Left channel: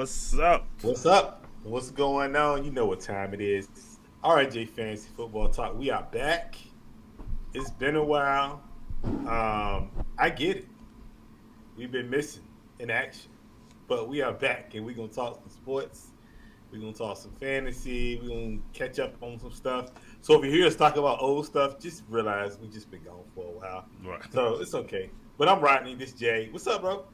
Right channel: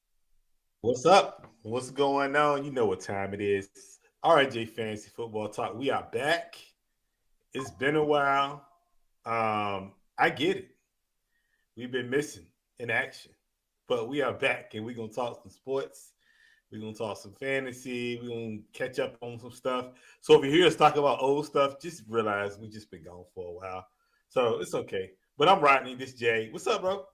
What's up? What's up? What's going on? You know what time it is. RJ Fantasy Football Talk. We are back. It's been a while. I get it. We've been missing in action. But we are back and we're gonna talk some sports. We're gonna talk some fantasy. We're gonna catch up on some stuff. So if you hear us talk about old stuff, just realize we just been gone for a while. Right. So it's okay. But I'm Rodney, this Jay. What's up, bro?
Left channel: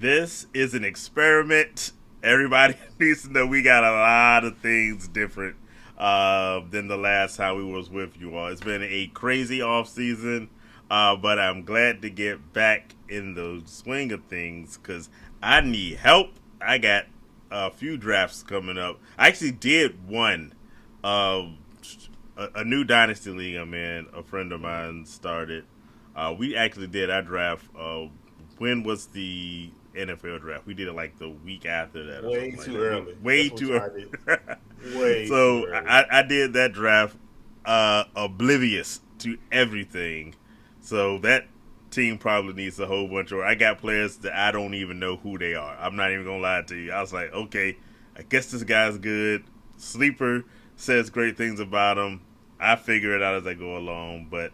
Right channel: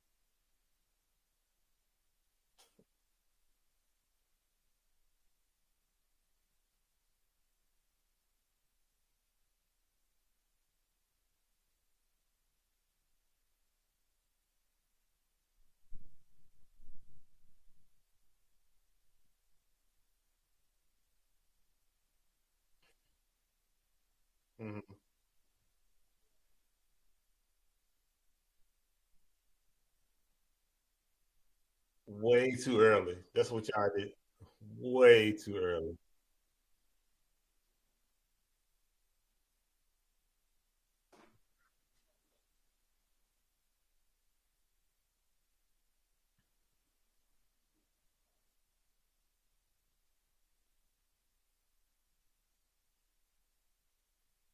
This is an experiment. Everybody needs to know we got a lot of things different than the last time we was with you all. It's been a crazy off season, but I'm glad to get back in the swing of things because I need help. I got a few drafts coming up. I actually did one, uh, a new dynasty league I'm in. A friend of mine started. We actually did our draft. When was the NFL draft? We did it like the week after that or Way something like too that. early. Way That's what too y'all did. early. Way too So early. I did that draft oblivious to everything. So that team probably needs a whole bunch of. I got players that I don't even know who they are. I'm not even gonna lie to you. I was like, okay, I guess this guy's good. Sleeper says great things about him. I figure it out as I go along. But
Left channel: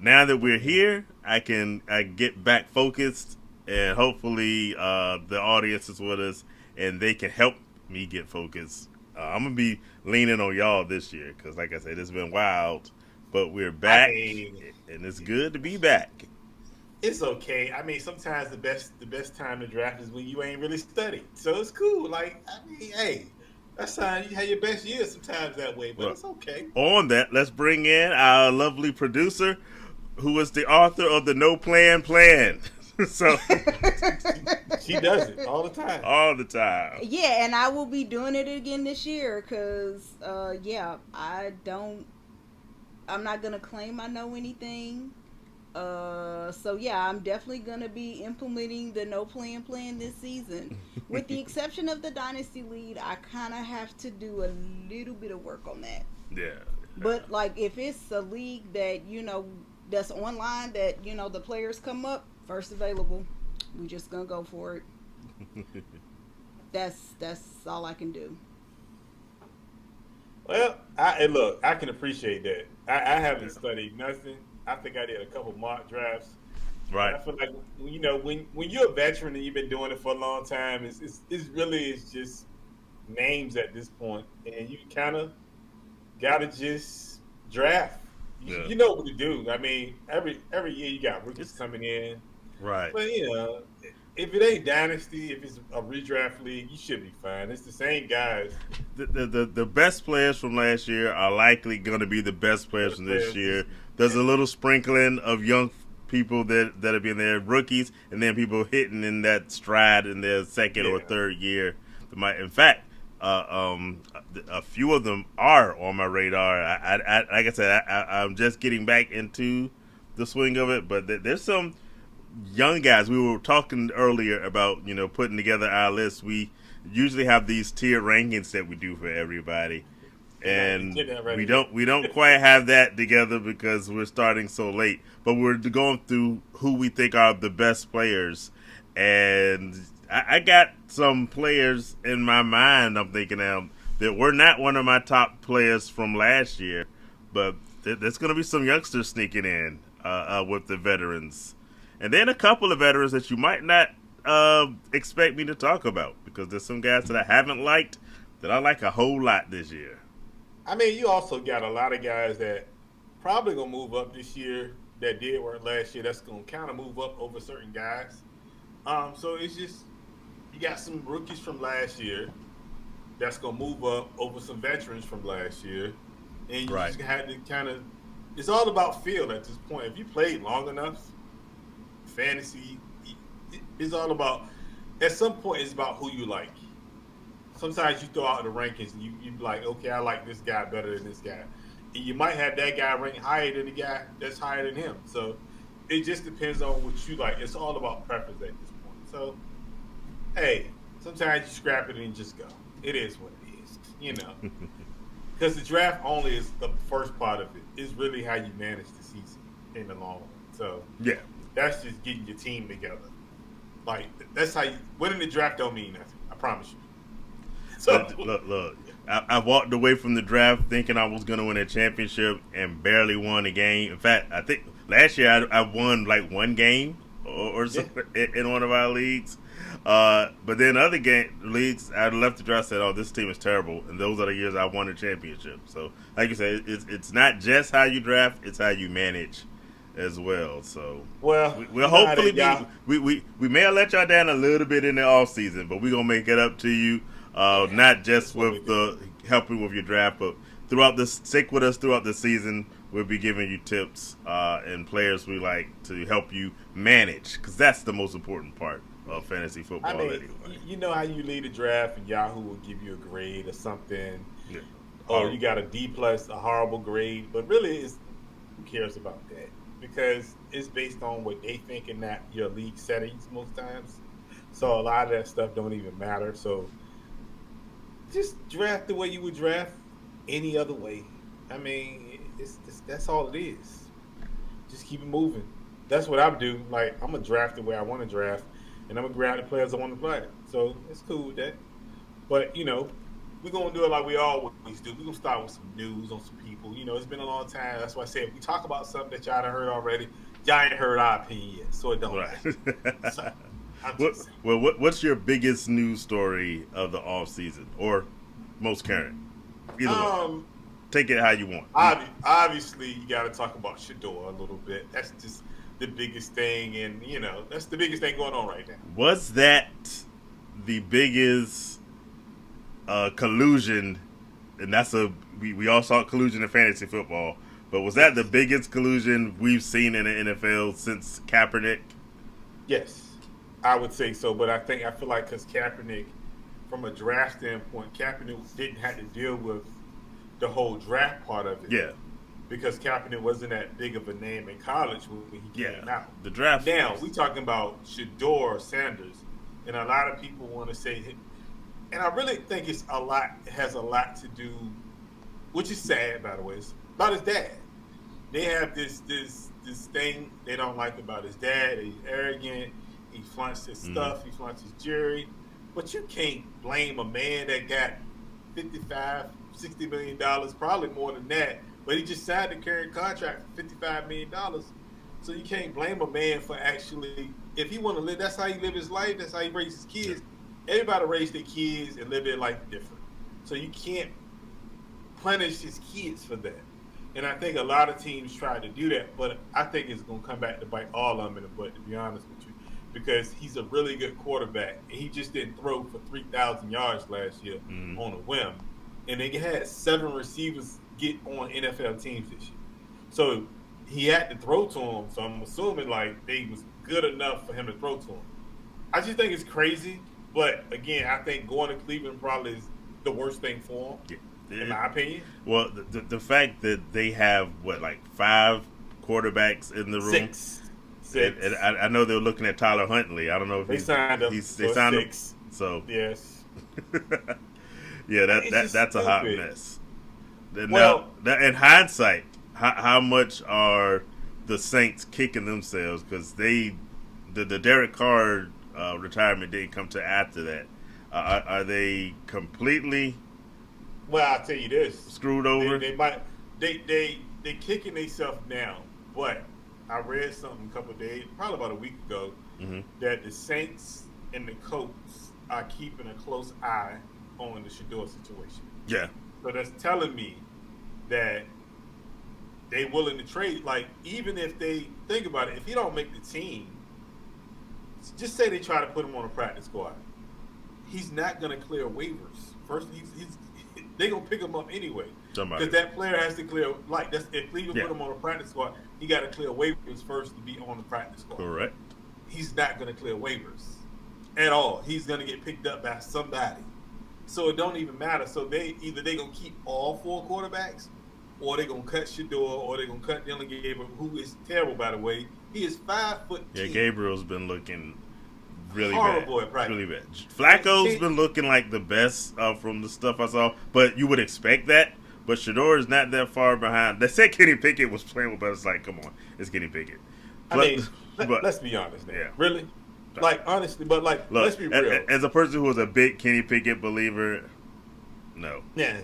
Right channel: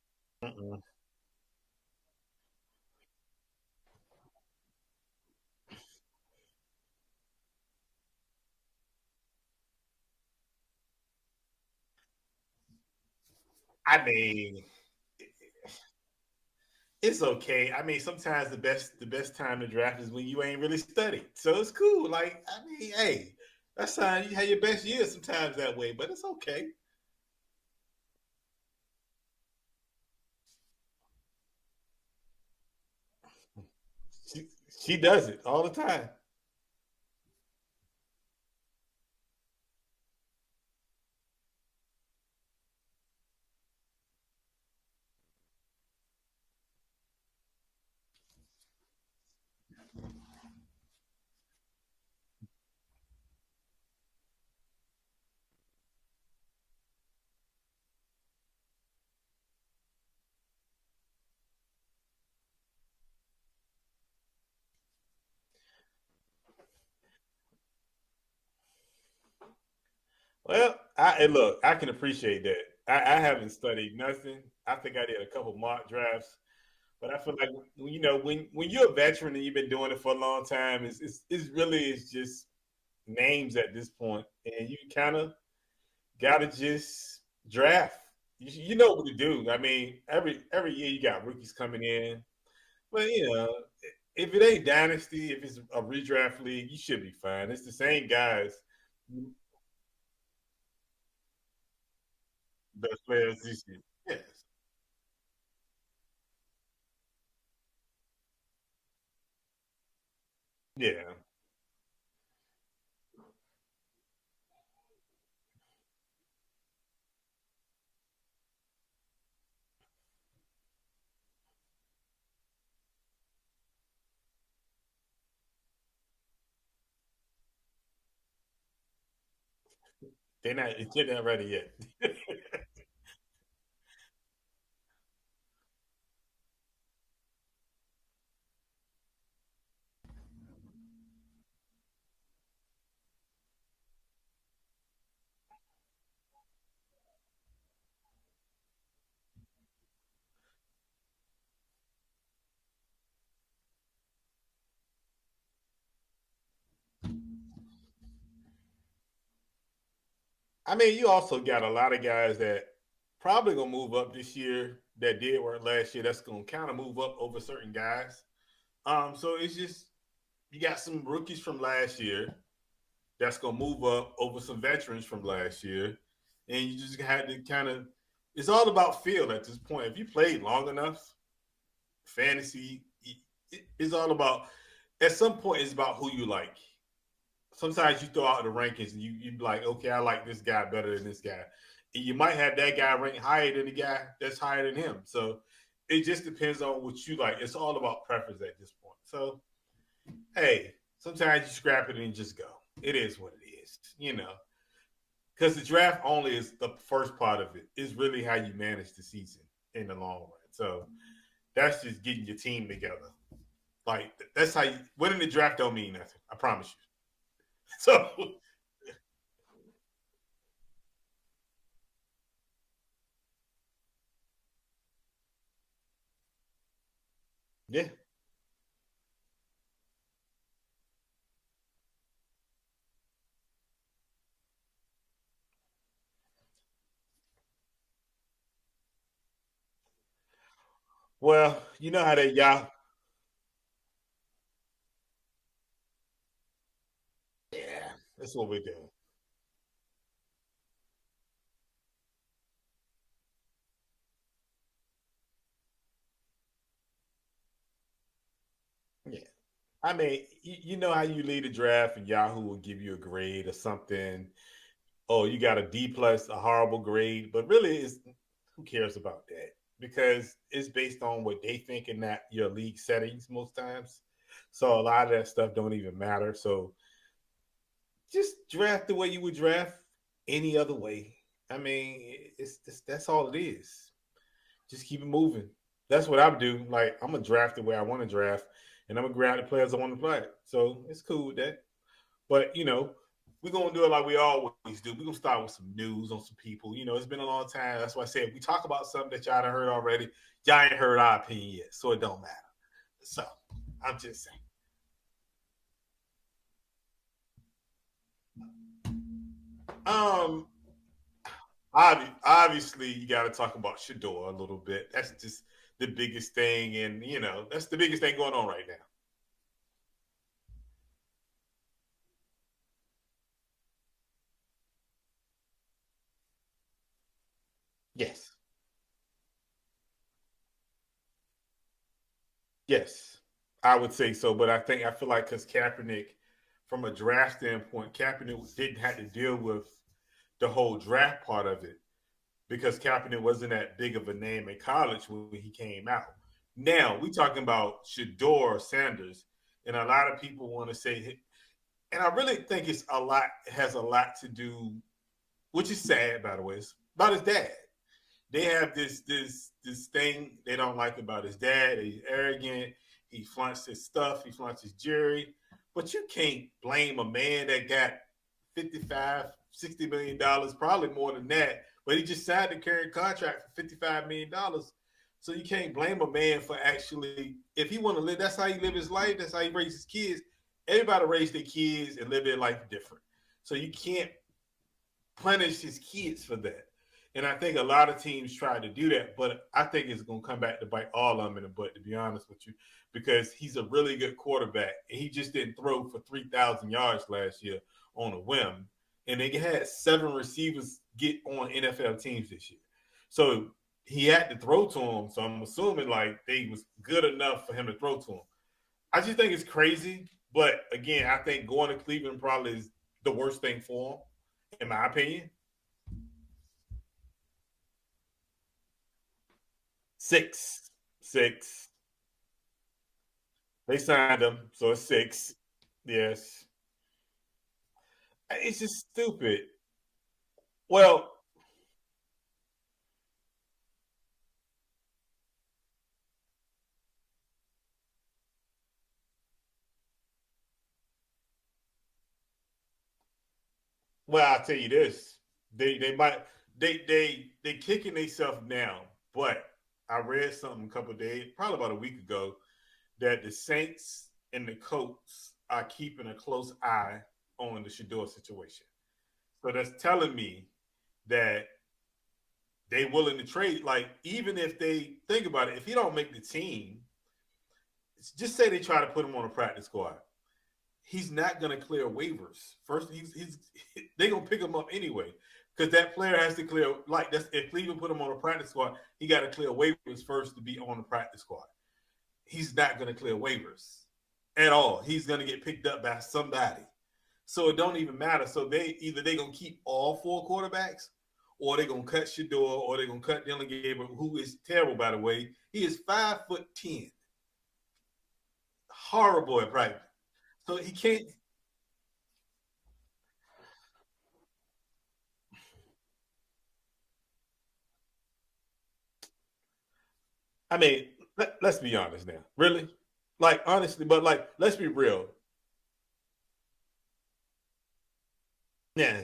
now that we're here, I get back focused, and hopefully the audience is with us, and they can help me get focused. I'm gonna be leaning on y'all this year because, like I said, it's been wild, but we're I back, mean, and it's good to be back. it's okay. I mean, sometimes the best time to draft is when you ain't really studied. So it's cool. Like, I mean, hey, that's how you have your best year sometimes that way, but But it's okay. on that, let's bring in our lovely producer, who is the author of the No Plan Plan. So She does it all the time. all the time. Yeah, and I will be doing it again this year because, yeah, I'm not gonna claim I know anything. So yeah, I'm definitely gonna be implementing the no plan this season. With the exception of the dynasty lead, I kind of have to do a little bit of work on that. Yeah. But like, if it's a league that that's online, that the players come up first available, we just gonna go for it. That's all I can do. Well, and look, I can appreciate that. I haven't studied nothing. I think I did a couple mock drafts, but Right. I feel like when you're a veteran and you've been doing it for a long time, it's really is just names at this point, and you kind of gotta just draft. You, Yeah. you know what to do. I mean, every year you got rookies It's coming in, right. but if it ain't dynasty, if it's a redraft league, you should be fine. It's the same guys. The best players from last year are likely going to be the best players The from this players year. this There's a little sprinkling of young people that have been there, rookies, and then people hitting in that stride in their second or yeah. third year. In fact, a few of them are on my radar. Like I said, I'm just getting back into the swing of it, but there's some young guys. We were talking earlier about putting together our list. We usually have these tier rankings that we do for everybody, and They're not ready yet. we don't quite have that together because we're starting so late. But we're going through who we think are the best players, and I got some players in my mind. I'm thinking that were not one of my top players from last year, but there's going to be some youngsters sneaking in with the veterans, and then a couple of veterans that you might not expect me to talk about because there's some guys that I haven't liked that I like a whole lot this year. I mean, you also got a lot of guys that probably gonna move up this year that did work last year. That's gonna kind of move up over certain guys. So it's just you got some rookies from last year that's gonna move up over some veterans from last year, and you Right. just had to kind of. It's all about feel at this point. If you played long enough, fantasy is all about. At some point, it's about who you like. Sometimes you throw out the rankings and you be like, okay, I like this guy better than this guy. And you might have that guy ranked higher than the guy that's higher than him. So it just depends on what you like. It's all about preference at this point. So hey, sometimes you scrap it and just go. It is what it is, Because the draft only is the first part of it. It's really how you manage the season in the long run. So Yeah. that's just getting your team together. Like that's how you winning the draft don't mean nothing. I promise you. So Look. I walked away from the draft thinking I was going to win a championship and barely won a game. In fact, I think last year I won like one game or something in one of our leagues. But then other leagues, I left the draft and said, "Oh, this team is terrible," and those are the years I won a championship. So, like you said, it's not just how you draft; it's how you manage as well. So, we'll hopefully we may have let y'all down a little bit in the off season, but we're gonna make it up to you. Not just with the helping with your draft, but stick with us throughout the season. We'll be giving you tips and players we like to help you manage, because that's the most important part of fantasy football. I mean, you know how you lead a draft and Yahoo will give you a grade or something. Yeah. Oh, you got a D+, a horrible grade, but really, who cares about that? Because it's based on what they think in that your league settings most times. So a lot of that stuff don't even matter. So just draft the way you would draft any other way. I mean, that's all it is. Just keep it moving. That's what I would do. Like, I'm going to draft the way I want to draft, and I'm going to grab the players I want to play. So it's cool with that. But, we're going to do it like we always do. We're going to start with some news on some people. It's been a long time. That's why I said if we talk about something that y'all done heard already, y'all ain't heard our opinion yet, so it don't matter. So what's your biggest news story of the off season or most current? Take it how you want. Obviously, you got to talk about Shador a little bit. That's just the biggest thing, and that's the biggest thing going on right now. Was that the biggest collusion? And that's we all saw collusion in fantasy football, but was that the biggest collusion we've seen in the NFL since Kaepernick? Yes. I would say so, but I feel like because Kaepernick, from a draft standpoint, Kaepernick didn't have to deal with the whole draft part of it. Yeah. Because Kaepernick wasn't that big of a name in college when he came out. The draft. Now, we talking about Shador Sanders, and a lot of people want to say, and I really think it has a lot to do, which is sad, by the way, it's about his dad. They have this thing they don't like about his dad. He's arrogant. He flaunts his stuff. He flaunts his jewelry. But you can't blame a man that got $55, $60 million, probably more than that. But he just signed a current contract for $55 million. So you can't blame a man for actually, if he want to live, that's how he live his life. That's how he raise his kids. Everybody raise their kids and live their life different. So you can't punish his kids for that. And I think a lot of teams try to do that. But I think it's going to come back to bite all of them in the butt, to be honest with you. Because he's a really good quarterback. And he just didn't throw for 3,000 yards last year on a whim. And they had 7 receivers get on NFL teams this year. So he had to throw to him. So I'm assuming, they was good enough for him to throw to him. I just think it's crazy. But, again, I think going to Cleveland probably is the worst thing for him, in my opinion. Well, the fact that they have, 5 quarterbacks in the room? 6. And I know they were looking at Tyler Huntley. I don't know if they signed him. They signed 6. Him. So yes, yeah, that's a hot mess. Well, now, in hindsight, how much are the Saints kicking themselves because the Derek Carr retirement didn't come to after that? Are they completely? Well, I'll tell you this: screwed over. They kicking themselves now, but. I read something a couple of days, probably about a week ago, that the Saints and the Colts are keeping a close eye on the Shador situation. Yeah. So that's telling me that they willing to trade. Even if they think about it, if he don't make the team, just say they try to put him on a practice squad, he's not going to clear waivers. First, they're going to pick him up anyway. Because that player has to clear, if Cleveland put him on a practice squad, he got to clear waivers first to be on the practice squad. Correct. He's not going to clear waivers at all. He's going to get picked up by somebody. So it don't even matter. So they going to keep all 4 quarterbacks, or they're going to cut Shador, or they're going to cut Dylan Gabriel, who is terrible, by the way. He is 5'10". Yeah, Gabriel's been looking really horrible bad. At practice. Really bad. Flacco's been looking like the best from the stuff I saw, but you would expect that. But Shador is not that far behind. They said Kenny Pickett was playing with, but it's come on, it's Kenny Pickett. Let's be honest, man. Yeah. Really? Like, honestly, but like, Look, let's be real. as a person who was a big Kenny Pickett believer, no. Yeah,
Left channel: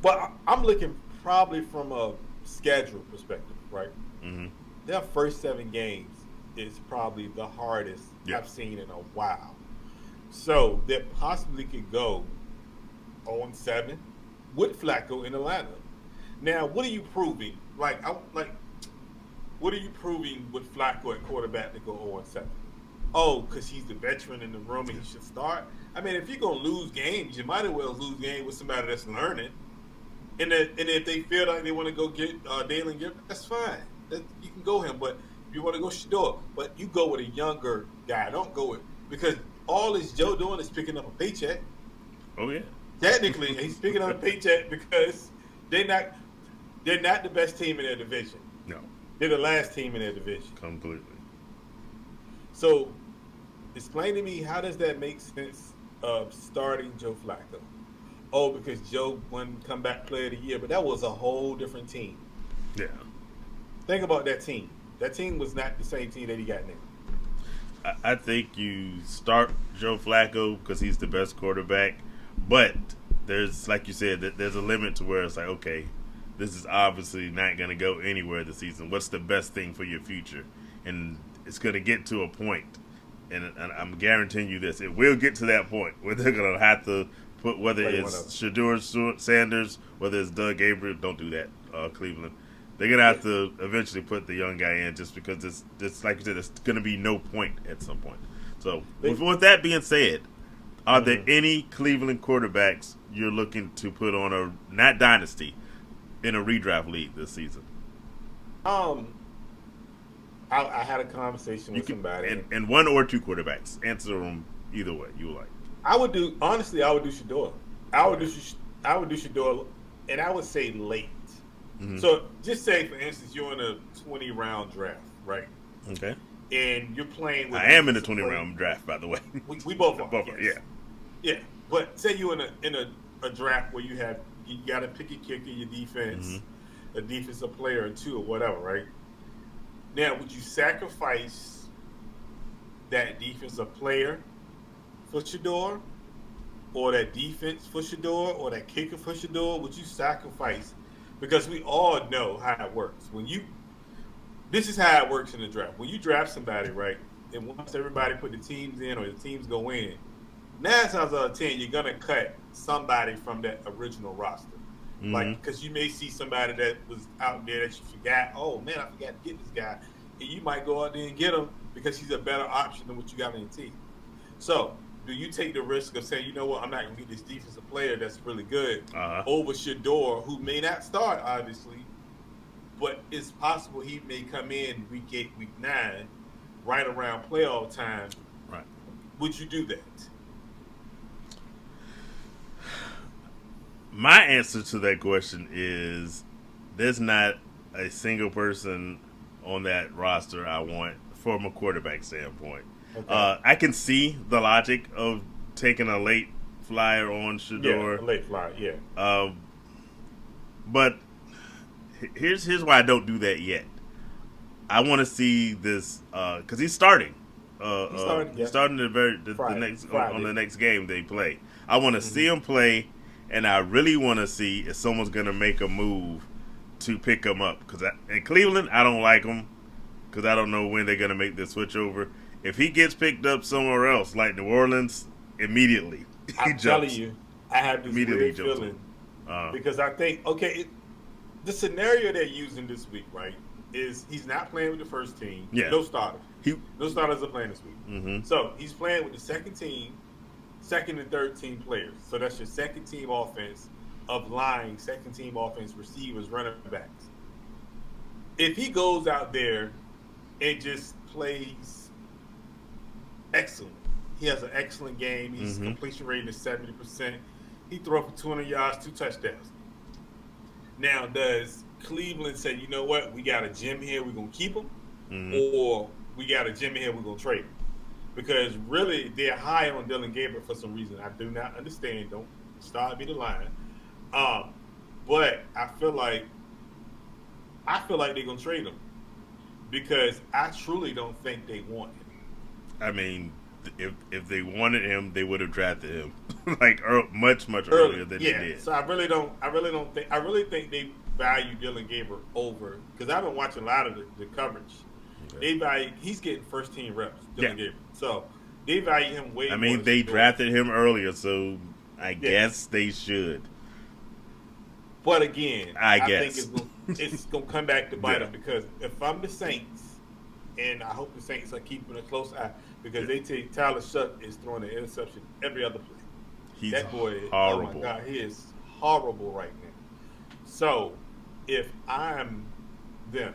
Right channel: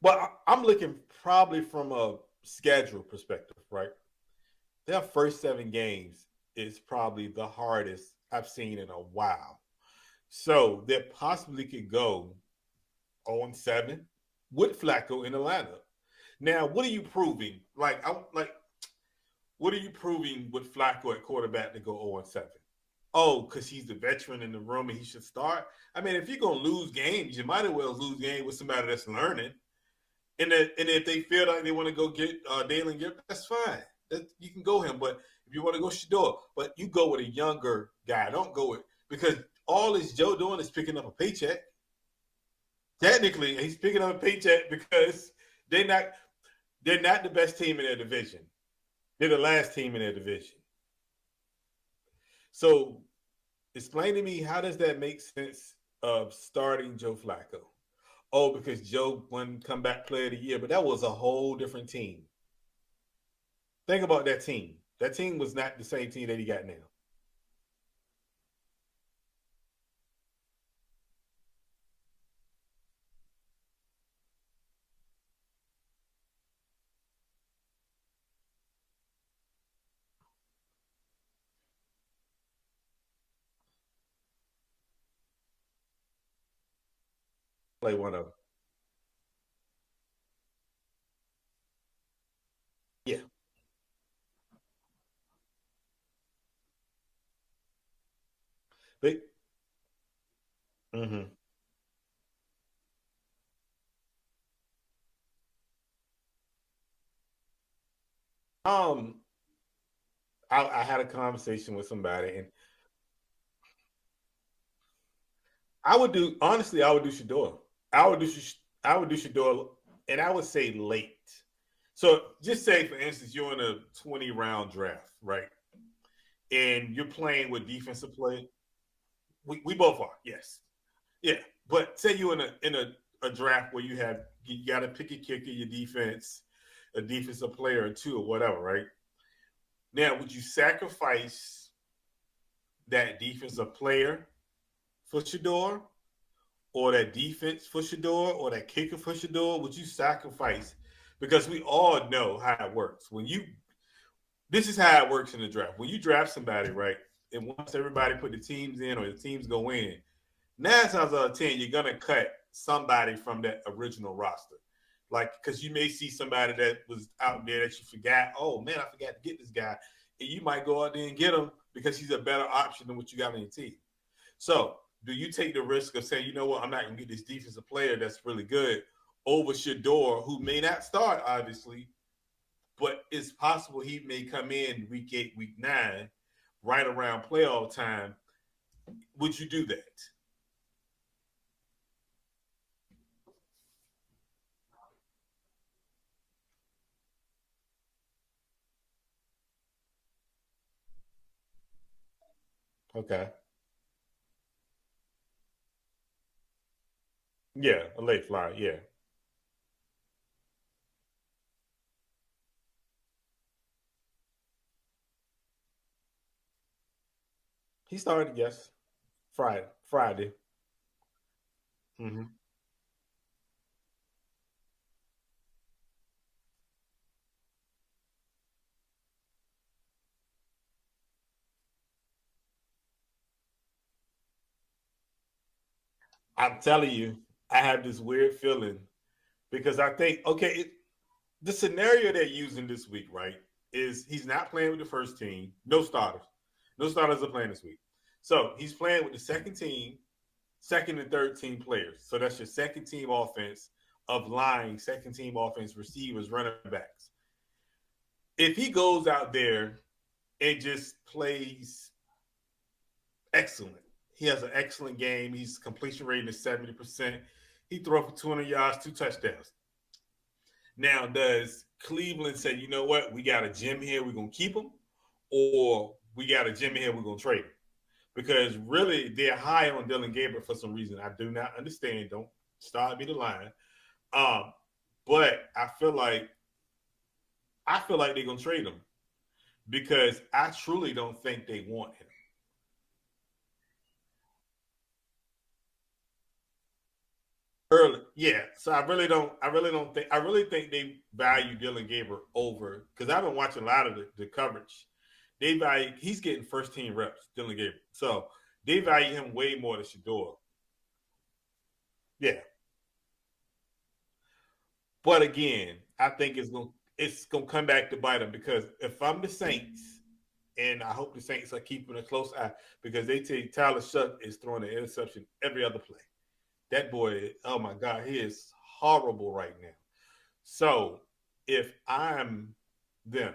but I'm looking probably from a schedule perspective, right? Mm-hmm. Their first 7 games is probably the hardest Yeah. I've seen in a while. So they possibly could go 0-7 with Flacco in the lineup. Now, what are you proving? What are you proving with Flacco at quarterback to go 0-7? Oh, because he's the veteran in the room and he should start. I mean, if you're gonna lose games, you might as well lose games with somebody that's learning. And if they feel like they want to go get Dalen Gibb, that's fine. You can go him. But if you want to go Shador, but you go with a younger guy. Don't go with, because all is Joe doing is picking up a paycheck. Oh yeah. Technically, he's picking up a paycheck because they're not the best team in their division. No. They're the last team in their division. Completely. So, explain to me, how does that make sense of starting Joe Flacco? Oh, because Joe won comeback player of the year, but that was a whole different team. Yeah. Think about that team. That team was not the same team that he got now. I think you start Joe Flacco because he's the best quarterback, but there's, like you said, there's a limit to where it's like, okay, this is obviously not going to go anywhere this season. What's the best thing for your future? And it's going to get to a point, and I'm guaranteeing you this, it will get to that point where they're going to have to put, whether it's Shador Sanders, whether it's Doug Gabriel, don't do that, Cleveland. They're going to have to eventually put the young guy in just because it's like you said, it's going to be no point at some point. So, with that being said, are there any Cleveland quarterbacks you're looking to put on a, not dynasty, in a redraft league this season? I had a conversation with somebody. And one or two quarterbacks. Answer them either way you like. I would do Shador. I would do Shador, and I would say late. Mm-hmm. So just say, for instance, you're in a 20-round draft, right? Okay. And you're playing with. I am in a 20-round draft, by the way. We both are. Both yes. are, yeah. Yeah, but say you're in a draft where you got to pick a kicker, your defense, a defensive player or two or whatever, right? Now, would you sacrifice that defensive player for Shador, or that defense for Shador, or that kicker for Shador? Would you sacrifice? Because we all know how it works. This is how it works in the draft. When you draft somebody, right, and once everybody put the teams in or the teams go in, 9 times out of 10, you're going to cut somebody from that original roster. Mm-hmm. Like, because you may see somebody that was out there that you forgot. Oh, man, I forgot to get this guy. And you might go out there and get him because he's a better option than what you got on your team. So, do you take the risk of saying, you know what, I'm not going to get this defensive player that's really good over Shador, who may not start, obviously, but it's possible he may come in week 8, week 9, right around playoff time. Right. Would you do that? My answer to that question is there's not a single person on that roster I want from a quarterback standpoint. Okay. I can see the logic of taking a late flyer on Shador. Yeah, a late flyer, yeah. But here's why I don't do that yet. I want to see this because he's starting. He's starting, yes. Starting the next game they play. I want to see him play. And I really want to see if someone's going to make a move to pick him up. Because in Cleveland, I don't like him because I don't know when they're going to make the switch over. If he gets picked up somewhere else, like New Orleans, immediately. I'm telling you, I have this weird feeling. Because I think, the scenario they're using this week, right, is he's not playing with the first team. Yeah. No starters. No starters are playing this week. Mm-hmm. So he's playing with the second and third team players. So that's your second team offense of line, second team offense, receivers, running backs. If he goes out there and just plays excellent, he has an excellent game. His completion rating is 70%. He throws for 200 yards, 2 touchdowns. Now, does Cleveland say, you know what, we got a gem here, we're going to keep him? Or we got a gem here, we're going to trade him? Because really, they're high on Dylan Gabriel for some reason. I do not understand. Don't start me the line. But I feel like they're gonna trade him because I truly don't think they want him. I mean, if they wanted him, they would have drafted him much Early. earlier than Yeah. they did. So I really think they value Dylan Gabriel over, because I've been watching a lot of the coverage. Okay. They value, he's getting first team reps, Dylan Gabriel. So they value him way more. I mean, they drafted him earlier, so I guess they should. But again, I think it's gonna come back to bite them, because if I'm the Saints, and I hope the Saints are keeping a close eye, because they say Tyler Shuck is throwing an interception every other play. That boy, oh my God, he is horrible right now. So if I'm them,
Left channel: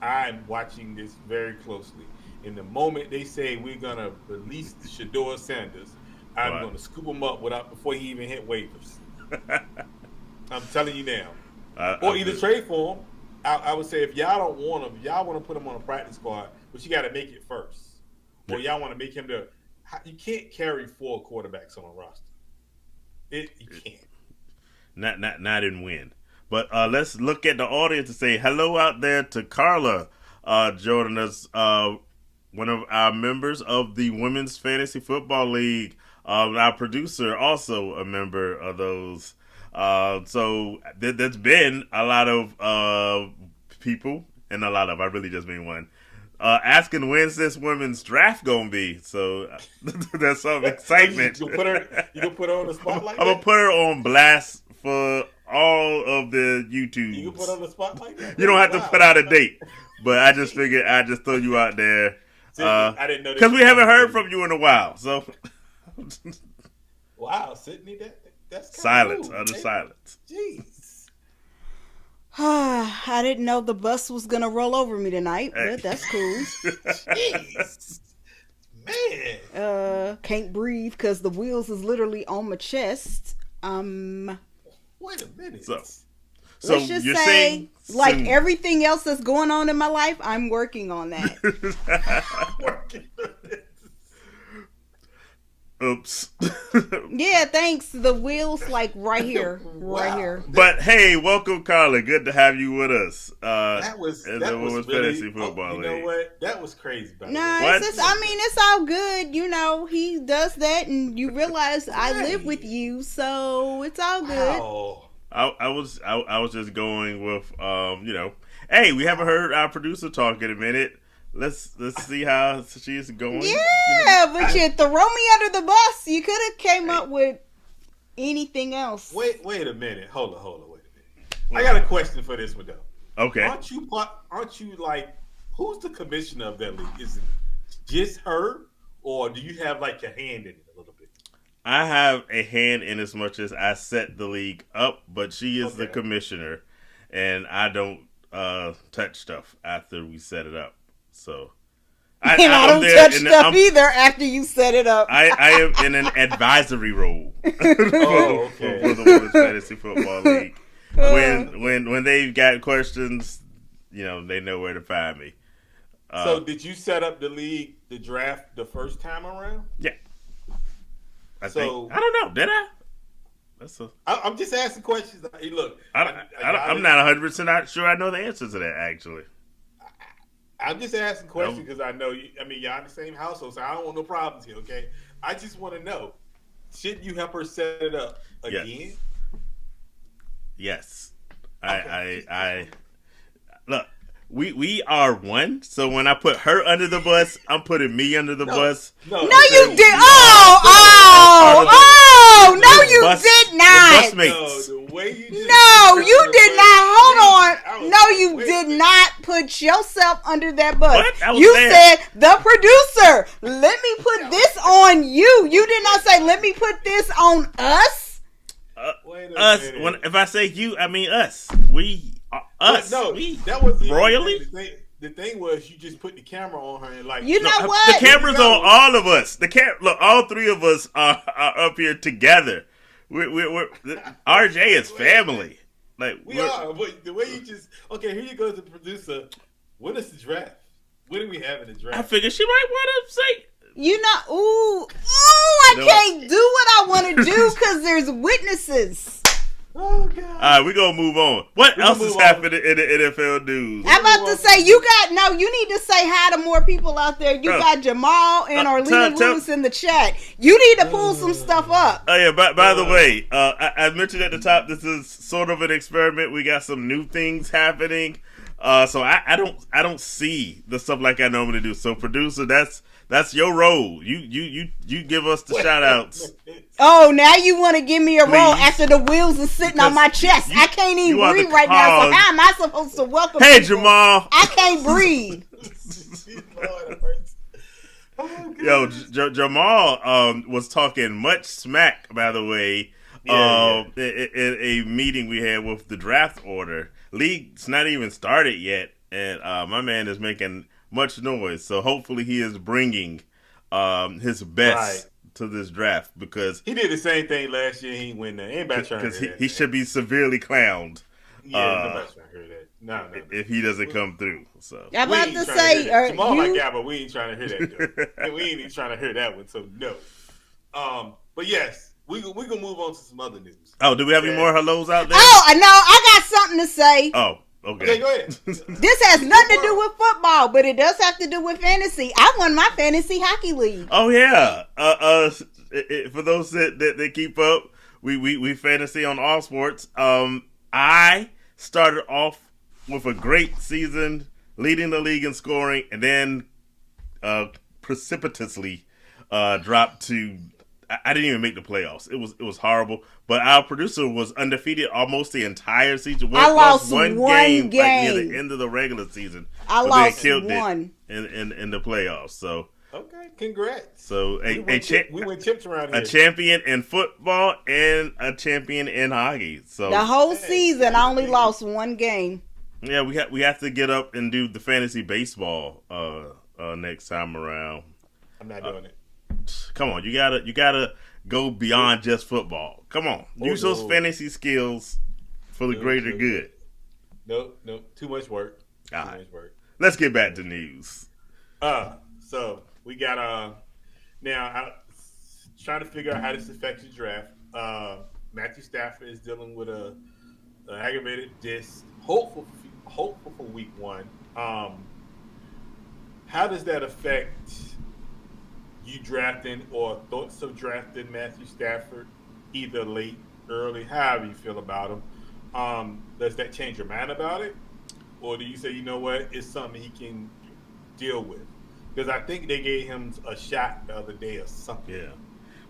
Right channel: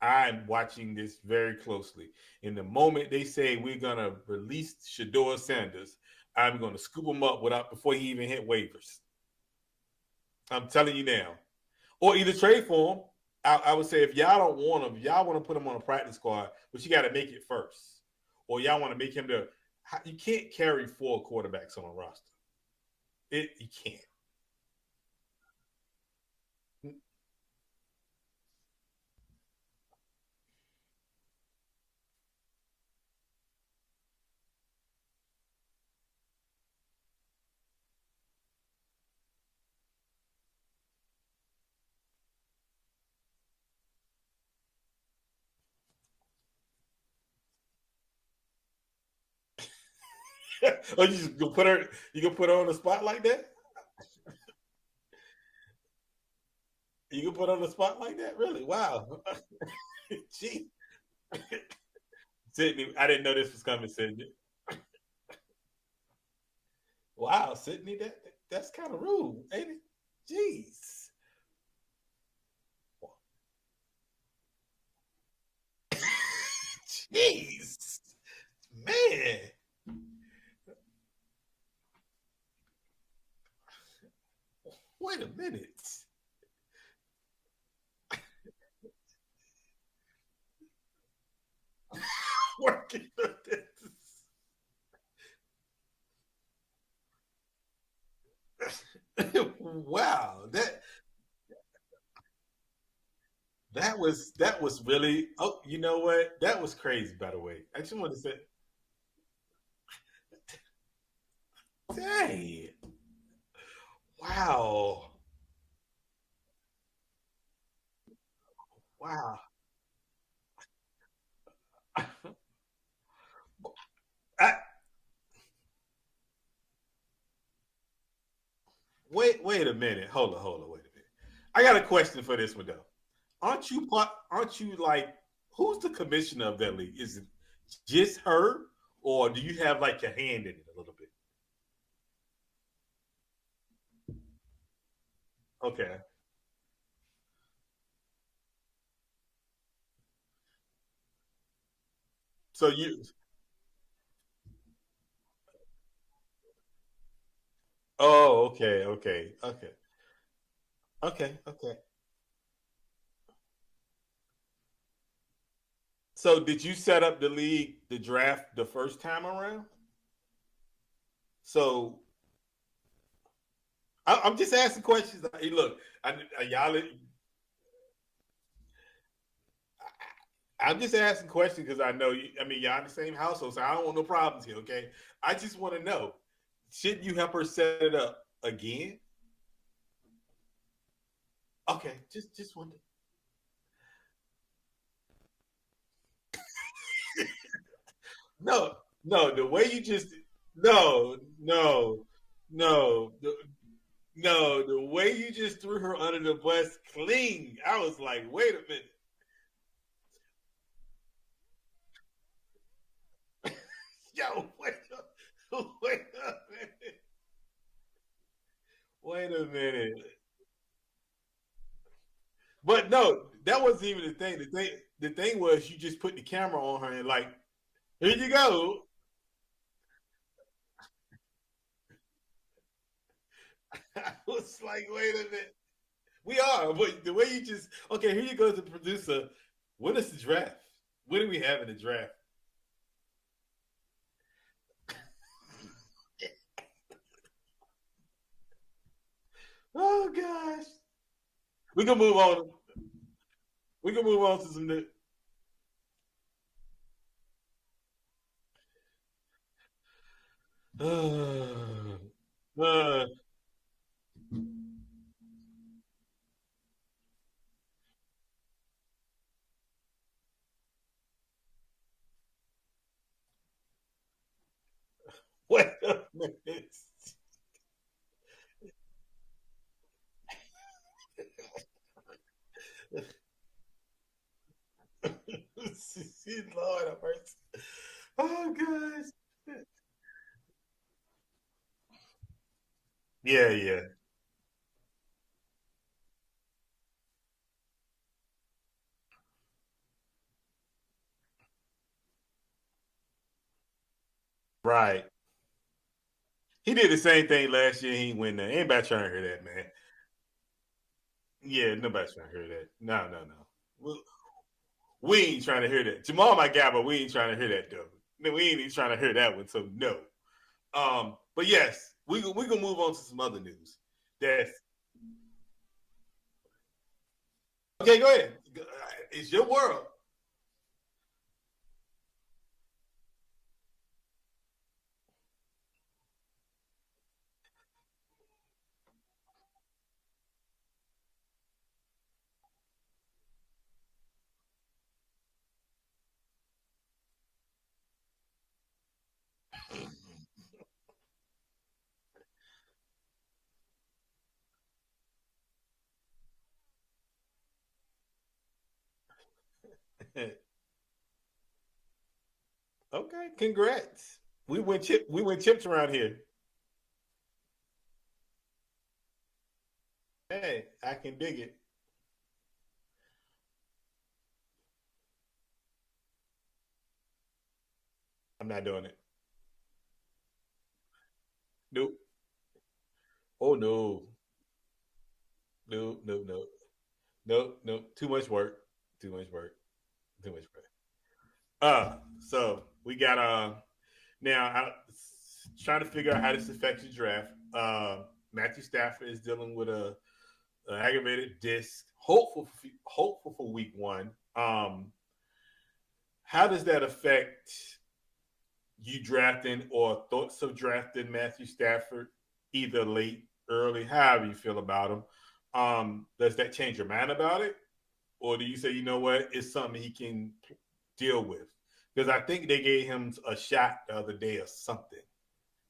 I'm watching this very closely. In the moment they say we're gonna release Shador Sanders, I'm gonna scoop him up before he even hit waivers. I'm telling you now. Or either trade for him. I would say, if y'all don't want him, y'all want to put him on a practice squad, but you got to make it first. Or y'all want to make him you can't carry 4 quarterbacks on a roster. You can't. Not in win. But let's look at the audience and say hello out there to Carla joining us, one of our members of the Women's Fantasy Football League. Our producer, also a member of those. So there's been a lot of people, and I really just mean one, asking when's this women's draft gonna be. So there's some excitement. You can put her on the spotlight. I'm gonna put her on blast for all of the YouTube. You can put her on the spotlight. You don't have to put out a date, but I just figured I'd just throw you out there. I didn't know, because we haven't heard from you in a while. So wow, Sydney, that's silence, rude, utter silence. Jeez. I didn't know the bus was gonna roll over me tonight, but that's cool. Jeez, man. Can't breathe because the wheels is literally on my chest. Wait a minute. So let's just say, like everything else that's going on in my life, I'm working on that. Working on it. Oops. Yeah, thanks. The wheels like right here. Wow. Right here. But hey, welcome, Carla. Good to have you with us. That was really, you know what? That was crazy, by the way. It's all good. You know, he does that and you realize I live with you, so it's all good. Wow. I was just going with hey, we haven't heard our producer talk in a minute. Let's see how she's going. Yeah, but you throw me under the bus. You could have came up with anything else. Wait a minute. Hold on, wait a minute. I got a question for this one though. Okay. Aren't you like, who's the commissioner of that league? Is it just her, or do you have like your hand in it a little bit? I have a hand in as much as I set the league up, but she is the commissioner, and I don't touch stuff after we set it up. So I don't touch stuff either after you set it up. I am in an advisory role. Oh, okay. For the Women's Fantasy Football League. When they've got questions, they know where to find me. So did you set up the draft the first time around? Yeah. I don't know. Did I? I'm just asking questions. Hey, look, I'm not 100% sure I know the answer to that, actually. I'm just asking questions because I know you. I mean, y'all in the same household, so I don't want no problems here. Okay, I just want to know: shouldn't you help her set it up again? Yes. Okay, I look. We are one. So when I put her under the bus, I'm putting me under the bus. No, you did. No, you did not. No, the way you just you did not. Hold on. No, you did not put yourself under that bus. You said the producer. Let me put this on you. You did not say let me put this on us. Wait a minute. If I say you, I mean us. Us. But no, that was royally. The thing was, you just put the camera on her and like, you know what? The camera's on all of us. Look, all three of us are up here together. We're RJ is family. Like we are, but the way you just here you go to the producer. What is the draft? What do we have in the draft? I figured she might want to say. I can't do what I want to do because there's witnesses. Oh God! All right, we're gonna move on. What else has happened in the NFL news? I'm about to say you need to say hi to more people out there. You got Jamal and Orlina Lewis in the chat. You need to pull some stuff up. Oh yeah, by the way, I mentioned at the top this is sort of an experiment. We got some new things happening. So I don't see the stuff like I normally do. So producer, that's your role. You give us the shout outs. Oh, now you want to give me a role after the wheels are sitting on my chest. I can't even breathe right now. So how am I supposed to welcome Hey, people? Jamal. I can't breathe. Yo, Jamal was talking much smack, by the way, in a meeting we had with the draft order. League's not even started yet, and my man is making much noise. So hopefully he is bringing his best to this draft, because he did the same thing last year. He win that. Anybody trying to hear that? He should be severely clowned. Yeah, nobody's trying to hear that. No. If he doesn't come through, so we ain't trying to hear that. Jamal like that, but we ain't trying to hear that. And we ain't even trying to hear that one. So no. But yes, we gonna move on to some other news. Oh, do we have any more hellos out there? Oh, no, I got something to say. Oh. Okay. Okay, go ahead. This has nothing to do with football, but it does have to do with fantasy. I won my fantasy hockey league. Oh yeah. For those that keep up, we fantasy on all sports. I started off with a great season, leading the league in scoring, and then precipitously dropped to. I didn't even make the playoffs. It was horrible. But our producer was undefeated almost the entire season. I lost one game. Like near the end of the regular season. I lost one in the playoffs. So okay, congrats. So we win chips around here. A champion in football and a champion in hockey. So the whole season, I only lost one game. Yeah, we have to get up and do the fantasy baseball next time around. I'm not doing it. Come on, you gotta go beyond just football. Come on, use those fantasy skills for the greater good. No, too much work. Too much work. Let's get back to news. So we got now trying to figure out how this affects your draft. Matthew Stafford is dealing with a aggravated disc. Hopeful for week 1. How does that affect you drafting or thoughts of drafting Matthew Stafford, either late, early, however you feel about him? Does that change your mind about it? Or do you say, you know what, it's something he can deal with? Because I think they gave him a shot the other day or something. Yeah.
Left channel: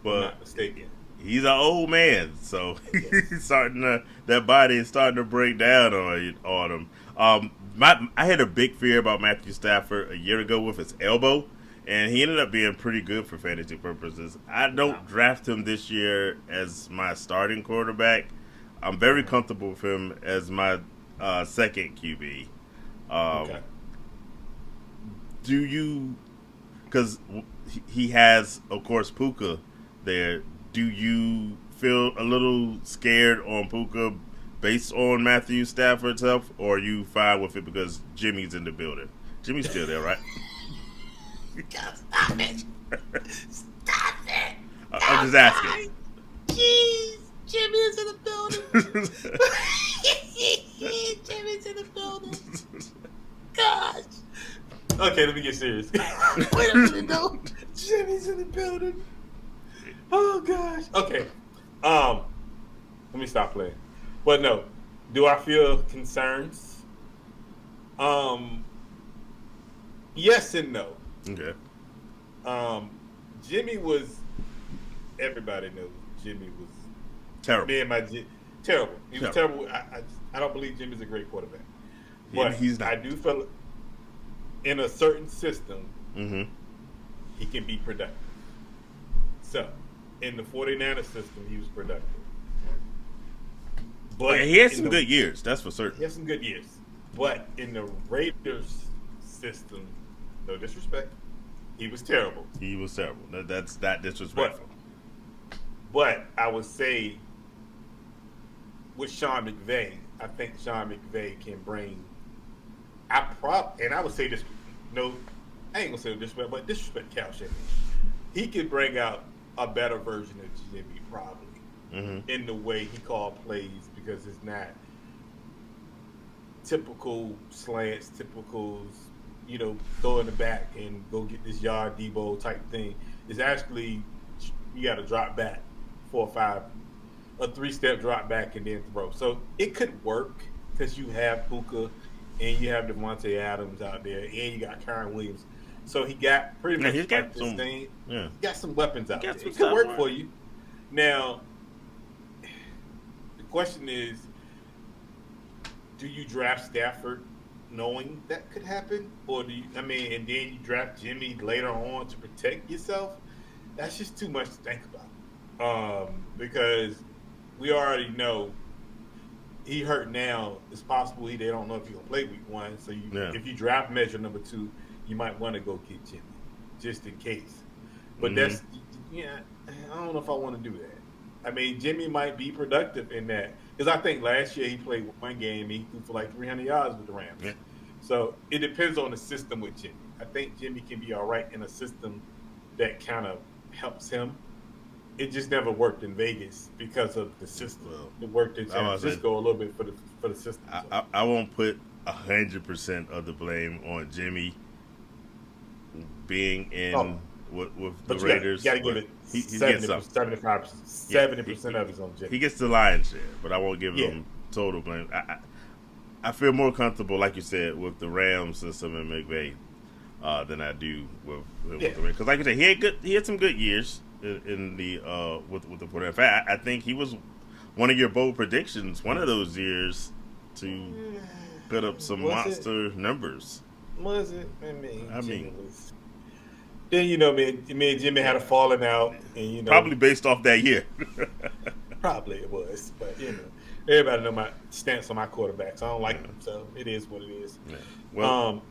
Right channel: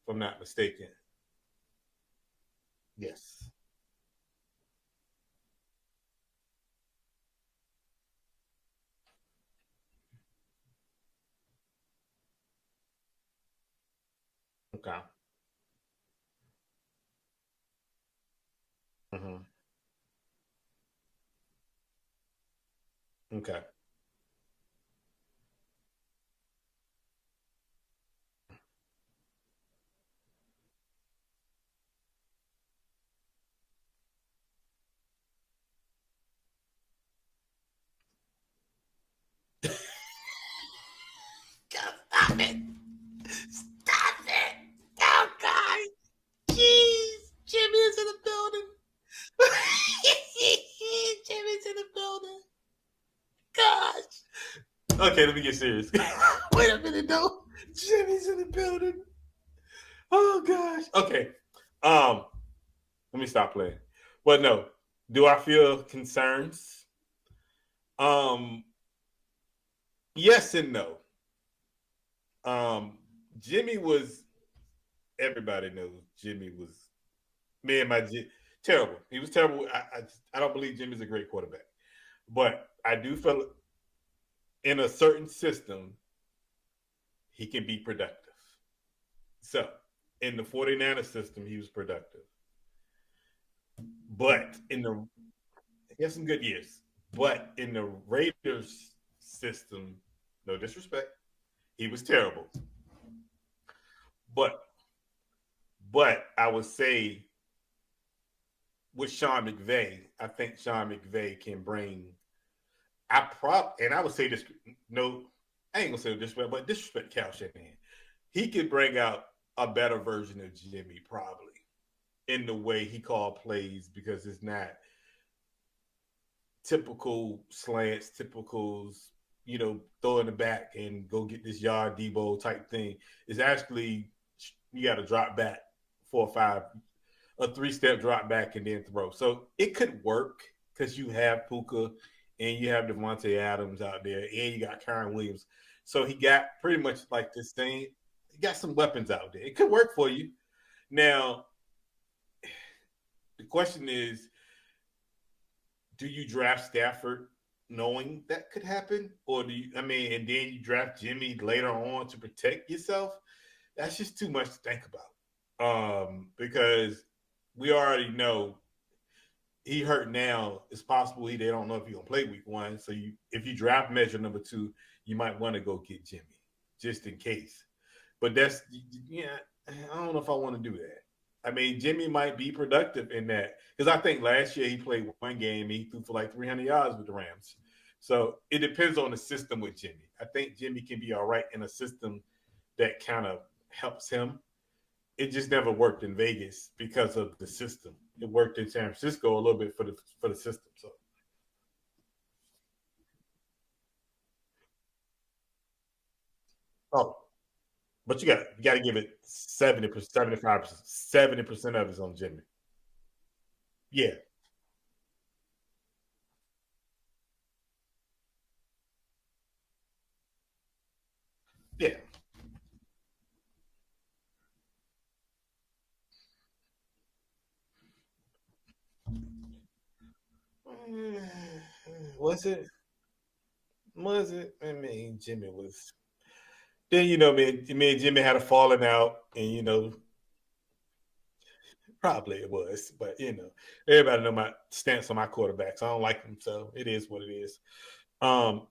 Well, if I'm not mistaken. He's an old man, so he's that body is starting to break down on him. I had a big fear about Matthew Stafford a year ago with his elbow, and he ended up being pretty good for fantasy purposes. I don't draft him this year as my starting quarterback. I'm very comfortable with him as my second QB. Okay. Do you, because he has, of course, Puka there, do you feel a little scared on Puka based on Matthew Stafford's health, or are you fine with it because Jimmy's in the building? Jimmy's still there, right? Stop it! Stop it! I'm just asking. Jeez, Jimmy's in the building. Jimmy's in the building. Gosh. Okay, let me get serious. Wait a minute, no. Jimmy's in the building. Oh gosh. Okay. Let me stop playing. But no, do I feel concerns? Yes and no. Okay. Jimmy was. Everybody knows Jimmy was terrible. Terrible. He was terrible. I don't believe Jimmy's a great quarterback, but he's not. I do feel in a certain system, he can be productive. So, in the 49ers system, he was productive. But he had some good years, that's for certain. He had some good years. But in the Raiders system, no disrespect, he was terrible. He was terrible. That's not disrespectful. But I would say with Sean McVay, I think Sean McVay can bring. And I would say this. No, I ain't gonna say disrespect, but disrespect Cal Shanahan. He could bring out a better version of Jimmy probably. in the way he called plays because it's not typical slants, typicals, throw in the back and go get this yard Debo type thing. It's actually you got to drop back 4 or 5, a 3-step drop back and then throw. So it could work because you have Puka and you have Devontae Adams out there and you got Kyron Williams. So he got pretty much like this thing. Yeah. He got some weapons out there. It could work for you. Now, the question is, do you draft Stafford knowing that could happen? Or do you, and then you draft Jimmy later on to protect yourself? That's just too much to think about. Because we already know he hurt now. It's possible they don't know if he's going to play week 1. So if you draft measure number 2, you might want to go get Jimmy just in case. But I don't know if I want to do that. I mean, Jimmy might be productive in that because I think last year he played 1 game, he threw for like 300 yards with the Rams. Yeah. So it depends on the system with Jimmy. I think Jimmy can be all right in a system that kind of helps him. It just never worked in Vegas because of the system. It worked in San Francisco a little bit for the system. So. I won't put 100% of the blame on Jimmy being in. With but the you Raiders, got to give it 70%, 70% of it's on Jimmy. He gets the lion's share, but I won't give him total blame. I feel more comfortable, like you said, with the Rams system and McVay than I do with because, like you said, he had some good years in the with the Porter. In fact, I think he was one of your bold predictions one of those years to put up some monster numbers. Was it? I mean, Jimmy was. Then me and Jimmy had a falling out, and probably based off that year. Probably it was, but everybody know my stance on my quarterbacks. I don't like them, so it is what it is. Yeah. Well,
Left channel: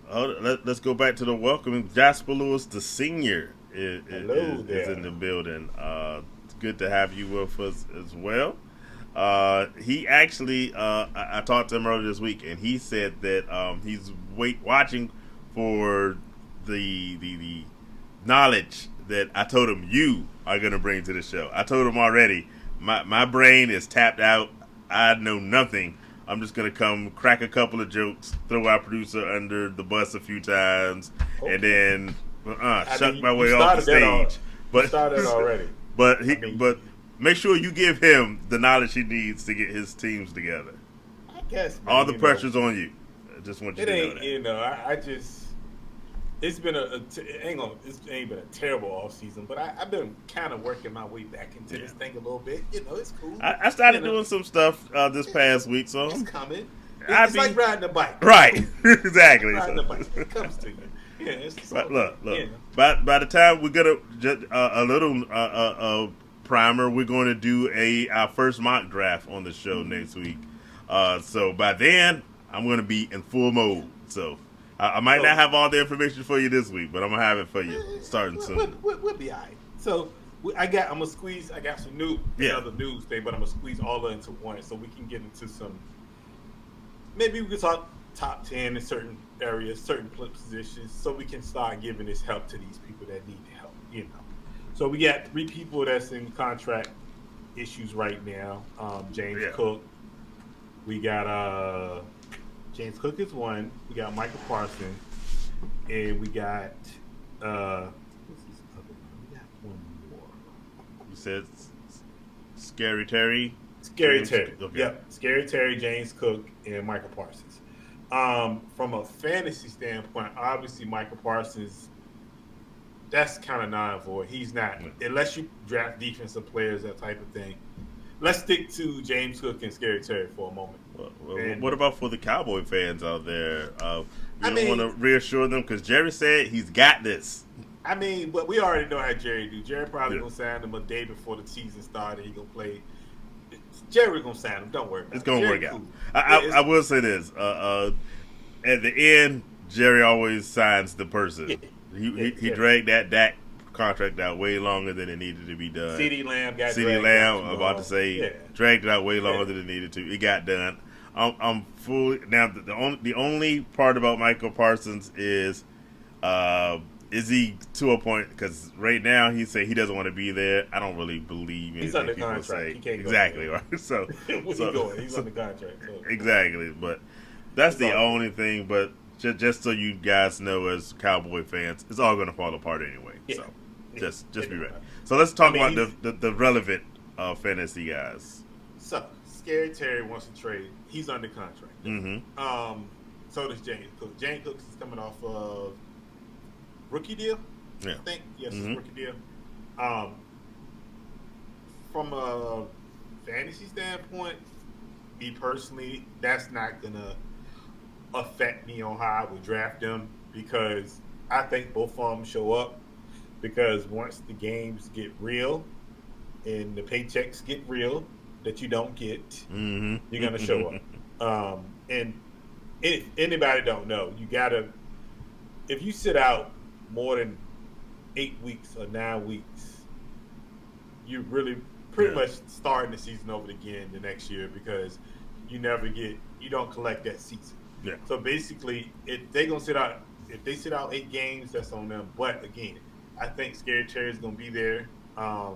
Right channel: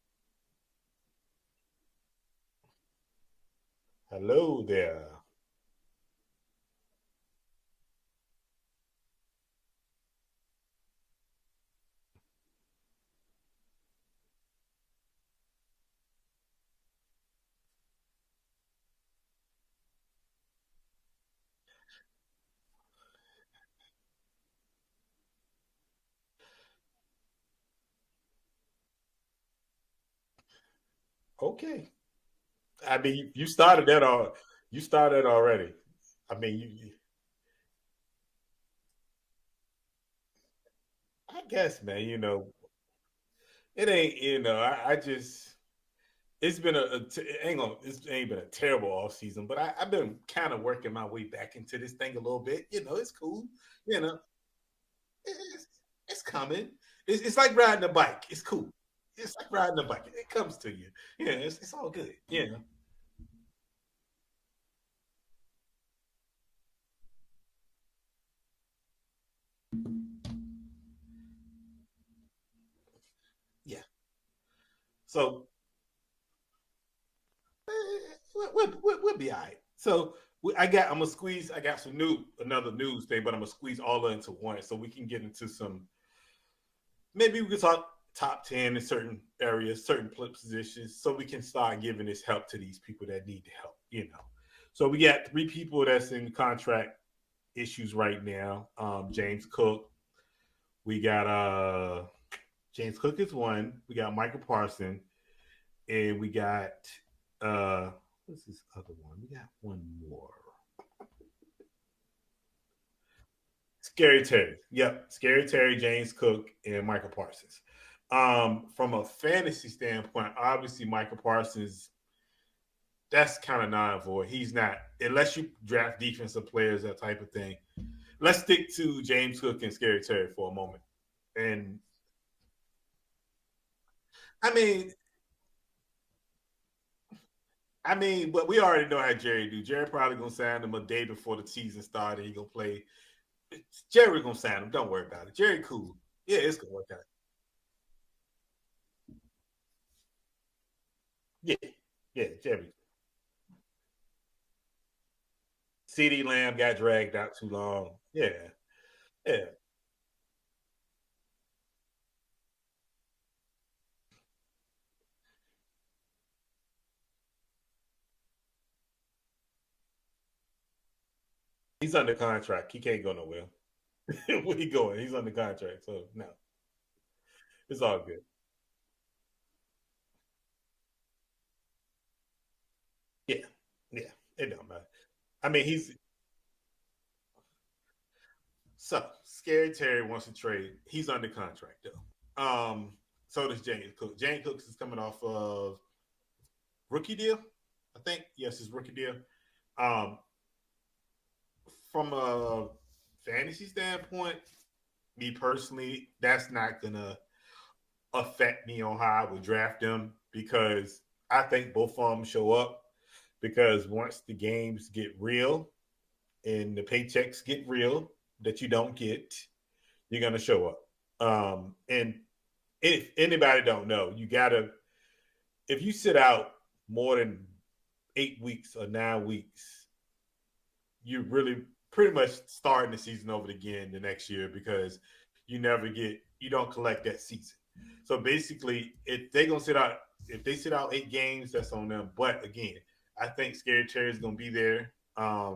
let's go back to the welcoming. Jasper Lewis, the senior, is in the building. It's good to have you with us as well. He actually, I talked to him earlier this week, and he said that he's watching for the knowledge that I told him you are going to bring to the show. I told him already, my brain is tapped out. I know nothing. I'm just going to come crack a couple of jokes, throw our producer under the bus a few times, and then shut my way off the stage. You started already. But make sure you give him the knowledge he needs to get his teams together. I guess, man. All the pressure's on you. I just want you to know that. I just... It's been it ain't been a terrible off season, but I've been kind of working my way back into this thing a little bit. It's cool. I started doing some stuff this past week, so it's coming. It's like riding a bike, right? Exactly. Like riding a bike, it comes to you. Yeah, it's all look. Yeah. By the time we're gonna a little primer, we're going to do our first mock draft on the show next week. So by then, I'm going to be in full mode. So. I might not have all the information for you this week, but I'm gonna have it for you starting soon. We'll be all right. So I'm gonna squeeze. I got some another news thing, but I'm gonna squeeze all of it into one, so we can get into some. Maybe we can talk top 10 in certain areas, certain positions, so we can start giving this help to these people that need the help. So we got 3 people that's in contract issues right now. James Cook. We got James Cook is one. We got Michael Parsons, and we got what's this other one? We got one more. You said Scary Terry. Scary Terry. Okay. Yep. Scary Terry, James Cook, and Michael Parsons. From a fantasy standpoint, obviously Michael Parsons, that's kind of non-void. He's not, unless you draft defensive players, that type of thing. Let's stick to James Cook and Scary Terry for a moment. And what about for the Cowboy fans out there? You want to reassure them because Jerry said he's got this. I mean, but we already know how Jerry do. Jerry probably gonna sign him a day before the season started. He gonna play. Jerry gonna sign him. Don't worry about it. It's gonna work out. I will say this: at the end, Jerry always signs the person. He dragged that contract out way longer than it needed to be done. CeeDee Lamb dragged out. I'm about to say dragged it out way longer than it needed to. It got done. I'm fully now. The only part about Michael Parsons is Is he to a point? Because right now he said he doesn't want to be there. I don't really believe in. He's under contract. He can't go exactly. nowhere. Right? So Where's he going? He's under contract. So. Exactly, but that's It's the all only thing. But just so you guys know, as Cowboy fans, it's all going to fall apart anyway. Yeah. So Yeah. just be ready. Matter. So let's talk I mean, about the relevant fantasy guys. So, Scary Terry wants to trade. He's under contract. Mm-hmm. So does James Cook. James Cook is coming off of rookie deal. Yeah. I think it's rookie deal. From a fantasy standpoint, me personally, that's not gonna affect me on how I would draft them because I think both of them show up because once the games get real and the paychecks get real that you don't get, you're gonna show up. And if anybody don't know, you gotta if you sit out more than 8 weeks or 9 weeks, you really pretty much starting the season over again the next year because you don't collect that season. Yeah. So basically, if they sit out 8 games, that's on them. But again, I think Scary Terry's gonna be there. I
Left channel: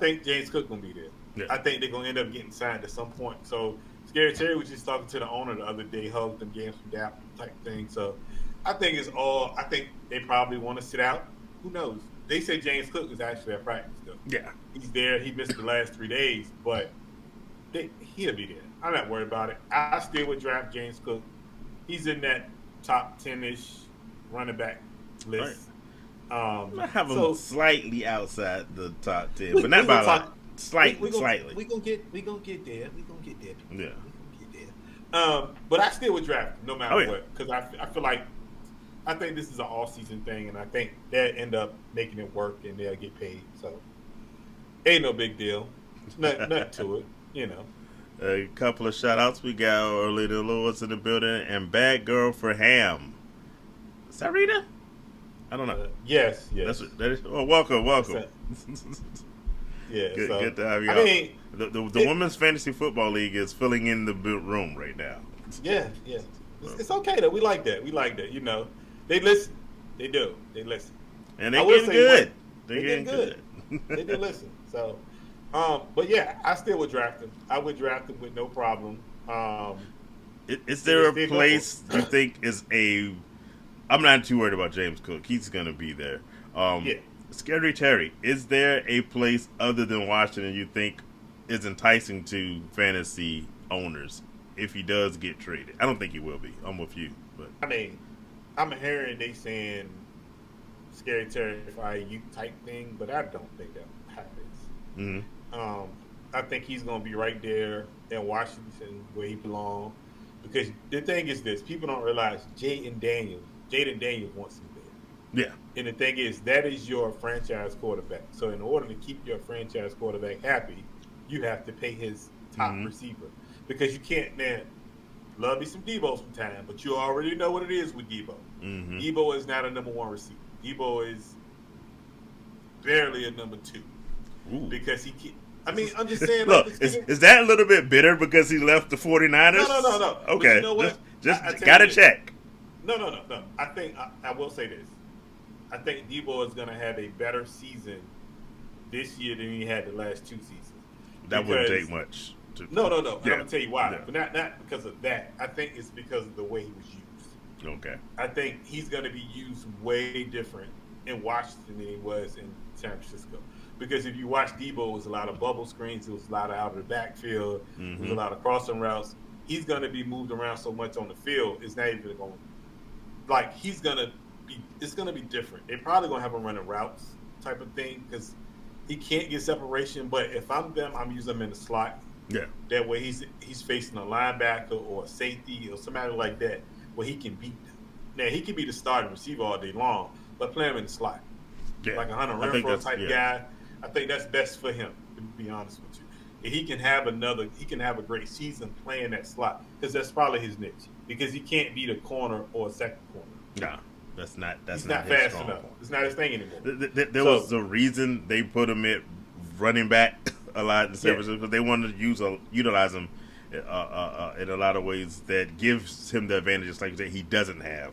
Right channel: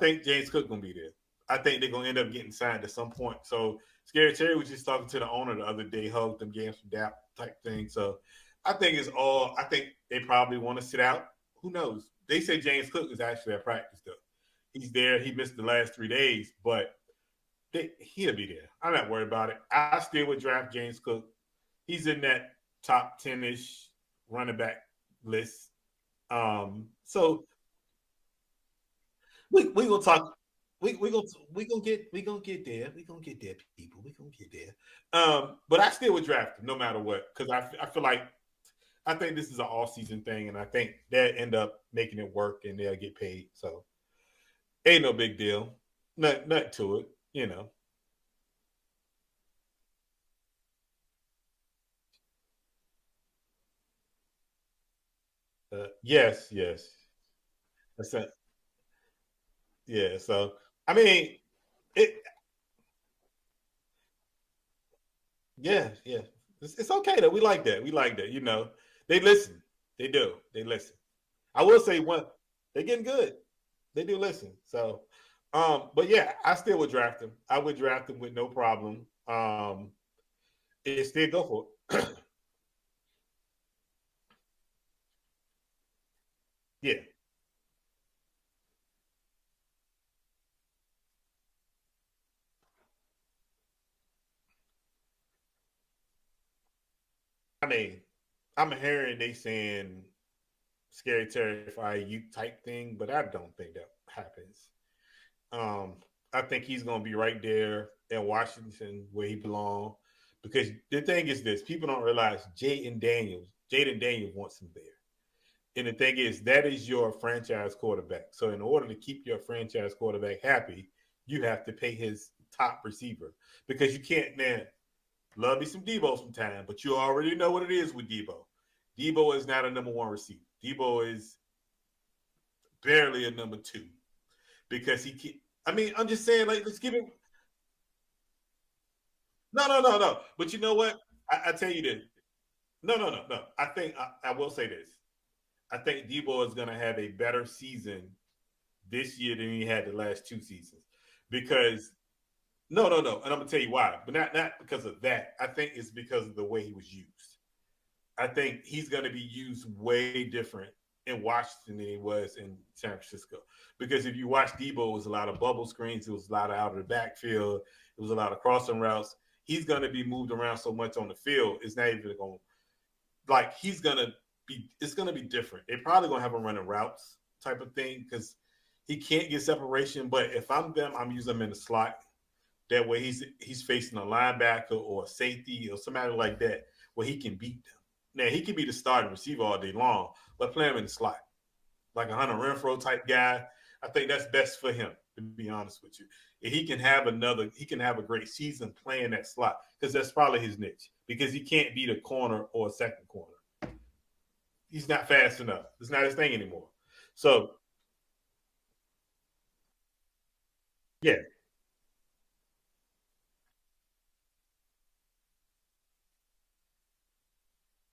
think James Cook gonna be there. Yeah. I think they're gonna end up getting signed at some point. So Scary Terry was just talking to the owner the other day, hugged them, gave some dap type thing. So I think they probably want to sit out. Who knows? They say James Cook is actually at practice though. Yeah. He's there. He missed the last 3 days, but he'll be there. I'm not worried about it. I still would draft James Cook. He's in that top 10-ish running back list. I have him slightly outside the top 10, but not by slightly. We're gonna get there. We're gonna get there. Yeah. We're gonna get there. But I still would draft him no matter what because I feel like I think this is an all-season thing, and I think they'll end up making it work and they'll get paid. So ain't no big deal. Nothing to it, you know. A couple of shout-outs. We got Orlando Lewis in the building and Bad Girl for Ham. Is that Rita? I don't know. Yes. Welcome. Yeah, good to have you. I mean, the Women's Fantasy Football League is filling in the room right now. Yeah. It's okay though. We like that. You know, they listen. They do. They listen. And they I will getting say good. They getting good. They do listen. So, but yeah, I still would draft him. I would draft him with no problem. Is there a place I think is a? I'm not too worried about James Cook. He's gonna be there. Yeah. Scary Terry, is there a place other than Washington you think is enticing to fantasy owners if he does get traded? I don't think he will be. I'm with you, but I mean, I'm hearing they saying Scary Terry for IU type thing, but I don't think that happens. Mm-hmm. I think he's going to be right there in Washington where he belongs because the thing is this: people don't realize Jaden Daniels wants him there. Yeah. And the thing is, that is your franchise quarterback. So in order to keep your franchise quarterback happy, you have to pay his top receiver because you can't, man. Love me some Debo sometime, but you already know what it is with Debo. Mm-hmm. Debo is not a number 1 receiver. Debo is barely a number 2 because he can't. I mean, I'm just saying. Look, is that a little bit bitter because he left the 49ers? No. Okay. But you know what? Just gotta check. No. I think I will say this. I think Debo is going to have a better season this year than he had the last 2 seasons. That wouldn't take much. No. And I'm going to tell you why. But not because of that. I think it's because of the way he was used. Okay. I think he's going to be used way different in Washington than he was in San Francisco. Because if you watch Debo, it was a lot of bubble screens. It was a lot of out of the backfield. It was a lot of crossing routes. He's going to be moved around so much on the field. It's not even going – like he's going to be – it's going to be different. They're probably going to have him running routes type of thing because he can't get separation. But if I'm them, I'm using him in the slot. Yeah. That way he's facing a linebacker or a safety or somebody like that where he can beat them. Now, he can be the starting receiver all day long, but play him in the slot. Yeah. Like a Hunter Renfrow type guy. I think that's best for him, to be honest with you. And he can have a great season playing that slot because that's probably his niche. Because he can't beat a corner or a second corner. No, that's not. He's not fast enough. It's not his thing anymore. There was a reason they put him at running back a lot in San Francisco because they wanted to utilize him in a lot of ways that gives him the advantages like that he doesn't have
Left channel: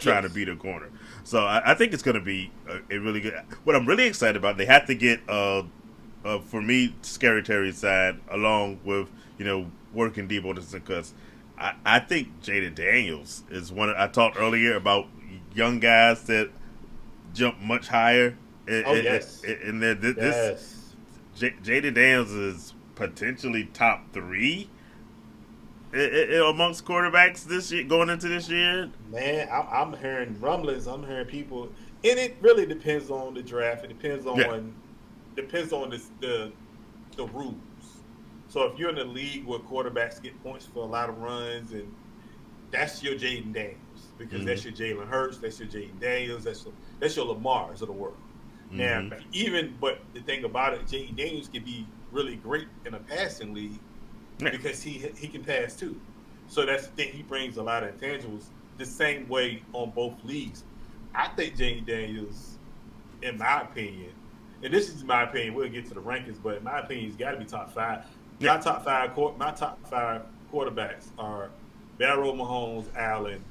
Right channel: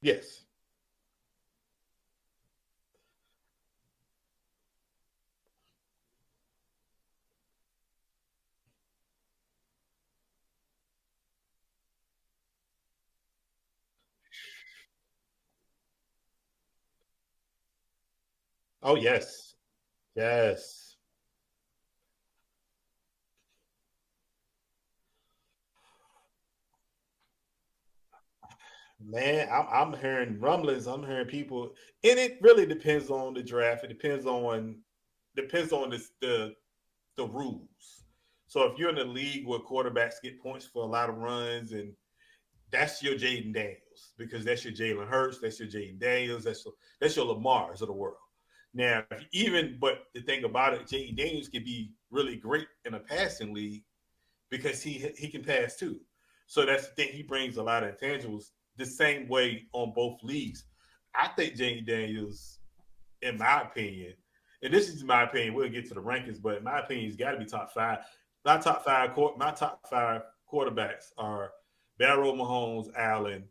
trying to beat a corner. So I think it's going to be a really good. What I'm really excited about, they have to get for me, Scary Terry's side along with working Debo because I think Jaden Daniels is one. I talked earlier about young guys that jump much higher. Yes. And this Yes. Jaden Daniels is potentially top 3 amongst quarterbacks this year, going into this year. Man, I'm hearing rumblings. I'm hearing people, and it really depends on the draft. It depends on the rules. So if you're in a league where quarterbacks get points for a lot of runs, and that's your Jaden Daniels because that's your Jalen Hurts, that's your Jaden Daniels, that's your Lamars of the world. Now, but the thing about it, Jaden Daniels can be really great in a passing league because he can pass too. So that's the thing. He brings a lot of intangibles the same way on both leagues. I think Jaden Daniels, in my opinion, and this is my opinion, we'll get to the rankings, but in my opinion, he's got to be top 5. My top five quarterbacks are Barrow, Mahomes, Allen,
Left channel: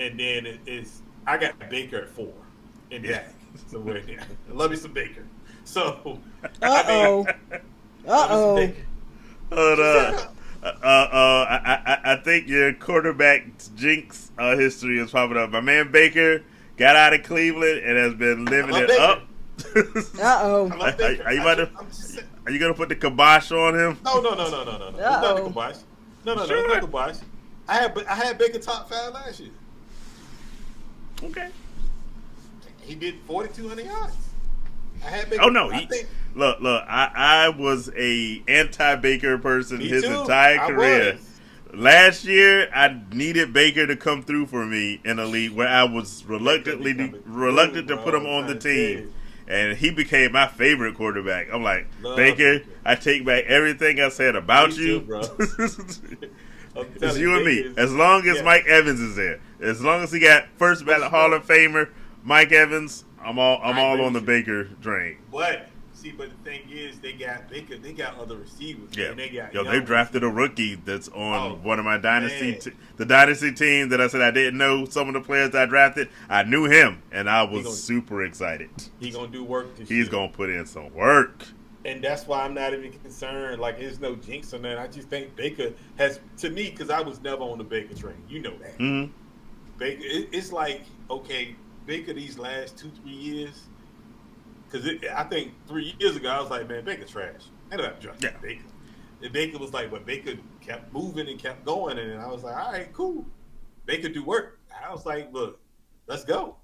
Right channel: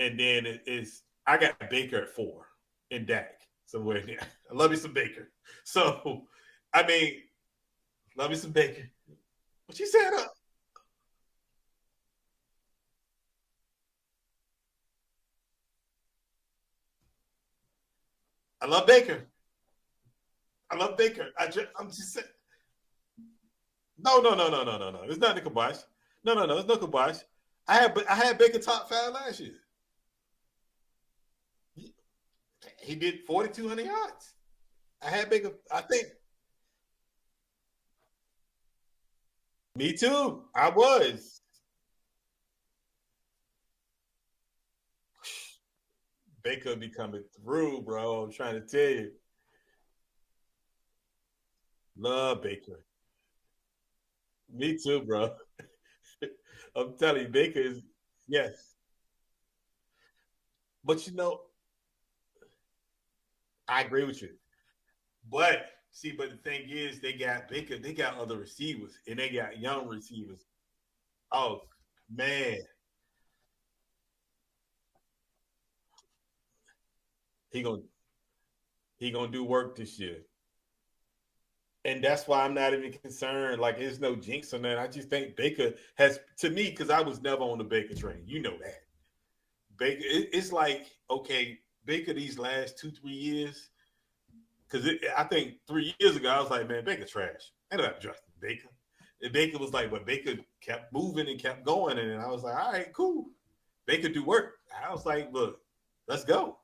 and then I got Baker at 4 and Dak. So I love you some Baker. So love me some Baker. I think your quarterback jinx history is popping up. My man Baker got out of Cleveland and has been living it up. I love Baker. Are you gonna put the kibosh on him? No. It's not the kibosh. No, it's not kibosh. I had Baker top 5 last year. Okay. He did 4,200 yards. I had Baker. Oh no! Look. I was a anti-Baker person Me his too. entire I career. was. Last year, I needed Baker to come through for me in a league where I was reluctant to put him on the team. And he became my favorite quarterback. I'm like, Baker, I take back everything I said about you. Too, bro. I'm It's telling you and me. As long as Mike Evans is there. As long as he got first ballot Hall of Famer, Mike Evans, I'm all on the Baker train. But the thing is, they got Baker. They got other receivers. Yeah. And they got they drafted a rookie that's on one of my dynasty. Man. The dynasty team that I said I didn't know some of the players I drafted. I knew him, and I was super excited. He's going to do work this year. He's going to put in some work. And that's why I'm not even concerned. Like, there's no jinx on that. I just think Baker has, to me, because I was never on the Baker train. You know that. Mm-hmm. Baker, it's like, okay, Baker these last 2-3 years, because I think 3 years ago, I was like, man, Baker trash. I ended up drafting Baker. And Baker was like, but Baker kept moving and kept going. And I was like, all right, cool. Baker do work. I was like, look, let's go.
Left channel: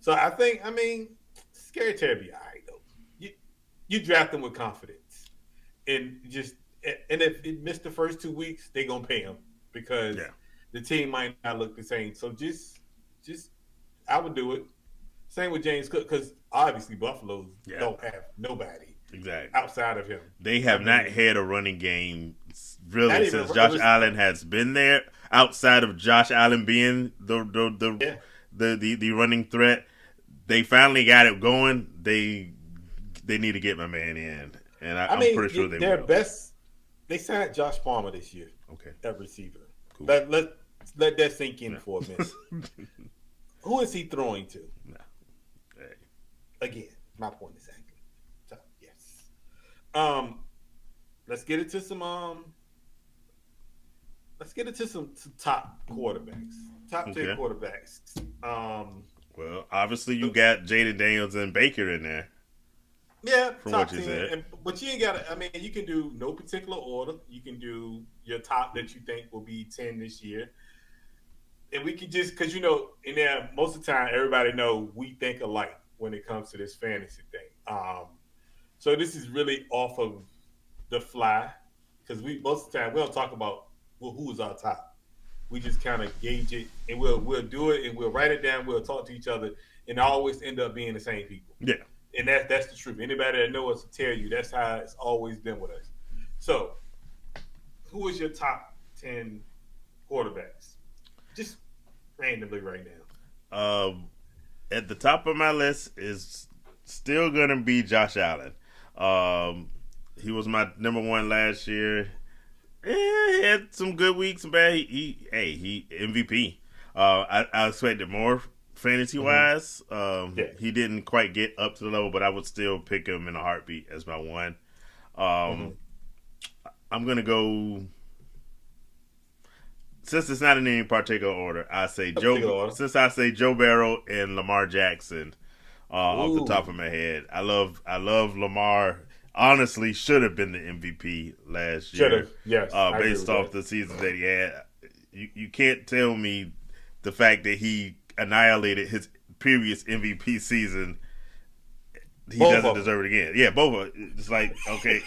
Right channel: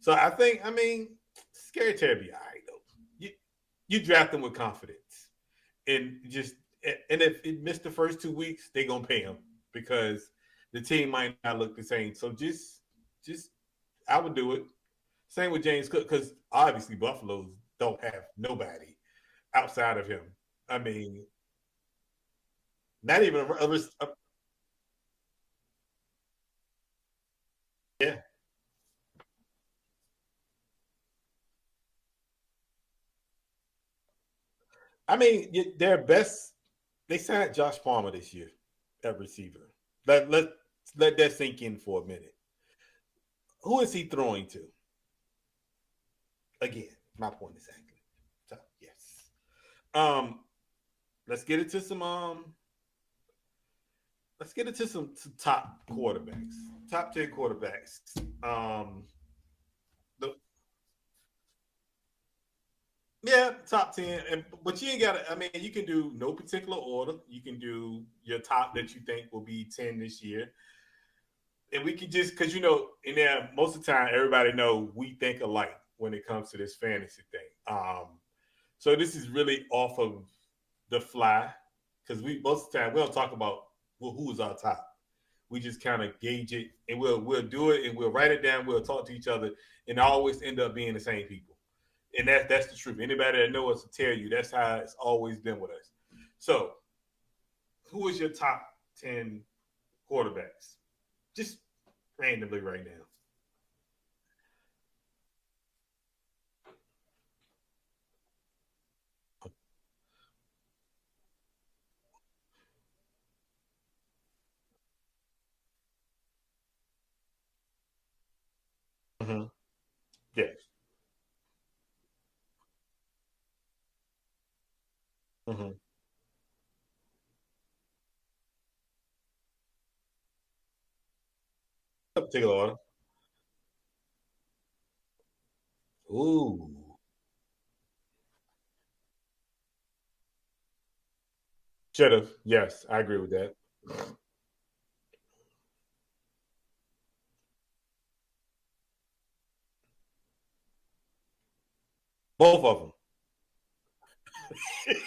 So I mean, Scary Terry be all right, though. You draft him with confidence. And if it missed the first 2 weeks, they're going to pay him because the team might not look the same. So just I would do it. Same with James Cook, because obviously Buffalo don't have nobody outside of him. They have not had a running game really since Josh Allen has been there. Outside of Josh Allen being the running threat, they finally got it going. They need to get my man in, and I'm pretty sure their best. They signed Josh Palmer this year. Okay, at receiver. Cool. Let that sink in for a minute. Who is he throwing to? No. Hey. Again, my point exactly. So, yes. Let's get into some top quarterbacks. Top 10 quarterbacks. Well, obviously you got Jaden Daniels and Baker in there. Yeah, top 10. But you ain't got to, I mean, you can do no particular order. You can do your top that you think will be 10 this year. And we can just, because, in there, most of the time, everybody know we think alike when it comes to this fantasy thing. So this is really off of the fly, because most of the time, we don't talk about who is our top. We just kind of gauge it, and we'll do it, and we'll write it down. We'll talk to each other, and always end up being the same people. Yeah. And that's the truth. Anybody that knows us will tell you that's how it's always been with us. So, who is your top 10 quarterbacks? Just randomly right now. At the top of my list is still going to be Josh Allen. He was my number one last year. He had some good weeks and bad. He MVP. I expected more fantasy wise. Yeah. He didn't quite get up to the level, but I would still pick him in a heartbeat as my one. I'm gonna go. Since it's not in any particular order, I say Joe. Since I say Joe Burrow and Lamar Jackson, off the top of my head, I love Lamar. Honestly, should have been the MVP last year. Should have, yes. Based off the season that he had. You can't tell me the fact that he annihilated his previous MVP season. He doesn't deserve it again. Yeah, both of it. It's like, okay,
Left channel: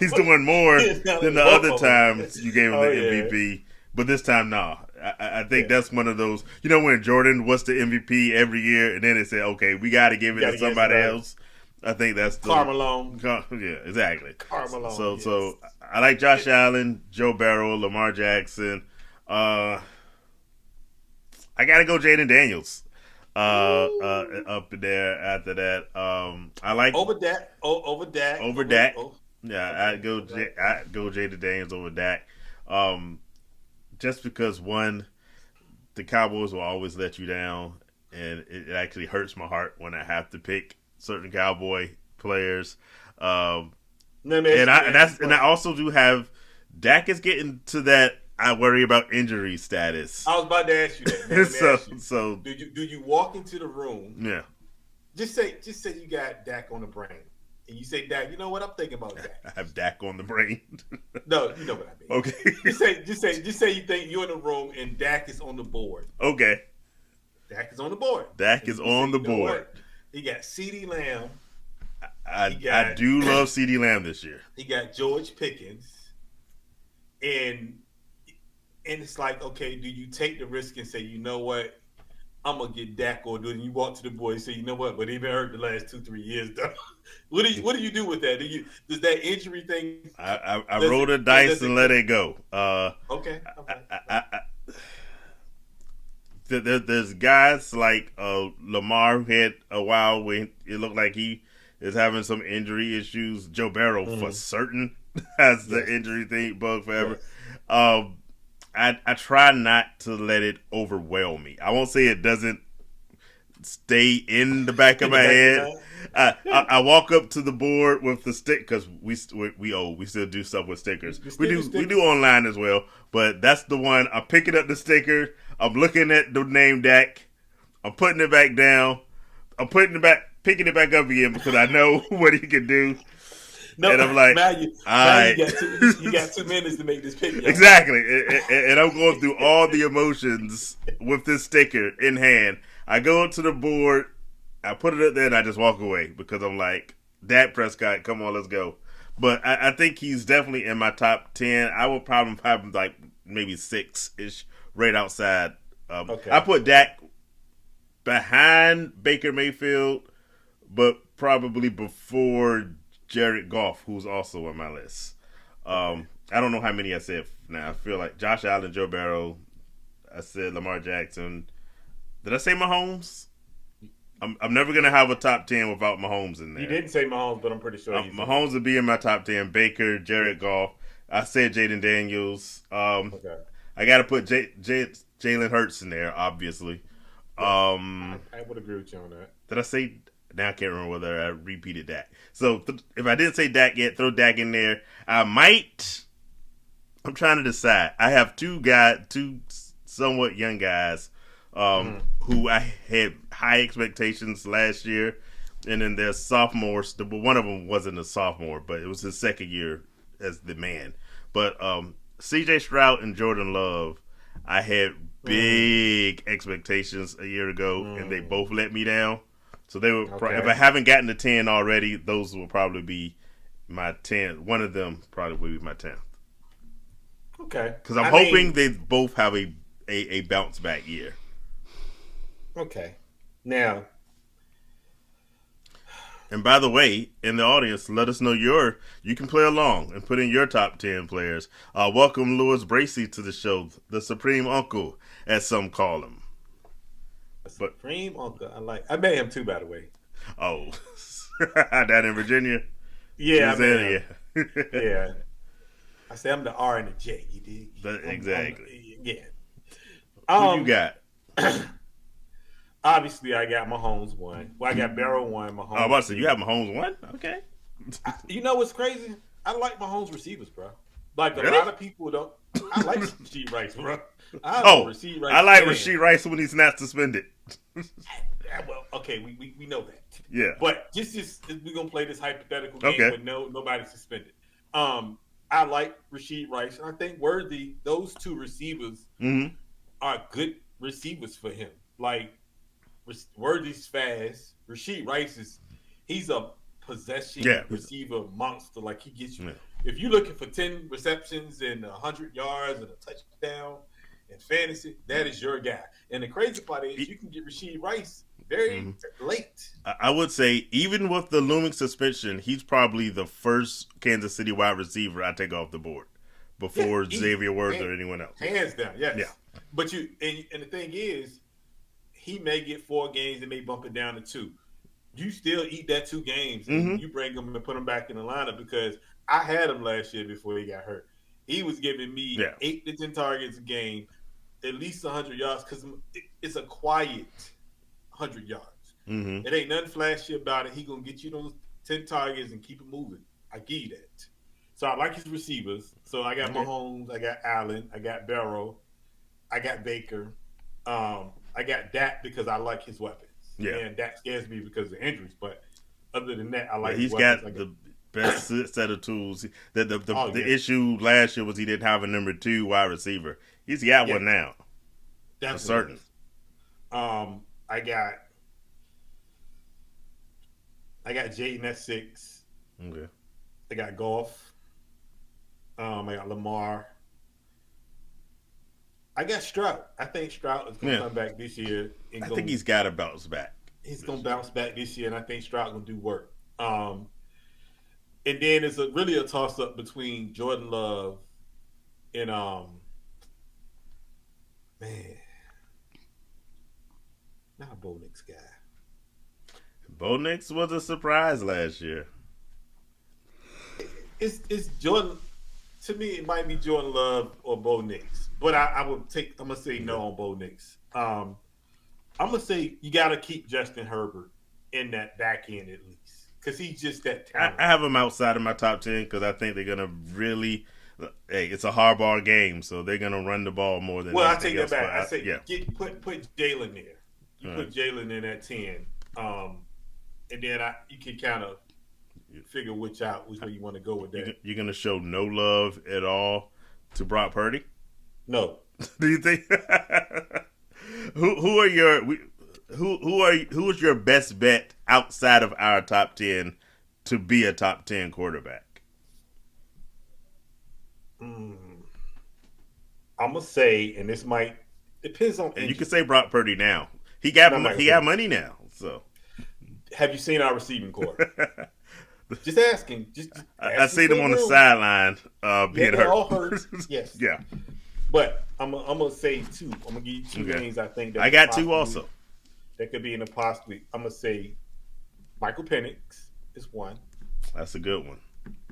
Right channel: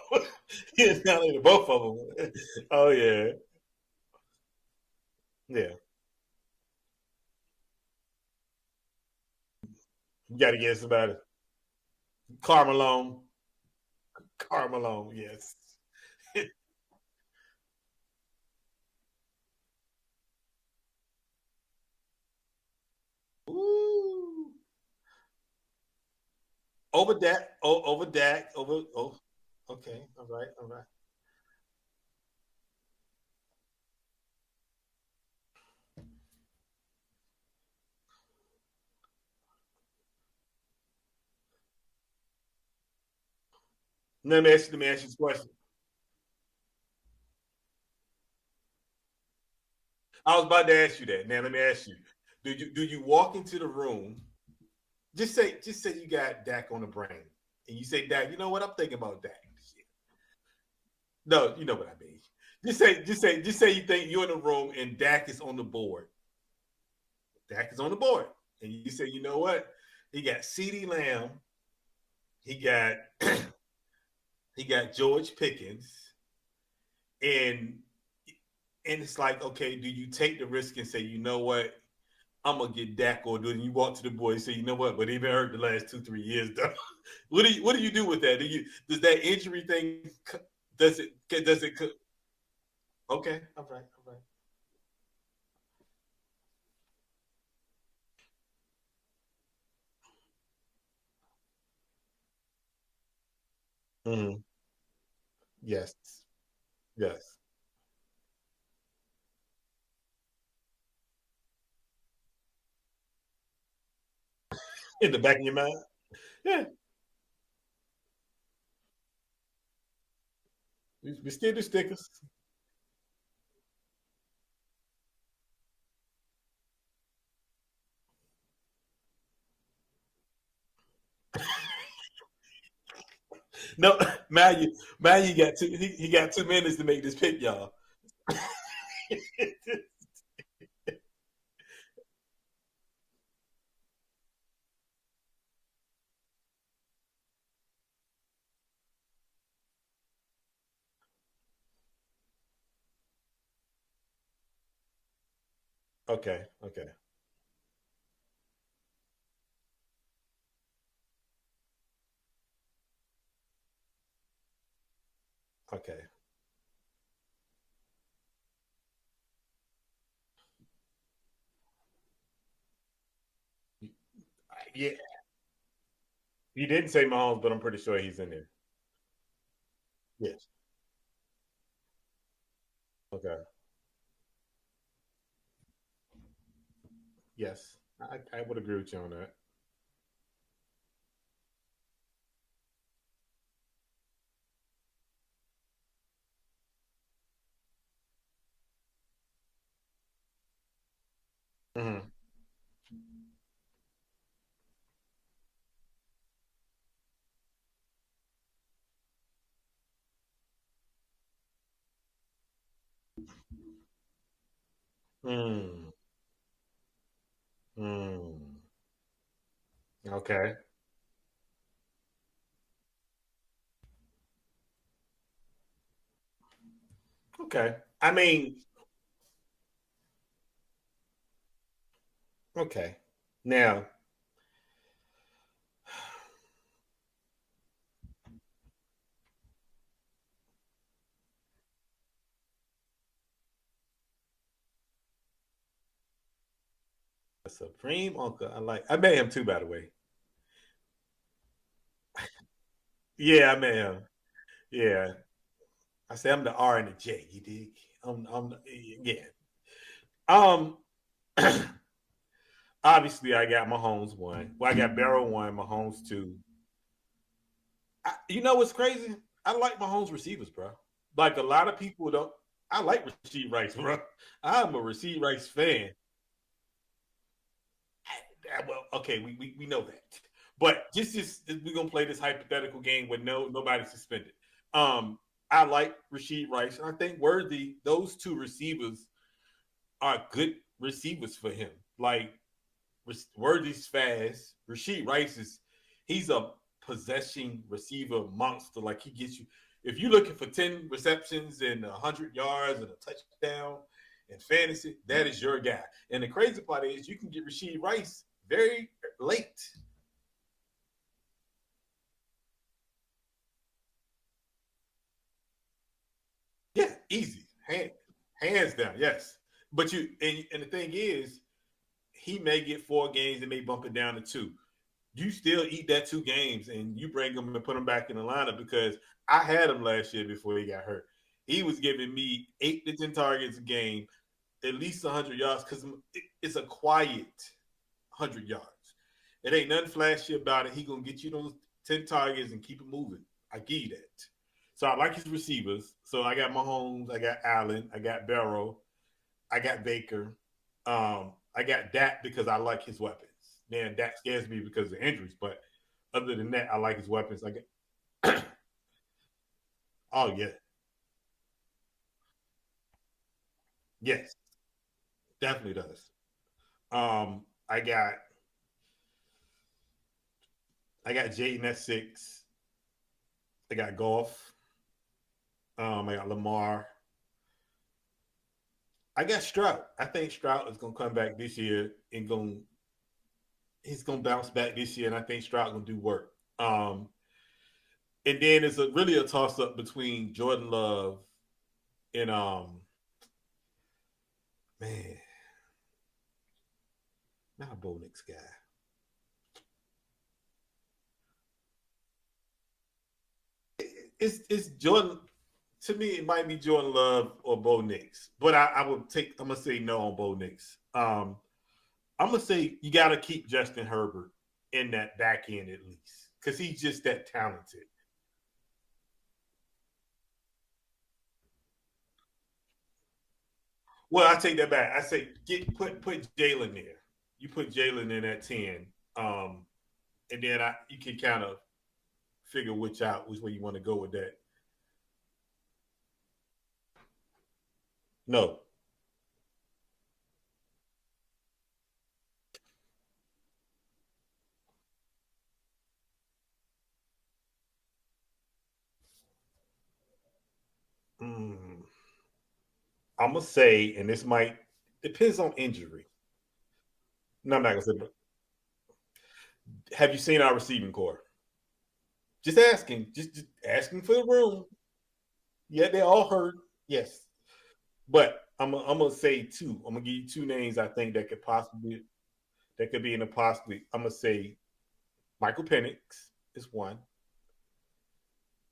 he's doing more than the other times you gave him the MVP. But this time, no. I think that's one of those, when Jordan was the MVP every year, and then they said, okay, we got to give it to somebody else. I think that's Carmelo. Yeah, exactly. Carmelo. So I like Josh Allen, Joe Burrow, Lamar Jackson. I got to go Jaden Daniels. Up there after that. I like over Dak. Over Dak. Yeah, I'd go Jaden Daniels over Dak. Just because one, the Cowboys will always let you down, and it actually hurts my heart when I have to pick certain Cowboy players. And I also do have Dak is getting to that. I worry about injury status. I was about to ask you that. Now, let me ask you. So do you walk into the room? Yeah. Just say you got Dak on the brain, and you say, Dak, you know what? I'm thinking about Dak. I have Dak on the brain. No, you know what I mean. Okay. Just say you think you're in the room and Dak is on the board. Okay. Dak is on the board. Dak is on the board. What? He got CeeDee Lamb. I do love CeeDee Lamb this year. He got George Pickens, and it's like, okay, do you take the risk and say, you know what, I'm gonna get Dak, or do you walk to the boy and say, you know what, but he been hurt the last 2-3 years, though. What do you do with that? Does that injury thing? I roll the dice and let it go. Okay. There's guys like Lamar who had a while when it looked like he is having some injury issues. Joe Burrow for certain has the injury thing bug forever. Yes. I try not to let it overwhelm me. I won't say it doesn't stay in the back of my head. I walk up to the board with the stick because we still do stuff with stickers. We do online as well, but that's the one. I'm picking up the sticker. I'm looking at the name Dak. I'm putting it back down. I'm picking it back up again because I know what he can do. No, and I'm like, you got 2 minutes to make this pick. Y'all. Exactly, and I'm going through all the emotions with this sticker in hand. I go up to the board, I put it up there, and I just walk away because I'm like, Dak Prescott, come on, let's go. But I think he's definitely in my top 10. I would probably have him like maybe 6-ish, right outside. I put Dak behind Baker Mayfield, but probably before Jared Goff, who's also on my list. I don't know how many I said now. I feel like Josh Allen, Joe Burrow. I said Lamar Jackson. Did I say Mahomes? I'm never going to have a top 10 without Mahomes in there. You didn't say Mahomes, but I'm pretty sure he's Mahomes would be in my top 10. Baker, Jared Goff. I said Jaden Daniels. I got to put Jalen Hurts in there, obviously. Yes, I would agree with you on that. Did I say? Now I can't remember whether I repeated that. So if I didn't say Dak yet, throw Dak in there. I might. I'm trying to decide. I have two somewhat young guys who I had high expectations last year, and then there's sophomores. But one of them wasn't a sophomore, but it was his second year as the man. But C.J. Stroud and Jordan Love, I had big expectations a year ago, and they both let me down. So they were. If I haven't gotten to 10 already, those will probably be my 10. One of them probably will be my 10th. Okay. Because I'm hoping they both have a bounce back year. Okay. Now. And by the way, in the audience, let us know you can play along and put in your top 10 players. Welcome Louis Bracey to the show, the Supreme Uncle, as some call him. Supreme Uncle. I met him too, by the way. Oh, that in Virginia? Yeah, I met him. Yeah. I said I'm the R and the J. You dig? Exactly. Yeah. Who you got? Obviously, I got Mahomes one. Well, I got Barrow one. Oh, Mahomes. about to say, two. you have Mahomes one? Okay. You know what's crazy? I like Mahomes receivers, bro. Like a Really? lot of people don't. I like Rasheed Rice, bro. I'm Oh, a Rasheed Rice I like fan. Rasheed Rice when he's not suspended. Yeah, well, okay, we know that. Yeah. But just we're gonna play this hypothetical game Okay. with nobody suspended. I like Rasheed Rice, and I think Worthy. Those two receivers Mm-hmm. are good receivers for him. Like Worthy's fast. Rasheed Rice he's a possession receiver monster. Like he gets you. Yeah. If you're looking for 10 receptions and 100 yards and a touchdown in fantasy, that is your guy. And the crazy part is you can get Rasheed Rice very late. I would say, even with the looming suspension, he's probably the first Kansas City wide receiver I take off the board before Xavier Worthy or anyone else. Hands down, yes. Yeah. But and the thing is, he may get 4 games and may bump it down to 2. You still eat that 2 games and you bring him and put him back in the lineup, because I had him last year before he got hurt. He was giving me 8 to 10 targets a game, at least 100 yards, because it's a quiet 100 yards. Mm-hmm. It ain't nothing flashy about it. He gonna get you those 10 targets and keep it moving. I give you that. So I like his receivers. So I got Mahomes, I got Allen, I got Barrow, I got Baker. I got Dak because I like his weapons. Yeah. And Dak scares me because of injuries. But other than that, I like his He's weapons. got the best set of tools. The issue last year was he didn't have a number 2 wide receiver. He's got one now. That's certain. I got Jaden at 6. Okay. I got Goff. I got Lamar. I got Stroud. I think Stroud is going to come back this year. I think he's got to bounce back. He's going to bounce back this year, and I think Stroud going to do work. And then it's really a toss-up between Jordan Love and not a Bo Nix guy. Bo Nix was a surprise last year. It's Jordan. To me, it might be Jordan Love or Bo Nix, but I'm gonna say no on Bo Nix. I'm gonna say you got to keep Justin Herbert in that back end at least, because he's just that talented. I have him outside of my top 10 because I think they're gonna really. Hey, it's a hardball game, so they're gonna run the ball more than. Well, I take that back. I say put Jalen there. You put Jalen in at 10, and then you can kind of figure which way you want to go with that. You're gonna show no love at all to Brock Purdy? No. Do you think? who is your best bet outside of our top 10 to be a top 10 quarterback? I'm gonna say, and this might depends on. You can say Brock Purdy now. He got money now. So, have you seen our receiving core? Just asking. Just I seen him on the sideline. They're all hurt. Yes. Yeah. But I'm gonna say 2. I'm gonna give you 2 names. I think that I got 2 also. That could be in the possibly. I'm gonna say Michael Penix is 1. That's a good one.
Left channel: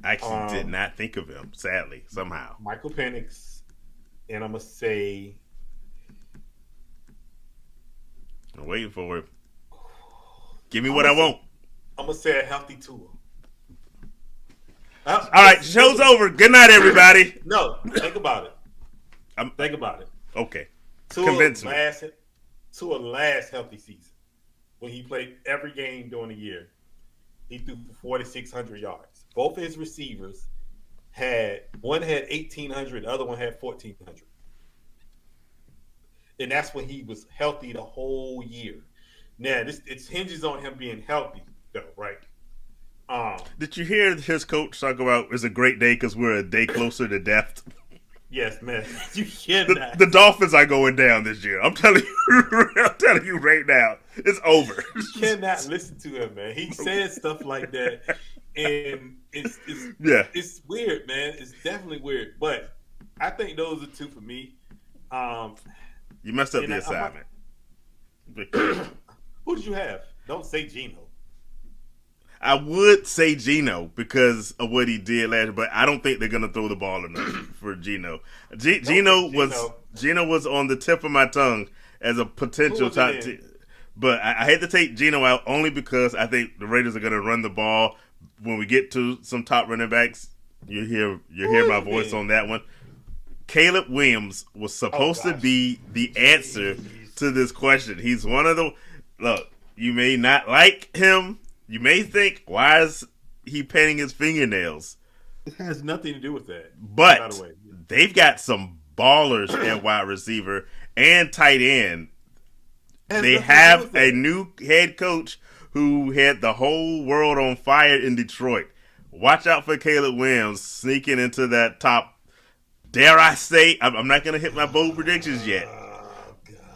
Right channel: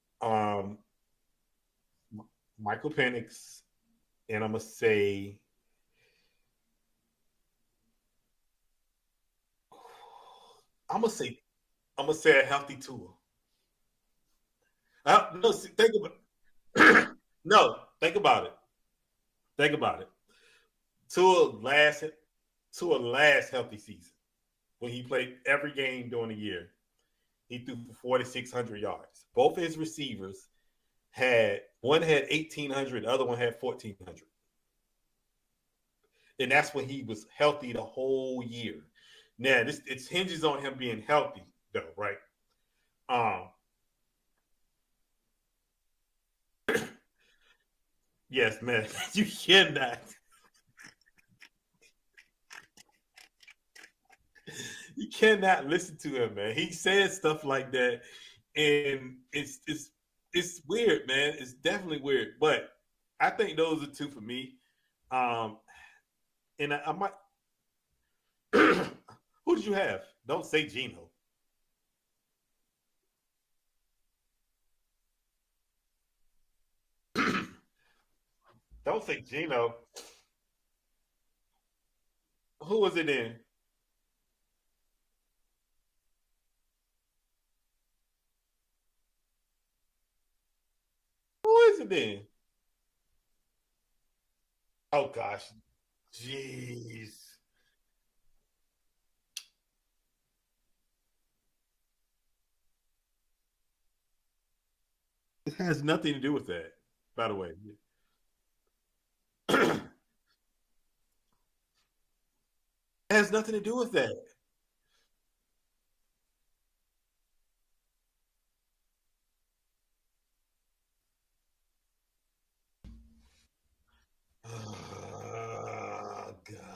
I actually did not think of him. Sadly, somehow. Michael Penix, and I'm gonna say. I'm waiting for it. Give me what I want. I'm gonna say a healthy Tua. All right, show's over. Good night, everybody. No, think about it. Think about it. Okay. Tua last healthy season, when he played every game during the year, he threw for 4,600 yards. Both of his receivers one had 1,800, the other one had 1,400. And that's when he was healthy the whole year. Now, it hinges on him being healthy, though, right? Did you hear his coach talk about it's a great day because we're a day closer to death? Yes, man. You cannot. The Dolphins are going down this year. I'm telling you right now. It's over. You cannot listen to him, man. He says stuff like that, and it's weird, man. It's definitely weird. But I think those are 2 for me. You messed up the assignment. Who did you have? Don't say Geno. I would say Geno because of what he did last year, but I don't think they're going to throw the ball enough for Geno. Geno was on the tip of my tongue as a potential top 10. But I hate to take Geno out only because I think the Raiders are going to run the ball. When we get to some top running backs, you hear my voice on that one. Caleb Williams was supposed to be the answer to this question. He's one of the look. You may not like him. You may think, why is he painting his fingernails? It has nothing to do with that. But by the way, they've got some ballers at wide receiver and tight end. They have a new head coach who had the whole world on fire in Detroit. Watch out for Caleb Williams sneaking into that top. Dare I say, I'm not going to hit my bold predictions yet.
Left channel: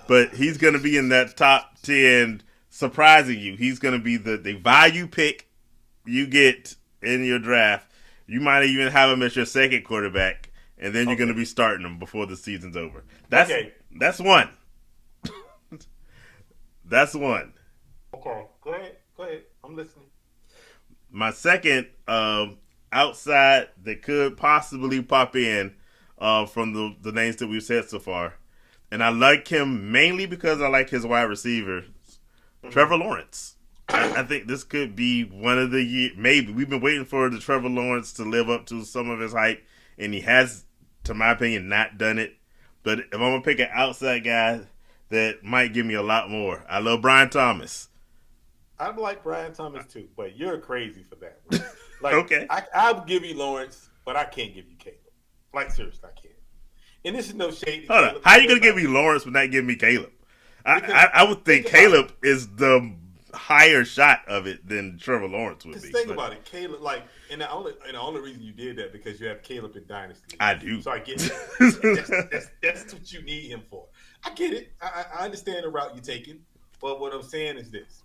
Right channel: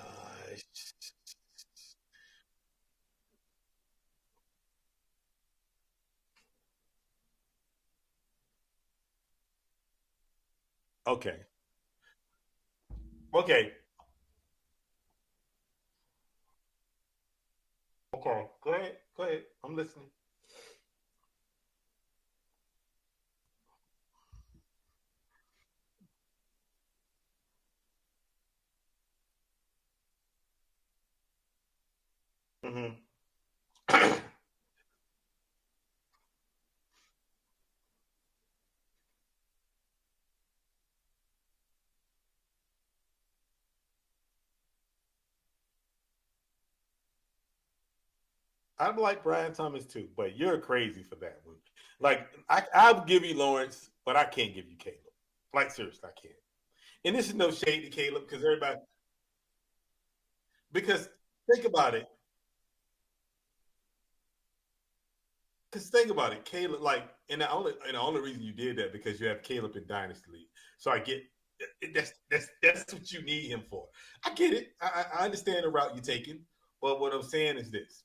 But he's going to be in that top 10, surprising you. He's going to be the value pick you get in your draft. You might even have him as your second quarterback, and then you're going to be starting him before the season's over. That's one. That's one. Okay, go ahead. I'm listening. My second outside that could possibly pop in from the names that we've said so far, and I like him mainly because I like his wide receiver, Trevor Lawrence. I think this could be one of the years. Maybe we've been waiting for the Trevor Lawrence to live up to some of his hype, and he has, to my opinion, not done it. But if I'm gonna pick an outside guy that might give me a lot more, I love Brian Thomas. I like Brian Thomas too, but you're crazy for that one. Like, okay, I'll give you Lawrence, but I can't give you Caleb. Like, seriously, I can't. And this is no shade to Caleb. How are you gonna give me Lawrence but not give me Caleb? I would think Caleb is the higher shot of it than Trevor Lawrence would be. Because think about it, Caleb. Like, and the only reason you did that because you have Caleb in Dynasty. I do. So I get it. that's what you need him for. I get it. I understand the route you're taking, but what I'm saying is this.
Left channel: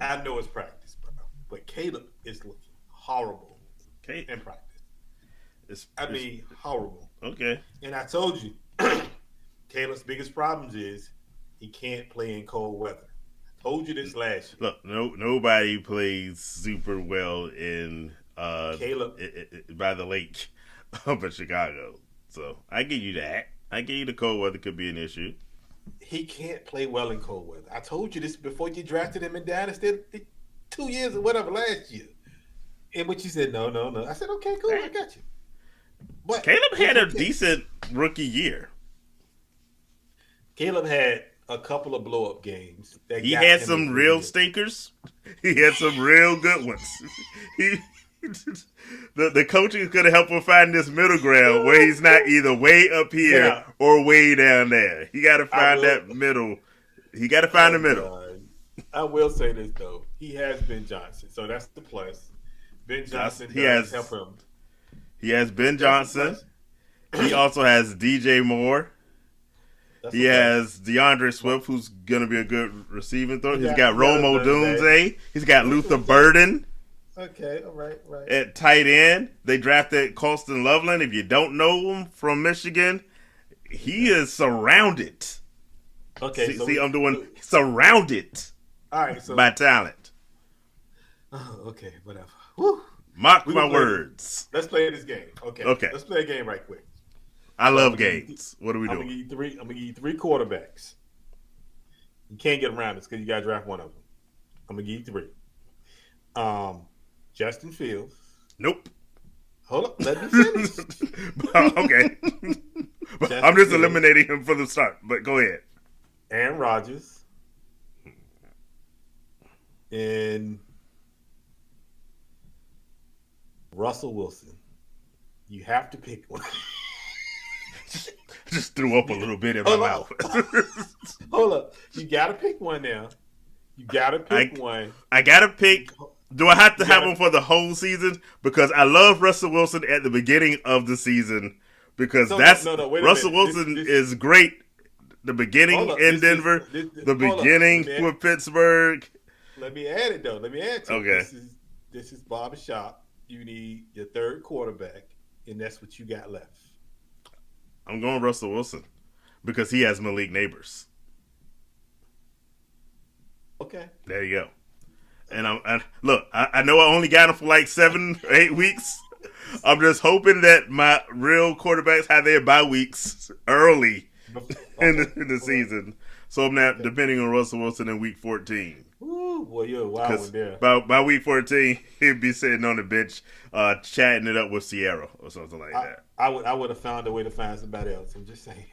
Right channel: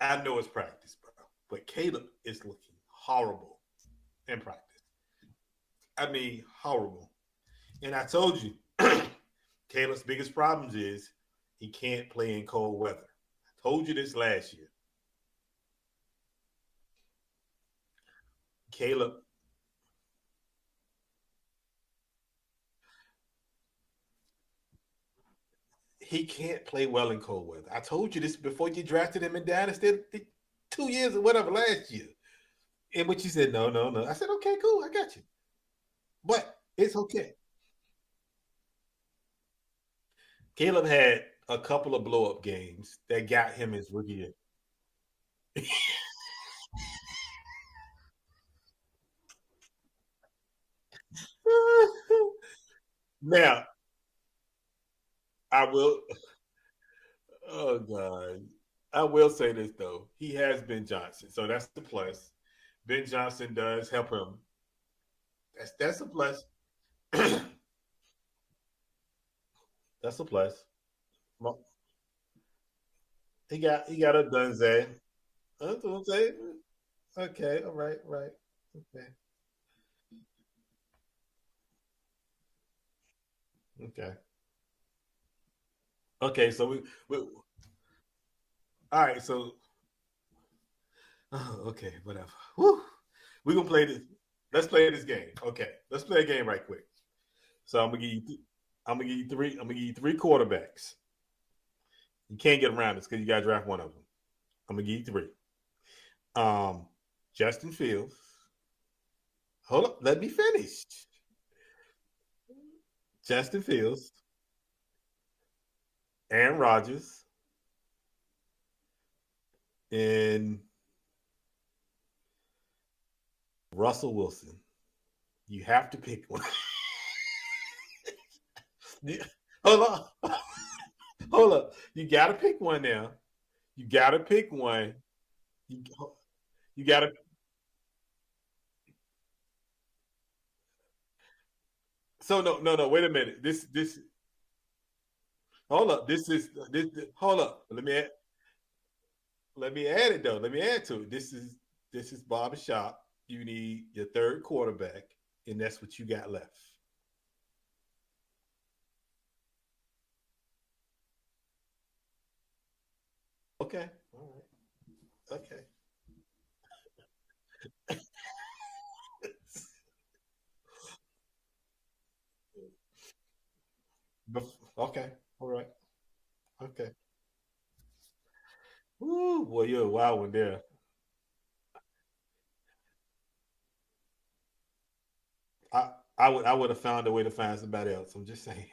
I know it's practice, bro, but Caleb is looking horrible in practice. Horrible. Okay. And I told you, Caleb's biggest problems is he can't play in cold weather. I told you this last year. Look, nobody plays super well in Caleb by the lake up in Chicago. So I give you that. I give you the cold weather could be an issue. He can't play well in cold weather. I told you this before you drafted him in Dynasty 2 years or whatever last year. In which you said, no. I said, okay, cool, I got you. But Caleb had a decent rookie year. Caleb had a couple of blow-up games. He had some real stinkers. He had some real good ones. The coaching could have helped him find this middle ground where he's not either way up here or way down there. He got to find that middle. He got to find the middle. God. I will say this, though. He has Ben Johnson, so that's the plus. Ben Johnson does help him. He has Ben Johnson. He also has DJ Moore. He has DeAndre Swift, who's going to be a good receiving thrower. He's got Romo Dunze. He's got Luther Burden. Okay, all right. At tight end, they drafted Colston Loveland. If you don't know him from Michigan, he is surrounded. Okay, I'm doing surrounded. All right, by talent. Oh, okay, whatever. Woo. Mark my words. Let's play this game. Okay. Let's play a game right quick. I love games. What are we doing? I'm gonna give you three quarterbacks. You can't get around this because you gotta draft one of them. I'm gonna give you three. Justin Fields. Nope. Hold up, let me finish. Okay. I'm just eliminating him from the start, but go ahead. Aaron Rodgers. And Russell Wilson. You have to pick one. Just threw up a little bit in my mouth. Hold up. You got to pick one now. You got to pick one. I got to pick. Do I have to have him for the whole season? Because I love Russell Wilson at the beginning of the season. Because Russell Wilson is great. The beginning in Denver. The beginning with Pittsburgh. Let me add it, though. Let me add to it. This is barbershop. You need your third quarterback, and that's what you got left. I'm going Russell Wilson because he has Malik Neighbors. Okay. There you go. And I know I only got him for like 7 or 8 weeks. I'm just hoping that my real quarterbacks have their bye weeks early in the season. So I'm not depending on Russell Wilson in week 14. Ooh, boy, you're a wild one there. By week 14, he'd be sitting on the bench chatting it up with Sierra or something like that. I would have found a way to find somebody else. I'm just saying.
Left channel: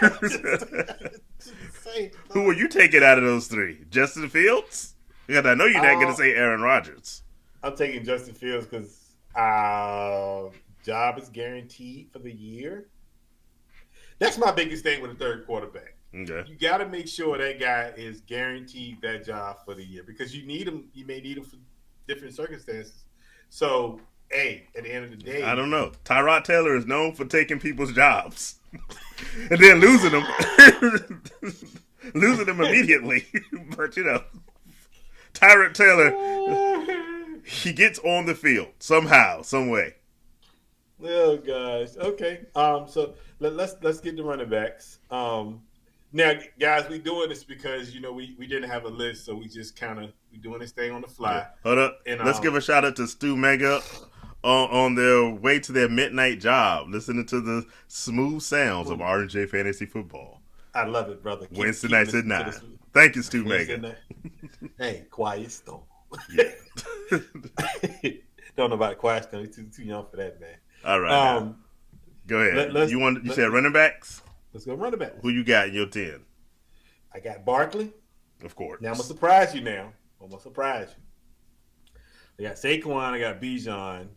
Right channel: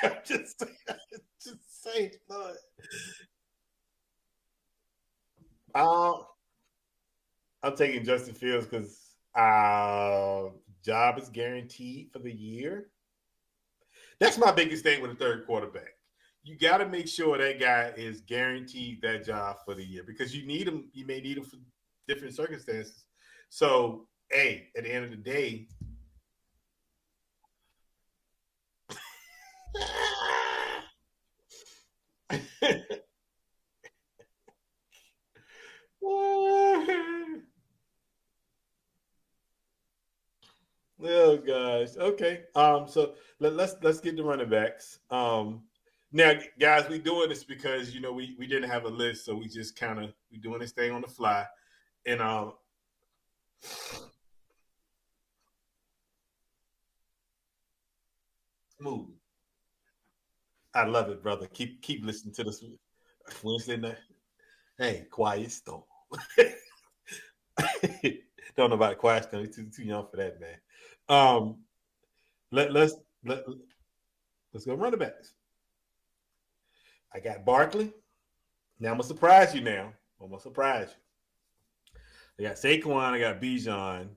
just saying. Who will you take it out of those three? Justin Fields? Because I know you're not going to say Aaron Rodgers. I'm taking Justin Fields because job is guaranteed for the year. That's my biggest thing with a third quarterback. Okay. You got to make sure that guy is guaranteed that job for the year because you need him. You may need him for different circumstances. So, hey, at the end of the day, I don't know. Tyrod Taylor is known for taking people's jobs and then losing them immediately. But Tyrod Taylor, he gets on the field somehow, some way. Oh gosh. Okay. So let's get the running backs. Now, guys, we doing this because we didn't have a list, so we just we doing this thing on the fly. Hold up. And let's give a shout out to Stu Mega on their way to their midnight job, listening to the smooth sounds of R&J Fantasy Football. I love it, brother. Wednesday nights at 9. Thank you, Stu Mega. Hey, quiet storm. Don't know about quiet storm. He's too young for that, man. All right. Go ahead. You said running backs? Let's go running backs. Who you got in your 10? I got Barkley. Of course. Now I'm going to surprise you now. I got Saquon. I got Bijan.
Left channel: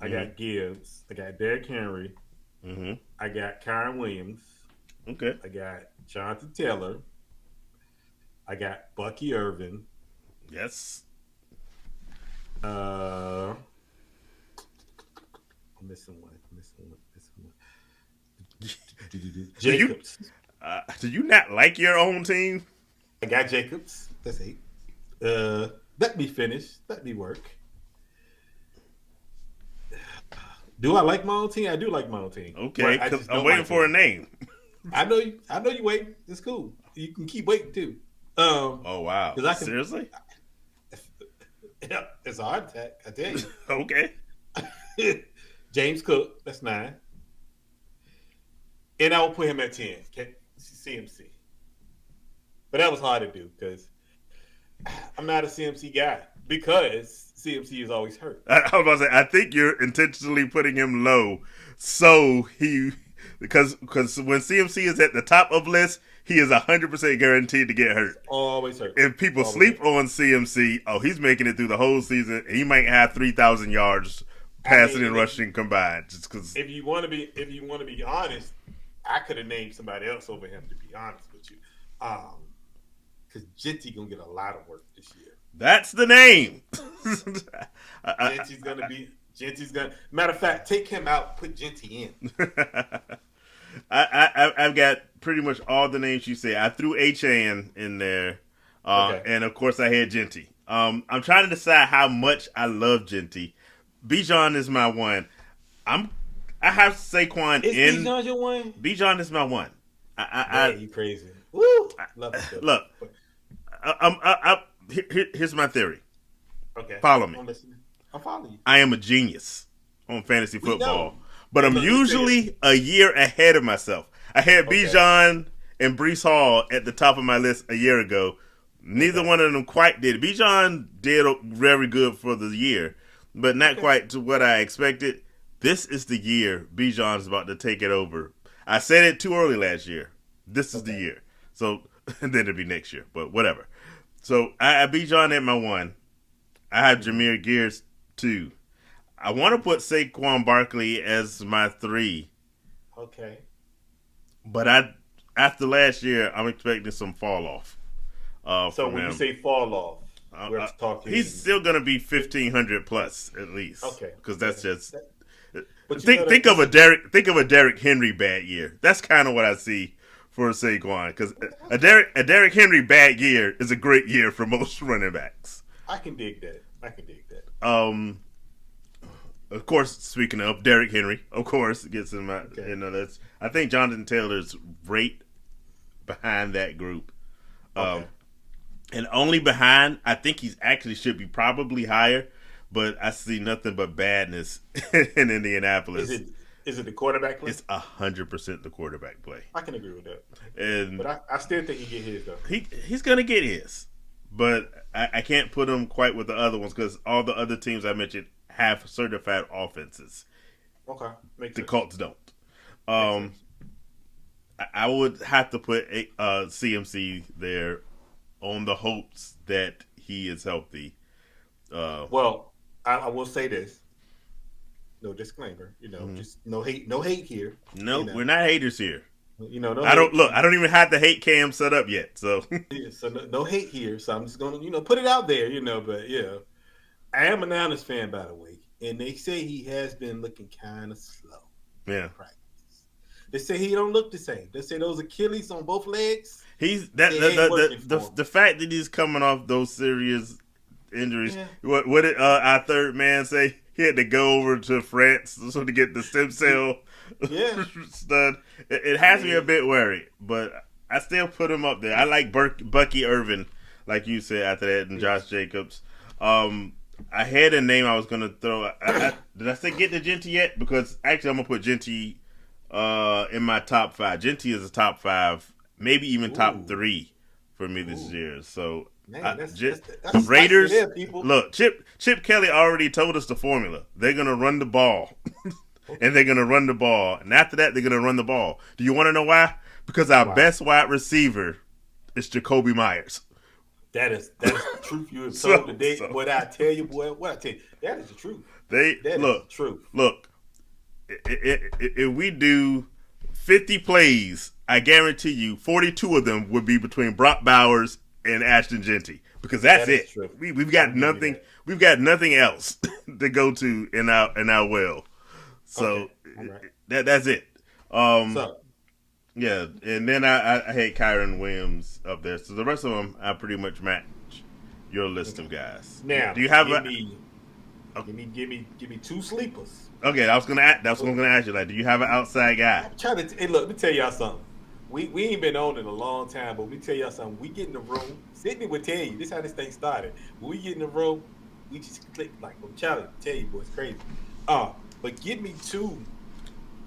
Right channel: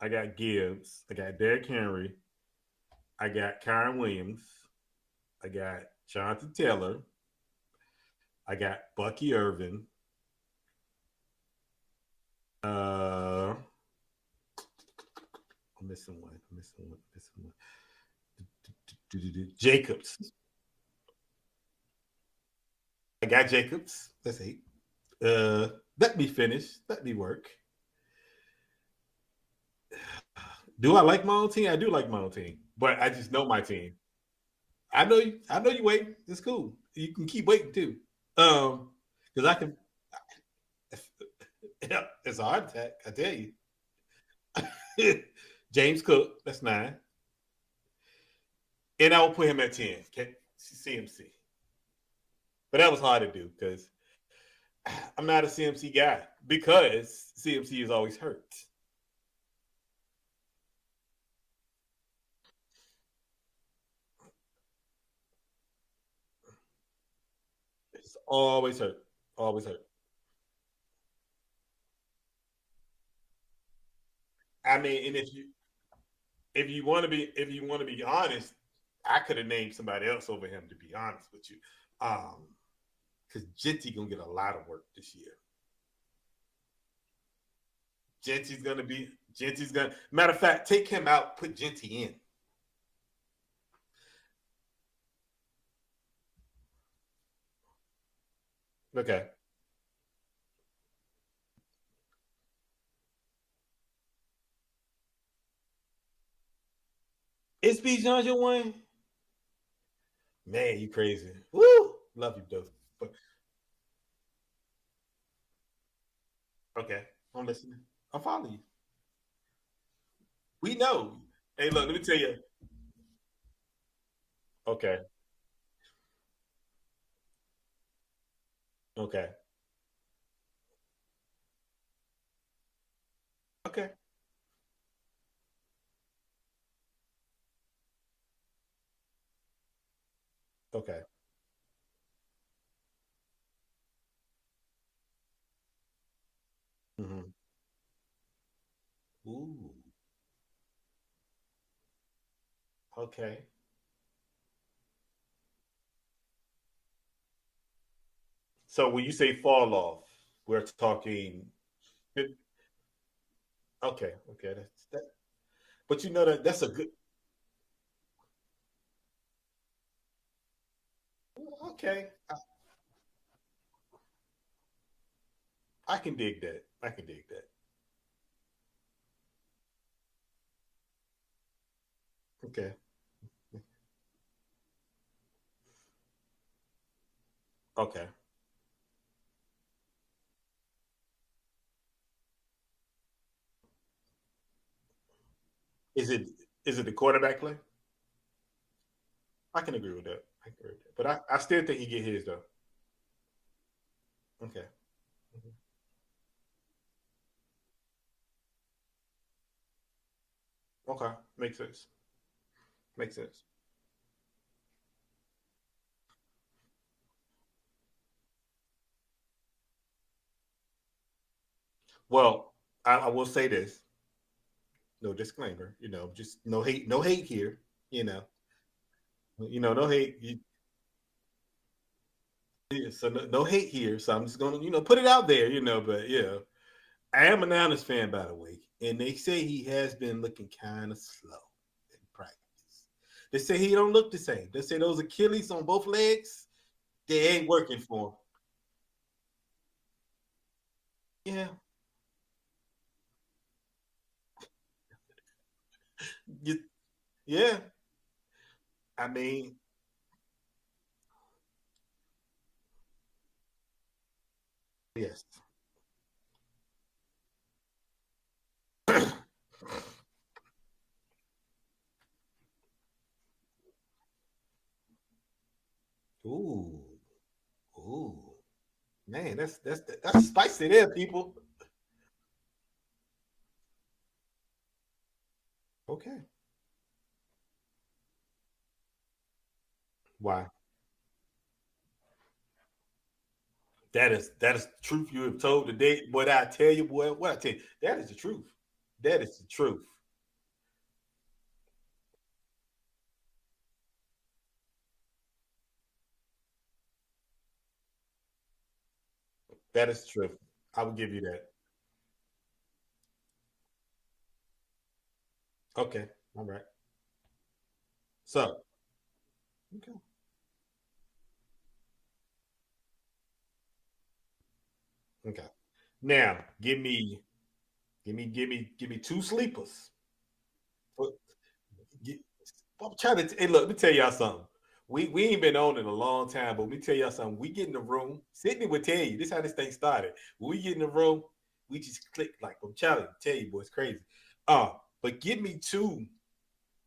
I got Gibbs. I got Derrick Henry. Mm-hmm. I got Kyron Williams. Okay. I got Jonathan Taylor. I got Bucky Irvin. Yes. I'm missing one. Jacobs. Do you not like your own team? I got Jacobs. That's 8. Let me finish. Let me work. Do I like my own team? I do like my own team. Okay, but I just I'm waiting for a name. I know you waiting. It's cool. You can keep waiting too. Oh wow! Seriously? Yeah, it's a heart attack. I tell you. Okay. James Cook. That's 9. And I will put him at 10. CMC. But that was hard to do because I'm not a CMC guy because CMC is always hurt. I was about to say, I think you're intentionally putting him low because when CMC is at the top of list, he is 100% guaranteed to get hurt. Always hurt. If people sleep on CMC, he's making it through the whole season. He might have 3,000 yards passing and rushing combined. Just because. If you want to be honest, I could have named somebody else over him. To be honest with you, because Genty gonna get a lot of work this year. That's the name. Genty's gonna. Matter of fact, take him out, put Genty in. I've got pretty much all the names you say. I threw HAN in there, and of course I had Genty. I'm trying to decide how much I love Genty. Bijan is my one. I have Saquon Is in. Bijan your one? Bijan is my one. You crazy. Woo! Love it. Look, here's my theory. Okay. Follow me. I'm listening. I'm following you. I am a genius on fantasy We football. know. But I'm Look, usually a year ahead of myself. I had Bijan and Breece Hall at the top of my list a year ago. Neither one of them quite did. Bijan did very good for the year, but not quite to what I expected. This is the year Bijan is about to take it over. I said it too early last year. This is the year. So, and then it'll be next year, but whatever. So, I have Bijan at my 1. I have Jahmyr Gibbs 2. I want to put Saquon Barkley as my 3. Okay. But after last year, I'm expecting some fall off. So when you say fall off, we're talking. He's still going to be 1,500 plus at least. Okay. Because that's just. But think of a Derrick Henry bad year. That's kind of what I see for Saquon. Because a Derrick Henry bad year is a great year for most running backs. I can dig that. Of course, speaking of Derrick Henry, of course, gets in my. That's. I think Jonathan Taylor's right behind that group. And only behind, I think he's actually should be probably higher, but I see nothing but badness in Indianapolis. Is it the quarterback play? It's 100% the quarterback play. I can agree with that. And But I still think he get his though. he's gonna get his, but I can't put him quite with the other ones because all the other teams I mentioned have certified offenses. Okay, makes The sense. Colts don't. Makes sense. I would have to put CMC there on the hopes that he is healthy. Well, I will say this. No disclaimer, just no hate here. No, you know. we're not haters here. No I don't hate. look. I don't even have the hate cam set up yet. So Yeah, so no hate here. So I'm just gonna, put it out there, But yeah, I am a Niners fan, by the way, and they say he has been looking kind of slow. yeah, In practice. They say he don't look the same. They say those Achilles on both legs. he's the fact that he's coming off those serious injuries. Yeah. What did our third man say? He had to go over to France so to get the stem cell. Yeah. stud. It has me a bit worried, but I still put him up there. I like Bucky Irvin, like you said after that, and Josh Jacobs. I had a name I was gonna throw. Did I say get to Genty yet? Because actually, I'm gonna put Genty in my top 5. Genty is a top 5, maybe even top 3 for me this year. So Man, that's Raiders. there, people. Look, Chip Kelly already told us the formula. They're gonna run the ball, and they're gonna run the ball, and after that, they're gonna run the ball. Do you want to know why? Because our best wide receiver is Jacoby Myers. That is the truth you have told today. What I tell you, boy, that is the truth. That is the truth. Look, if we do 50 plays, I guarantee you 42 of them would be between Brock Bowers and Ashton Genty, because that's it. True. We've got nothing. We've got nothing else to go to in our well. So okay. All right. That's it. Yeah, and then I had Kyron Williams up there. So the rest of them, I pretty much match your list of guys. Now, do you have give me 2 sleepers. Okay, that's what I'm gonna ask you. Like, do you have an outside guy? I'm trying to. Hey, look, let me tell y'all something. We ain't been on in a long time, but let me tell y'all something. We get in the room. Sydney would tell you. This is how this thing started. When we get in the room, we just click like I'm trying to tell you, boy, it's crazy. But give me 2.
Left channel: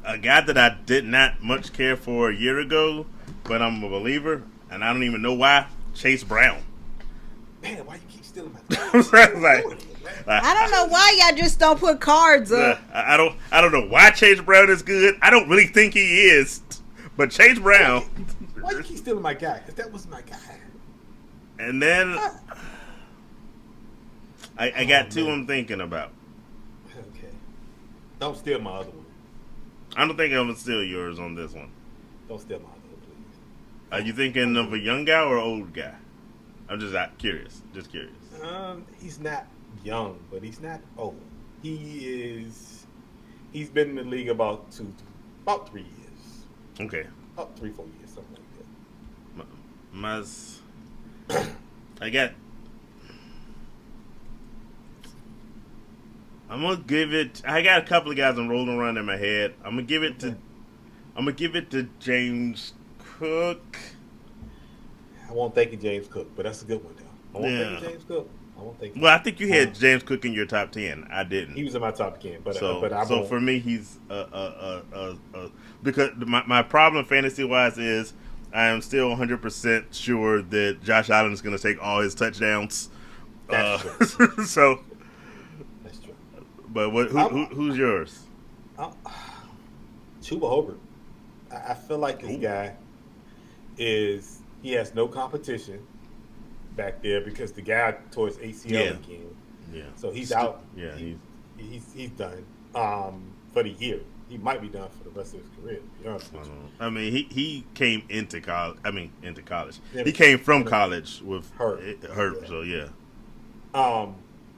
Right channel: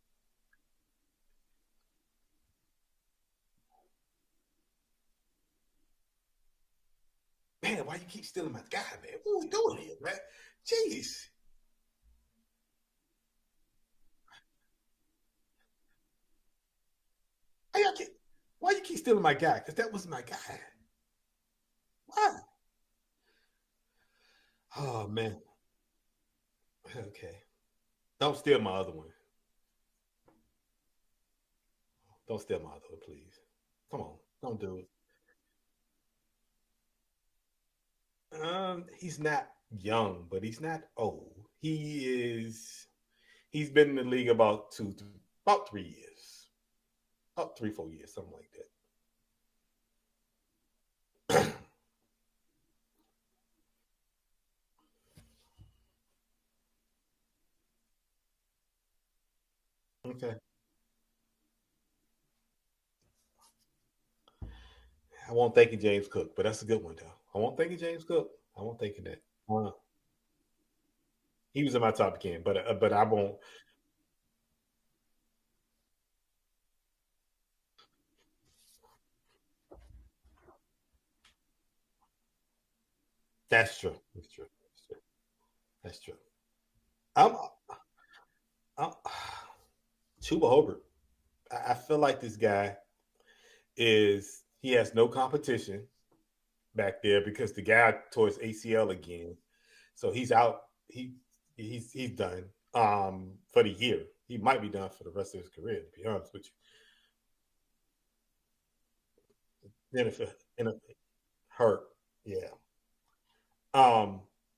A guy that I did not much care for a year ago, but I'm a believer, and I don't even know why. Chase Brown. Man, why you keep stealing my I don't know why y'all just don't put cards up. I don't know why Chase Brown is good. I don't really think he is, but Chase Brown. Why you keep stealing my guy? Because that was my guy. And then I got 2 I'm thinking about. Okay. Don't steal my other one. I don't think I'm gonna steal yours on this one. Don't steal my other one, please. Are you thinking of a young guy or old guy? I'm just curious. Just curious. He's not young, but he's not old. He's been in the league about 3 years. Okay. About 3-4 years, something like that. I'm gonna give it. I got a couple of guys I'm rolling around in my head. I'm gonna give it to James Cook. I won't think of James Cook, but that's a good one though. I won't think of James Cook. Well, I think you had James Cook in your top 10. I didn't. He was in my top 10, but I won't. So for me, he's because my problem fantasy wise is I am still 100% sure that Josh Allen is going to take all his touchdowns. That's true. So that's true. But who's yours? Chuba Hobart. I feel like this guy he has no competition back there because the guy tore his ACL again. Yeah. So he's out. Yeah. He's done for the year. He might be done for the rest of his career, to be honest with you. I mean, he came into college. He came from college with hurt. Yeah. So yeah.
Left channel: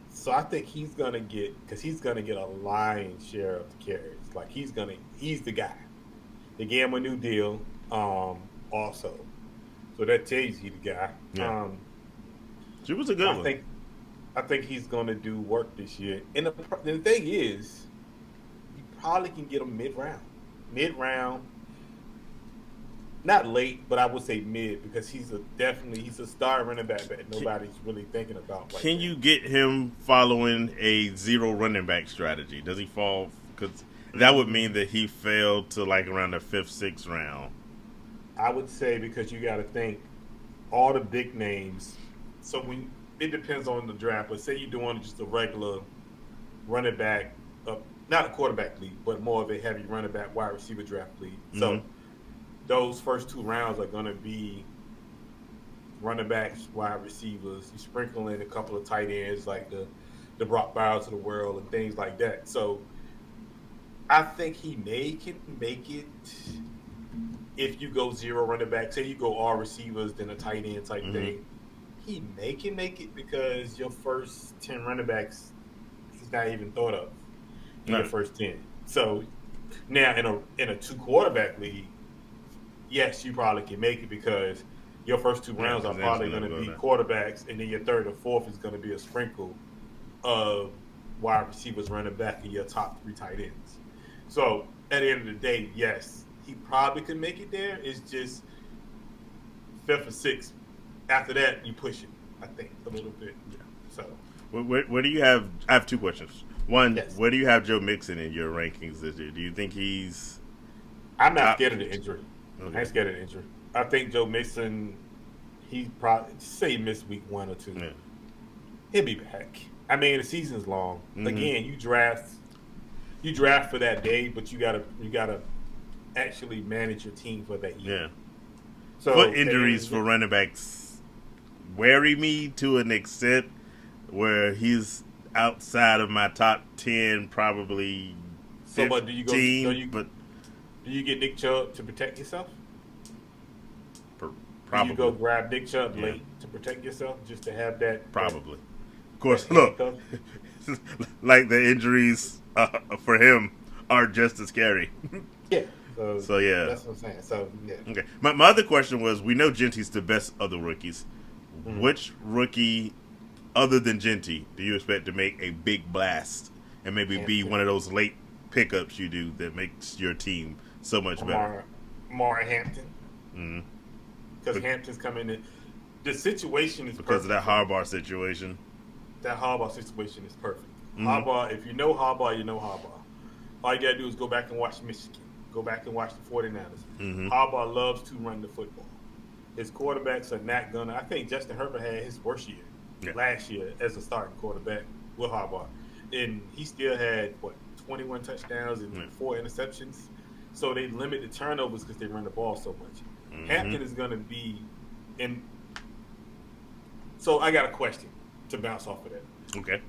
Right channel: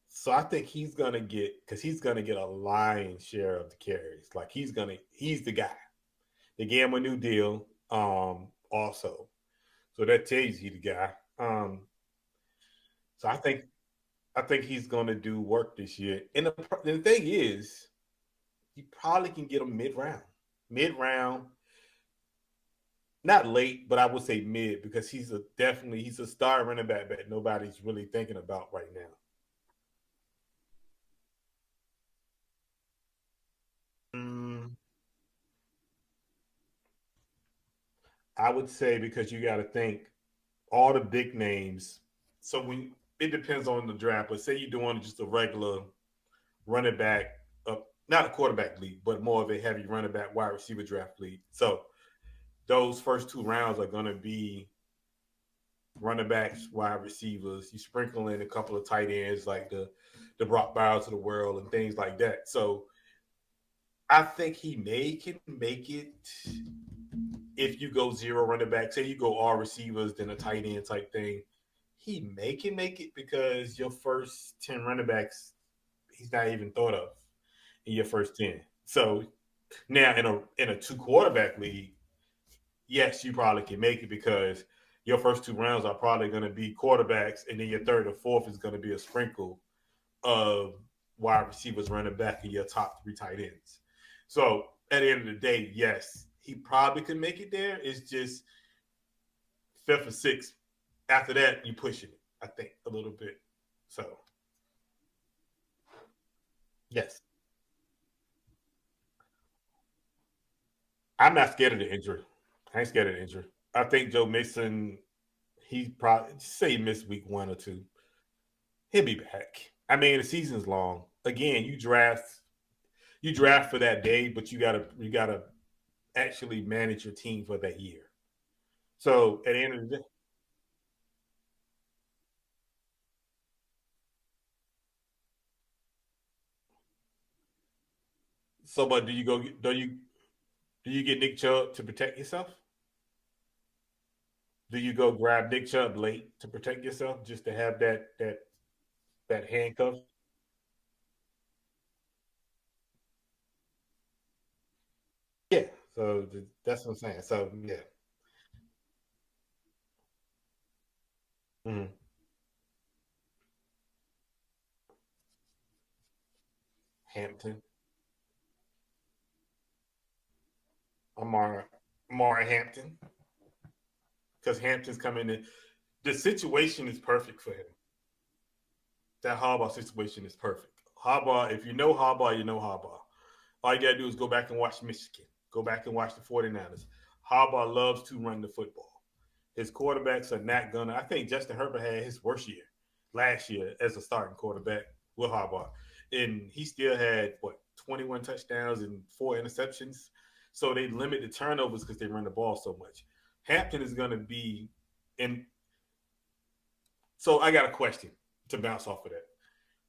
So I think he's gonna get a lion's share of the carries. Like he's the guy. They gave him a new deal. Also, so that tells you the guy. Yeah. She was a good one. I think he's gonna do work this year. And the thing is, you probably can get him mid-round. Not late, but I would say mid because he's a star running back that nobody's really thinking about right now. Can you get him following a 0 running back strategy? Does he fall? Because that would mean that he fell to like around the 5th, 6th round. I would say because you got to think all the big names. So when it depends on the draft, but say you're doing just a regular running back, not a quarterback league, but more of a heavy running back wide receiver draft league. So those first 2 rounds are going to be running backs, wide receivers. You sprinkle in a couple of tight ends like the Brock Bowers of the world and things like that. So I think he can make it if you go 0 running back. Say you go all receivers, then a tight end type thing. He can make it because your first 10 running backs, he's not even thought of in your first 10. So now in a 2 quarterback league, yes, you probably can make it because your first 2 rounds are probably going to be quarterbacks, and then your 3rd or 4th is going to be a sprinkle of wide receivers, running back, and your top 3 tight ends. So at the end of the day, yes, he probably could make it there. It's just 5th or 6th. After that, you push it, I think, a little bit. So where do you have? I have 2 questions. One, yes. Where do you have Joe Mixon in your rankings this year? Do you think he's? I'm not scared of the injury. I ain't scared of the injury. I think Joe Mixon, he probably say he missed week 1 or 2. Yeah. He'll be back. I mean, the season's long. Again, you draft for that day, but you gotta actually manage your team for that year. Yeah. So what injuries for running backs worry me to an extent where he's outside of my top 10, probably. So, but do you but do you get Nick Chubb to protect yourself? probably. Do you go grab Nick Chubb late to protect yourself just to have that? Probably. Of course, look, like the injuries for him are just as scary. Yeah. So yeah, that's what I'm saying. So yeah. Okay. My other question was: we know Genty's the best of the rookies. Which rookie, other than Genty, do you expect to make a big blast and maybe be one of those late pickups you do that makes your team so much better? Amari Hampton. Because Hampton's coming in. The situation is because perfect. of that Harbaugh situation. That Harbaugh situation is perfect. Harbaugh, if you know Harbaugh, you know Harbaugh. All you got to do is go back and watch Michigan. Go back and watch the 49ers. Harbaugh loves to run the football. His quarterbacks are not going to. I think Justin Herbert had his worst year last year as a starting quarterback with Harbaugh. And he still had, 21 touchdowns and 4 interceptions. So they limit the turnovers because they run the ball so much. Hampton is going to be in. So I got a question to bounce off of that. Okay.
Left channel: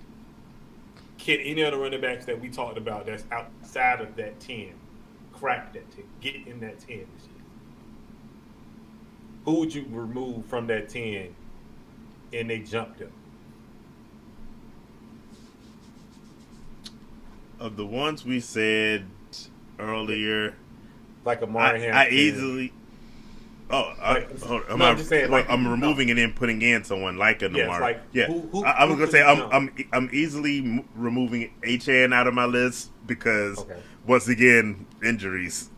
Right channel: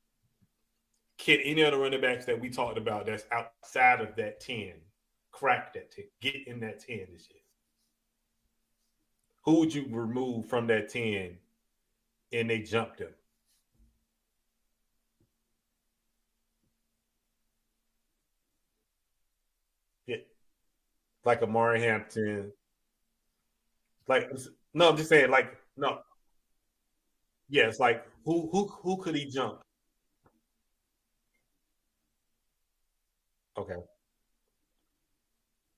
Can any of the running backs that we talked about that's outside of that 10 crack that 10, get in that 10 this year? Who would you remove from that 10 and they jumped him? Of the ones we said earlier, like Amari Hampton. I easily. I'm just saying, I'm removing and then putting in someone like a Amari. Who I was gonna say jump? I'm easily removing H-Han out of my list because once again injuries.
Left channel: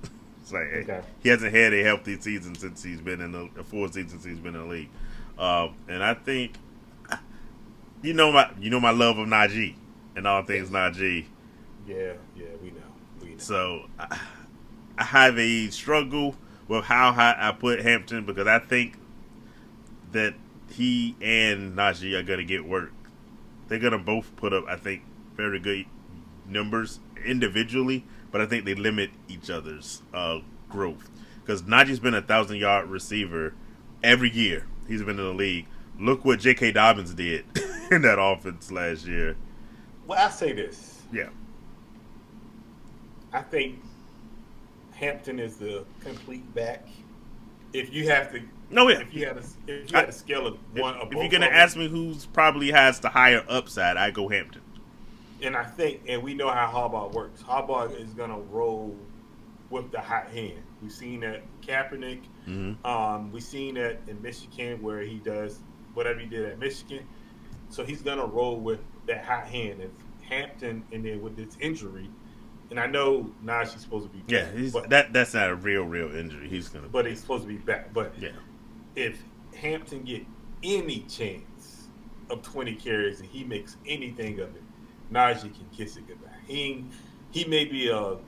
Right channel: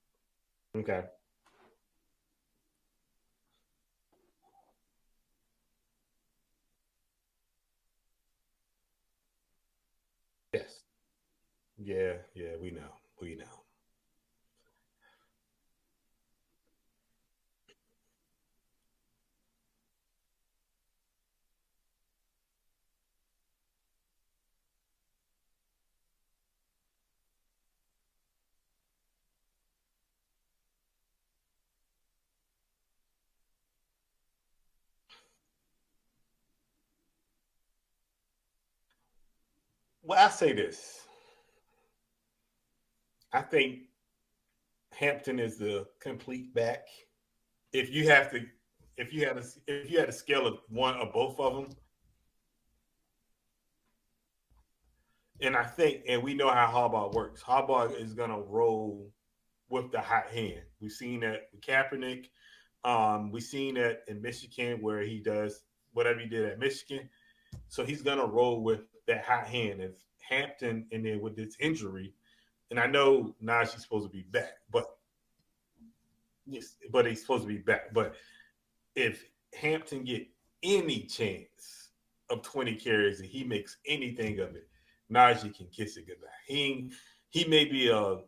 It's like he hasn't had a healthy season since he's been in the 4 seasons he's been in the league, and I think you know my love of Najee and all things Najee. Yeah, we know. So I have a struggle with how high I put Hampton because I think that he and Najee are going to get work. They're going to both put up, I think, very good numbers individually, but I think they limit each other's growth. Because Najee's been a 1,000-yard receiver every year he's been in the league. Look what J.K. Dobbins did in that offense last year. Well, I say this. Yeah. I think Hampton is the complete back. If you have to, if you had a scale of one or both, if you're gonna ask me who's probably has the higher upside, I go Hampton. And I think, and we know how Harbaugh works. Harbaugh is gonna roll with the hot hand. We've seen that with Kaepernick. We've seen that in Michigan where he does whatever he did at Michigan. So he's gonna roll with that hot hand. If Hampton, and then with this injury. And I know Najee's supposed to be back. Yeah, but that's not a real injury. But he's supposed to be back. But if Hampton get any chance of 20 carries and he makes anything of it, Najee can kiss it goodbye. He may be a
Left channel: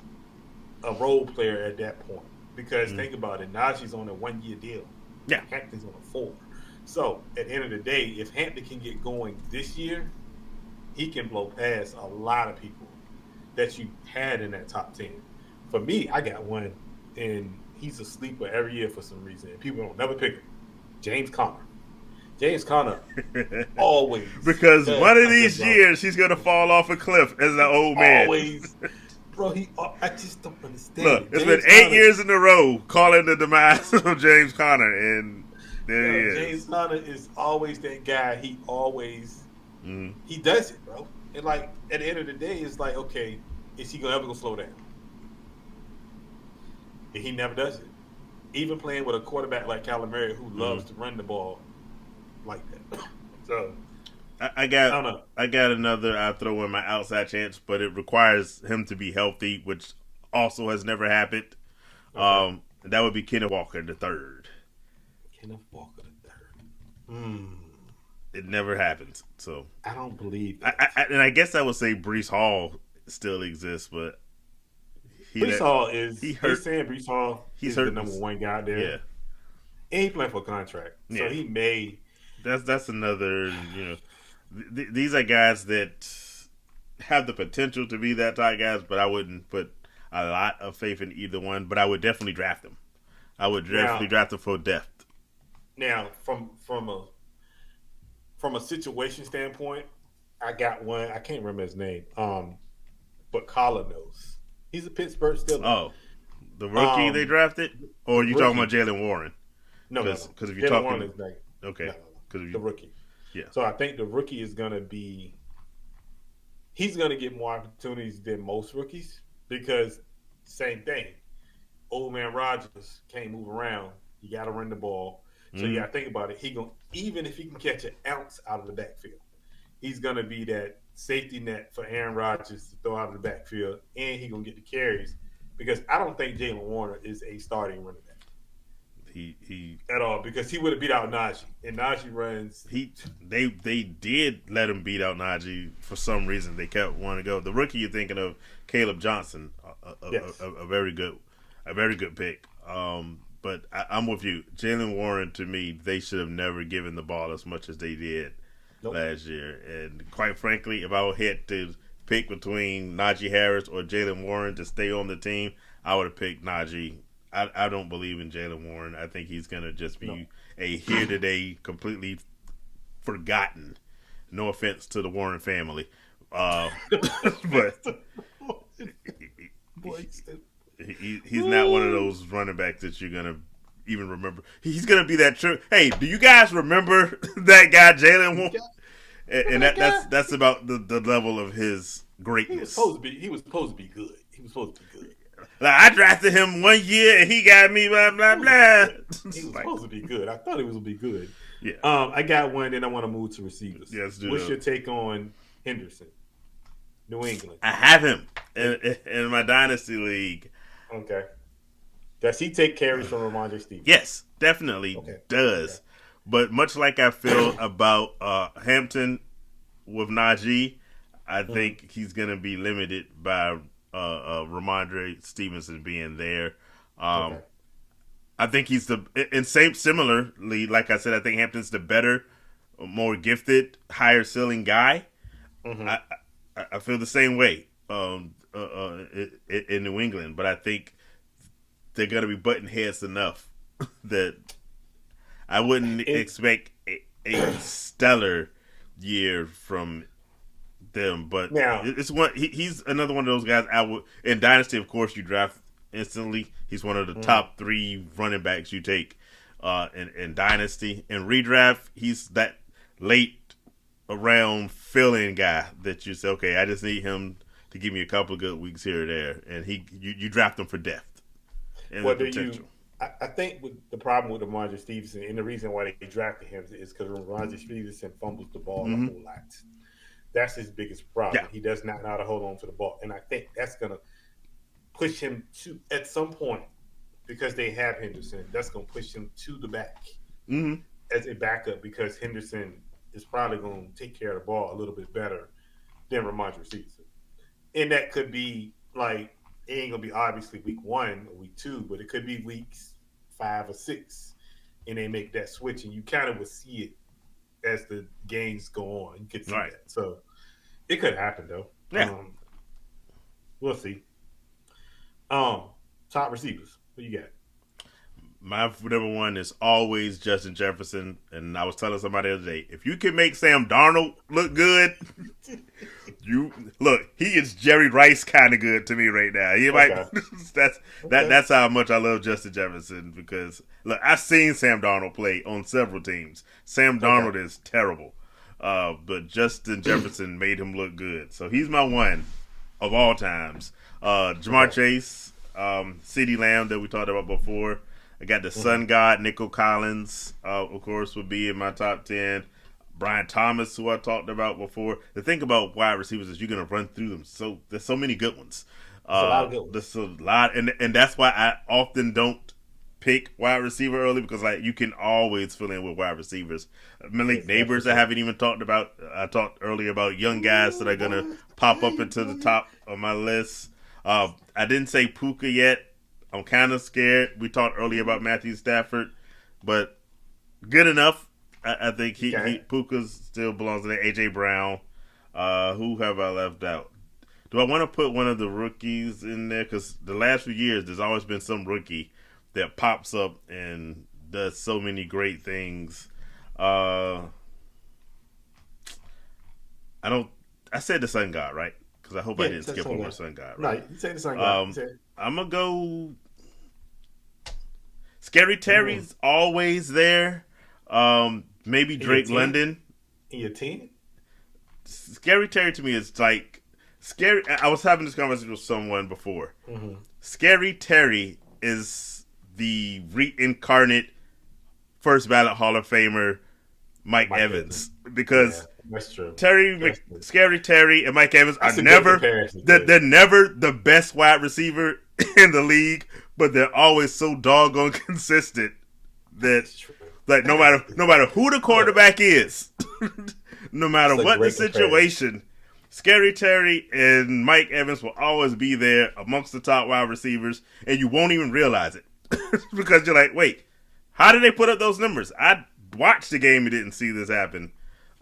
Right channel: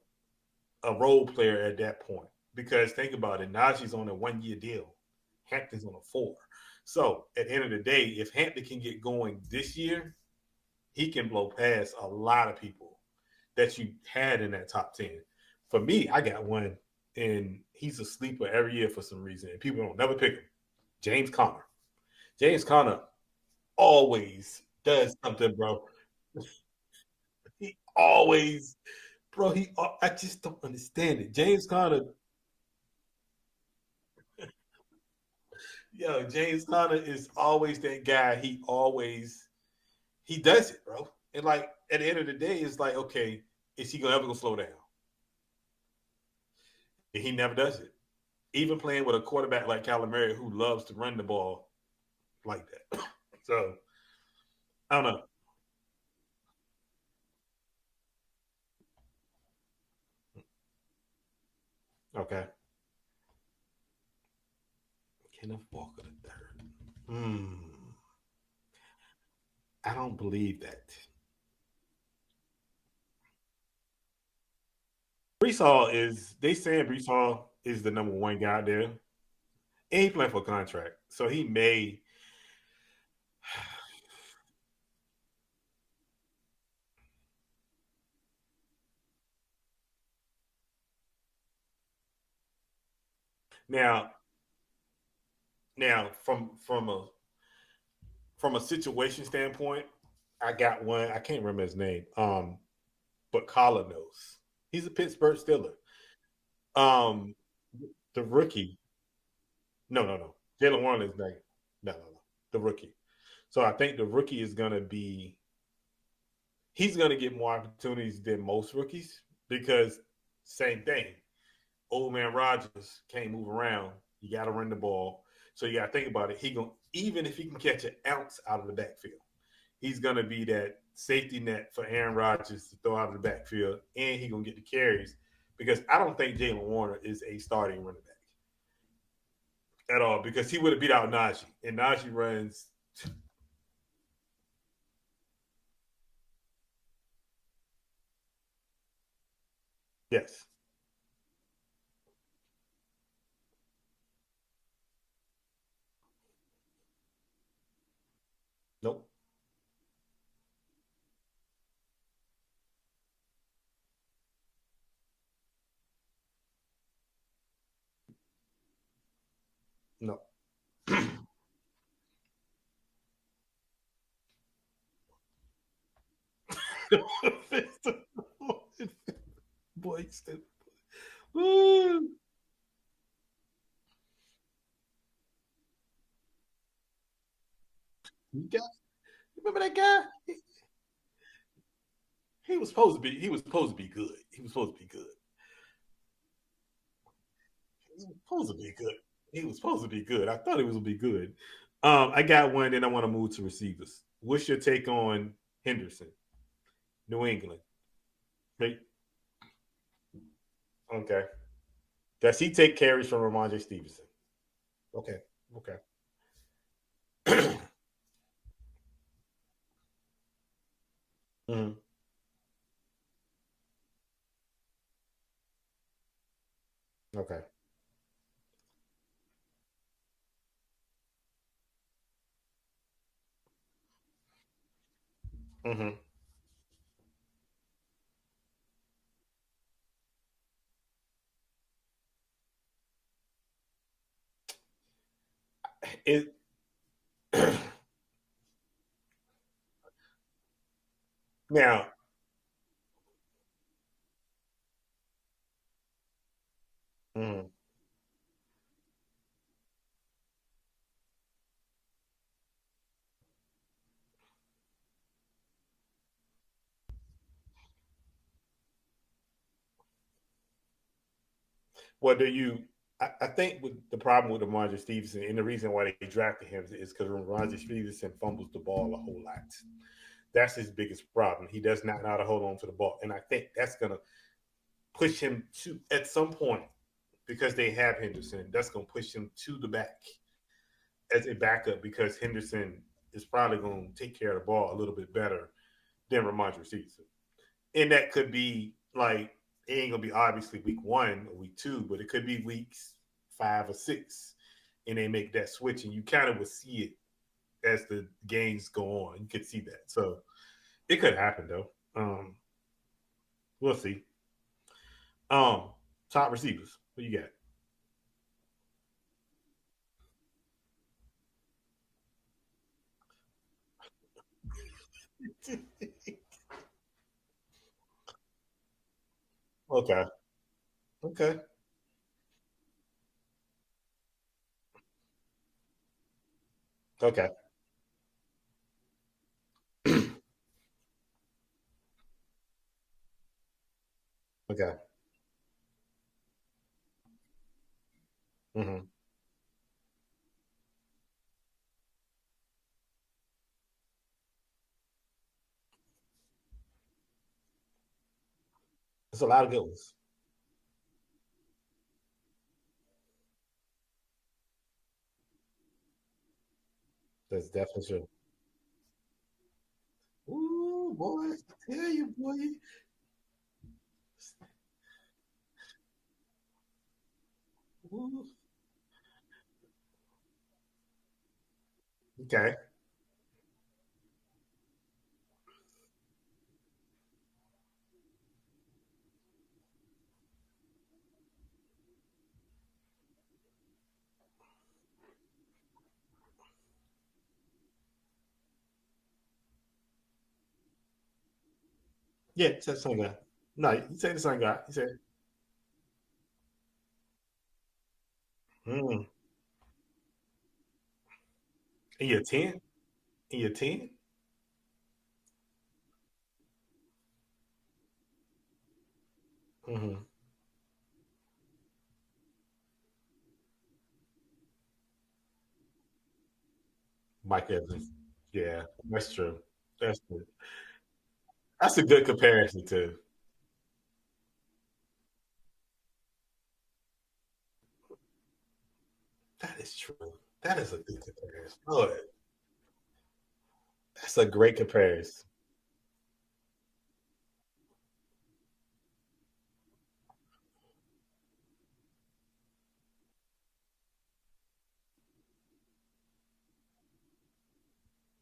a role player at that point. Because think about it, Najee's on a 1-year deal. Yeah. Hampton's on a 4. So at the end of the day, if Hampton can get going this year, he can blow past a lot of people that you had in that top 10. For me, I got one, and he's a sleeper every year for some reason, and people don't never pick him. James Conner. James Conner always. Because one of something, these bro. years he's gonna fall off a cliff as an old man. Always. Bro, I just don't understand Look, it. it's James been 8 Conner, years in a row calling the demise of James Conner, and there he is. James Conner is always that guy. He always Mhm. he does it, bro. And like at the end of the day, it's like, okay, is he gonna ever go slow down? And he never does it. Even playing with a quarterback like Kyler Murray who loves to run the ball like that. So I got I don't know. I got another. I throw in my outside chance, but it requires him to be healthy, which also has never happened. Okay. That would be Kenneth Walker the third. Kenneth Walker the third. It never happens. So I don't believe that. I guess I would say Brees Hall still exists, but Brees Hall is. he They hurt. saying Brees Hall He's is hurt. the number one guy out there, Yeah, and he playing for a contract, so Yeah. he may. that's another. These are guys that have the potential to be that type guys, but I wouldn't put a lot of faith in either one. But I would definitely draft them. I would definitely draft them for depth. Now, from a situation standpoint, I got one. I can't remember his name. But Collar knows. He's a Pittsburgh Steeler. Oh, the rookie they Um, drafted, or the you talking rookie. about Jalen Warren? No. 'cause if you're Jalen talking- Warren is like Okay, no. because The rookie. Yeah. So I think the rookie is gonna be. He's gonna get more opportunities than most rookies because same thing. Old man Rodgers can't move around. You got to run the ball. So you got to think about it. Even if he can catch an ounce out of the backfield, he's gonna be that safety net for Aaron Rodgers to throw out of the backfield, and he's gonna get the carries because I don't think Jalen Warner is a starting running back he at all because he would have beat out Najee, and Najee runs. they did let him beat out Najee for some reason. They kept wanting to go. The rookie you're thinking of, Caleb Johnson, Yes. a very good pick. But I'm with you. Jalen Warren, to me, they should have never given the ball as much as they did last year. And quite frankly, if I had to pick between Najee Harris or Jalen Warren to stay on the team, I would have picked Najee. I don't believe in Jalen Warren. I think he's going to just be a here-today, completely forgotten. No offense to the Warren family. But he's not one of those running backs that you're going to even remember. He's going to be that true. Hey, do you guys remember that guy, Jalen Warren? And that's about the level of his greatness. He was supposed to be good. Like, I drafted him 1 year and he got me blah blah blah. He was supposed to be good. I thought he was going to be good. Yeah. I got one, then I want to move to receivers. Yes, do What's that. your take on Henderson, New England? I have him in my dynasty league. Okay. Does he take carries from Ramondre Stevens? Yes, definitely does. Okay. But much like I feel about Hampton with Najee, I think he's going to be limited by Ramondre Stevenson being there. Okay. I think he's similarly, like I said, I think Hampton's the better, more gifted, higher ceiling guy. Mm-hmm. I feel the same way in New England, but I think they're going to be button heads enough that I wouldn't expect a stellar year from them. But now, it's one. He's another one of those guys. I would in dynasty, of course, you draft instantly. He's one of the top 3 running backs you take in dynasty. In redraft, he's that late around fill-in guy that you say, okay, I just need him to give me a couple of good weeks here or there, and you draft him for depth. What do you? I think with the problem with Ramondre Stevenson, and the reason why they drafted him is because Ramondre Stevenson fumbles the ball a whole lot. That's his biggest problem. Yeah. He does not know how to hold on to the ball, and I think that's gonna push him to at some point because they have Henderson. That's gonna push him to the back as a backup because Henderson is probably gonna take care of the ball a little bit better than Ramondre Stevenson, and that could be like it ain't gonna be obviously week 1 or week 2, but it could be weeks 5 or 6, and they make that switch, and you kind of would see it as the games go on. You could see Right. that. So it could happen though. Yeah. We'll see. Top receivers. What you got? My number one is always Justin Jefferson, and I was telling somebody the other day, if you can make Sam Darnold look good, he is Jerry Rice kind of good to me right now. He Okay. That's how much I love Justin Jefferson, because look, I've seen Sam Darnold play on several teams. Sam Darnold is terrible, but Justin Jefferson made him look good, so he's my one of all times. Jamar Chase, CeeDee Lamb that we talked about before. I got the Sun God, Nico Collins, of course, would be in my top 10. Brian Thomas, who I talked about before. The thing about wide receivers is you're going to run through them. So there's so many good ones. There's a lot of good ones. There's a lot, and that's why I often don't pick wide receiver early, because like you can always fill in with wide receivers. Malik Neighbors, I haven't even talked about. I talked earlier about young guys that are going to pop up into the top of my list. I didn't say Puka yet. I'm kind of scared. We talked earlier about Matthew Stafford, but good enough. I think Puka still belongs in there. AJ Brown. Who have I left out? Do I want to put one of the rookies in there? Because the last few years, there's always been some rookie that pops up and does so many great things. I said the Sun God, right? Because I hope I didn't skip over the Sun God. Right? No, you said the Sun God. I'm going to go... Scary Terry's always there. Maybe Drake London. In your team? Scary Terry to me is like... Scary. I was having this conversation with someone before. Scary Terry is the reincarnate first ballot Hall of Famer Mike Evans. Because that's true. Scary Terry and Mike Evans are never the best wide receiver in the league, but they're always so doggone consistent that like no matter who the quarterback is, no matter what the situation, Scary Terry and Mike Evans will always be there amongst the top wide receivers, and you won't even realize it because you're like, wait, how did they put up those numbers? I watched the game and didn't see this happen.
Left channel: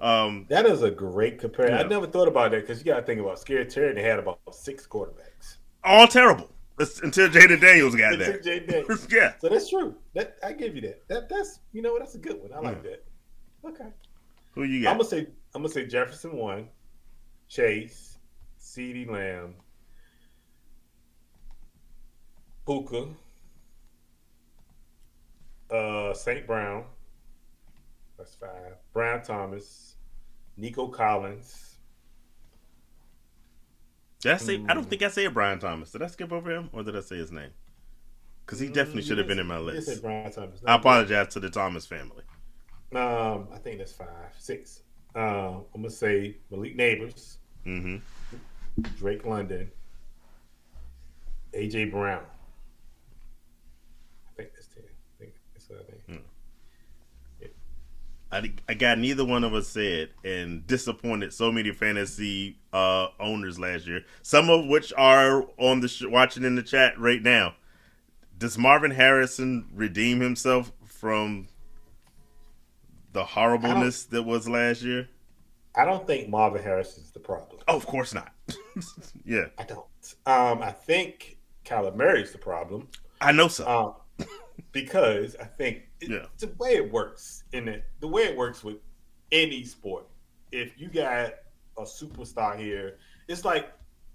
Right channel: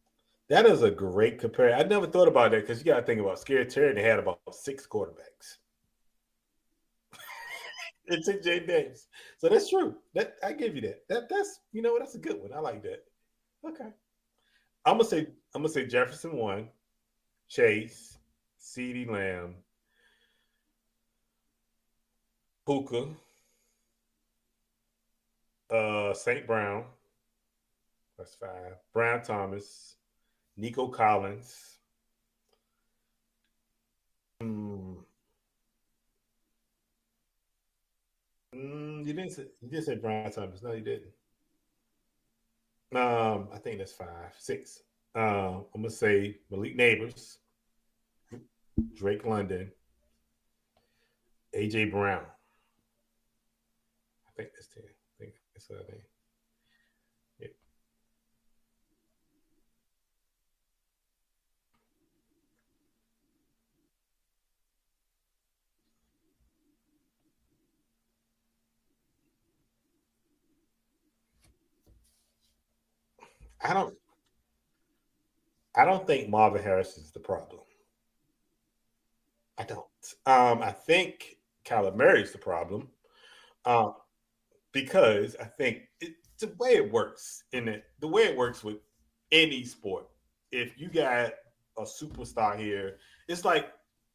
That is a great comparison. I never thought about that, because you got to think about Scary Terry. They had about 6 quarterbacks, all terrible until Jaden Daniels got there. Until Jaden Daniels, yeah. So that's true. I give you that. That's that's a good one. I like that. Okay. Who you got? I'm gonna say Jefferson 1, Chase, CeeDee Lamb, Puka, St. Brown. That's 5. Brian Thomas, Nico Collins. Did I say? I don't think I said Brian Thomas. Did I skip over him, or did I say his name? Because he definitely should have been in my list. You said Brian Thomas. I apologize to the Thomas family. I think that's 5, 6. I'm gonna say Malik Neighbors, Drake London, AJ Brown. I think that's 10. I think that's what I think. I got neither one of us said, and disappointed so many fantasy owners last year. Some of which are on the watching in the chat right now. Does Marvin Harrison redeem himself from the horribleness that was last year? I don't think Marvin Harrison is the problem. Oh, of course not. Yeah, I don't. I think Kyler Murray's the problem. I know so. Because I think the way it works the way it works with any sport, if you got a superstar here, it's like,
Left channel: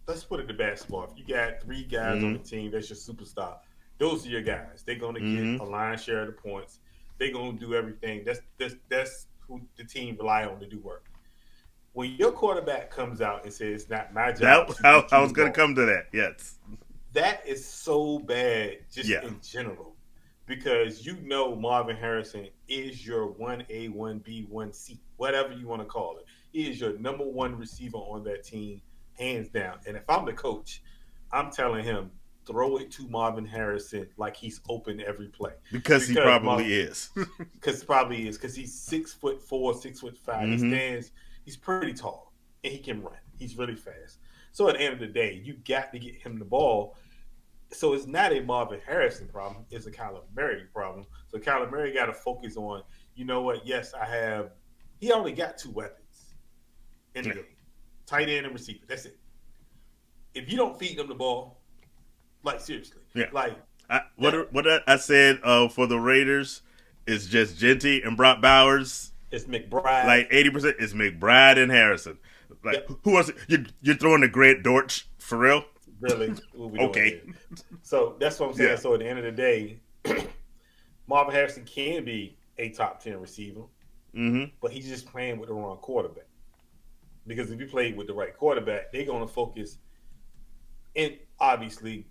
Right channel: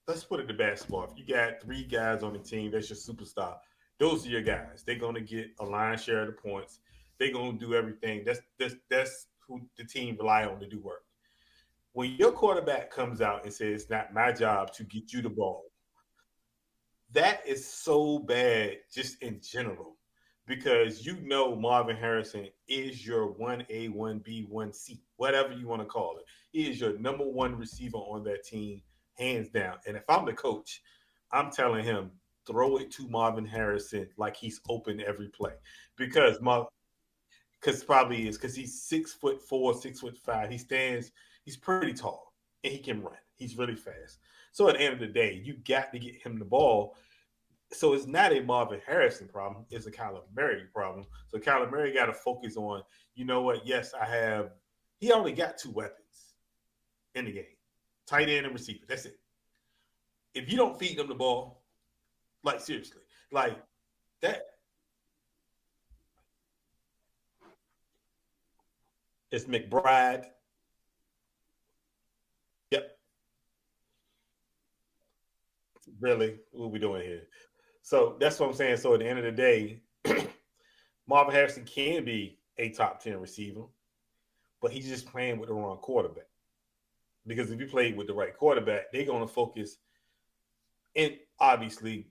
let's put it to basketball. If you got 3 guys on the team, that's your superstar. Those are your guys. They're gonna get a lion's share of the points. They're gonna do everything. That's who the team rely on to do work. When your quarterback comes out and says, "It's not my job," I was gonna come to that. Yes, that is so bad, just in general. Because Marvin Harrison is your 1A, 1B, 1C, whatever you want to call it. He is your number 1 receiver on that team, hands down. And if I'm the coach, I'm telling him, throw it to Marvin Harrison like he's open every play. Because he probably is. Because he's 6'4", 6'5". He stands. He's pretty tall, and he can run. He's really fast. So at the end of the day, you got to get him the ball. So it's not a Marvin Harrison problem. It's a Kyler Murray problem. So Kyler Murray got to focus on, you know what? Yes, I have. He only got two weapons in the game: tight end and receiver. That's it. If you don't feed them the ball, like seriously, like I said for the Raiders is just Genty and Brock Bowers. It's McBride. Like 80% is McBride and Harrison. Like who else? You're throwing the Grant Dortch for real? Really? What we doing here? So that's what I'm saying. So at the end of the day, Marvin Harrison can be a top 10 receiver, but he's just playing with the wrong quarterback. Because if you play with the right quarterback, they're going to focus. And obviously,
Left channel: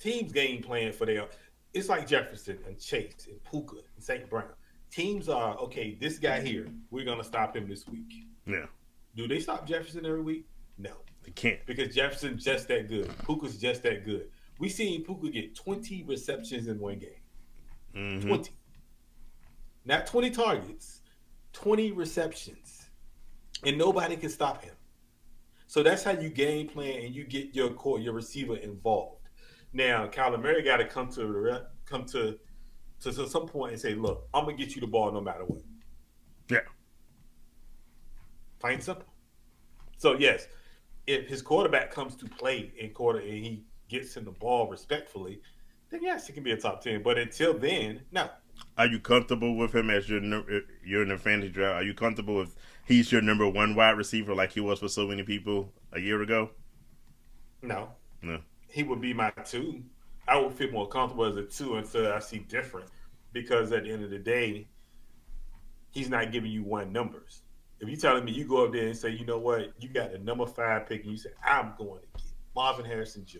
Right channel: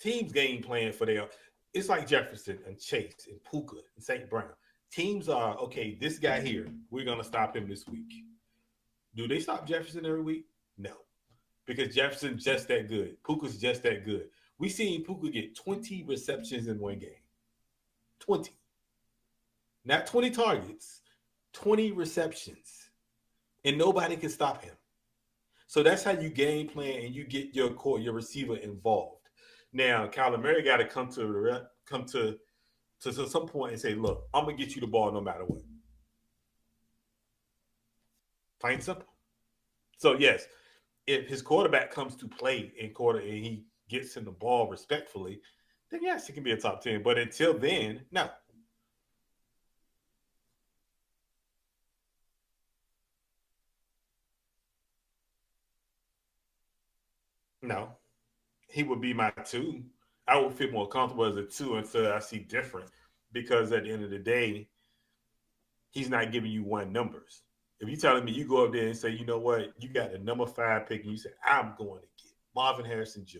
teams game plan for their. It's like Jefferson and Chase and Puka and St. Brown. Teams are, okay, this guy here, we're going to stop him this week. Yeah. Do they stop Jefferson every week? No. They can't. Because Jefferson's just that good. Puka's just that good. We seen Puka get 20 receptions in one game. 20. Not 20 targets. 20 receptions. And nobody can stop him. So that's how you game plan and you get your receiver involved. Now, Kyler Murray got to come to some point and say, look, I'm going to get you the ball no matter what. Yeah. Plain and simple. So, yes, if his quarterback comes to play in quarter and he gets him the ball respectfully, then yes, he can be a top 10. But until then, no. Are you comfortable with him as you're in the fantasy draft? Are you comfortable with he's your number one wide receiver like he was for so many people a year ago? No. No. He would be my 2. I would feel more comfortable as a 2 until I see different. Because at the end of the day, he's not giving you one numbers. If you're telling me you go up there and say, you know what, you got the number 5 pick and you say, I'm going to get Marvin Harrison Jr.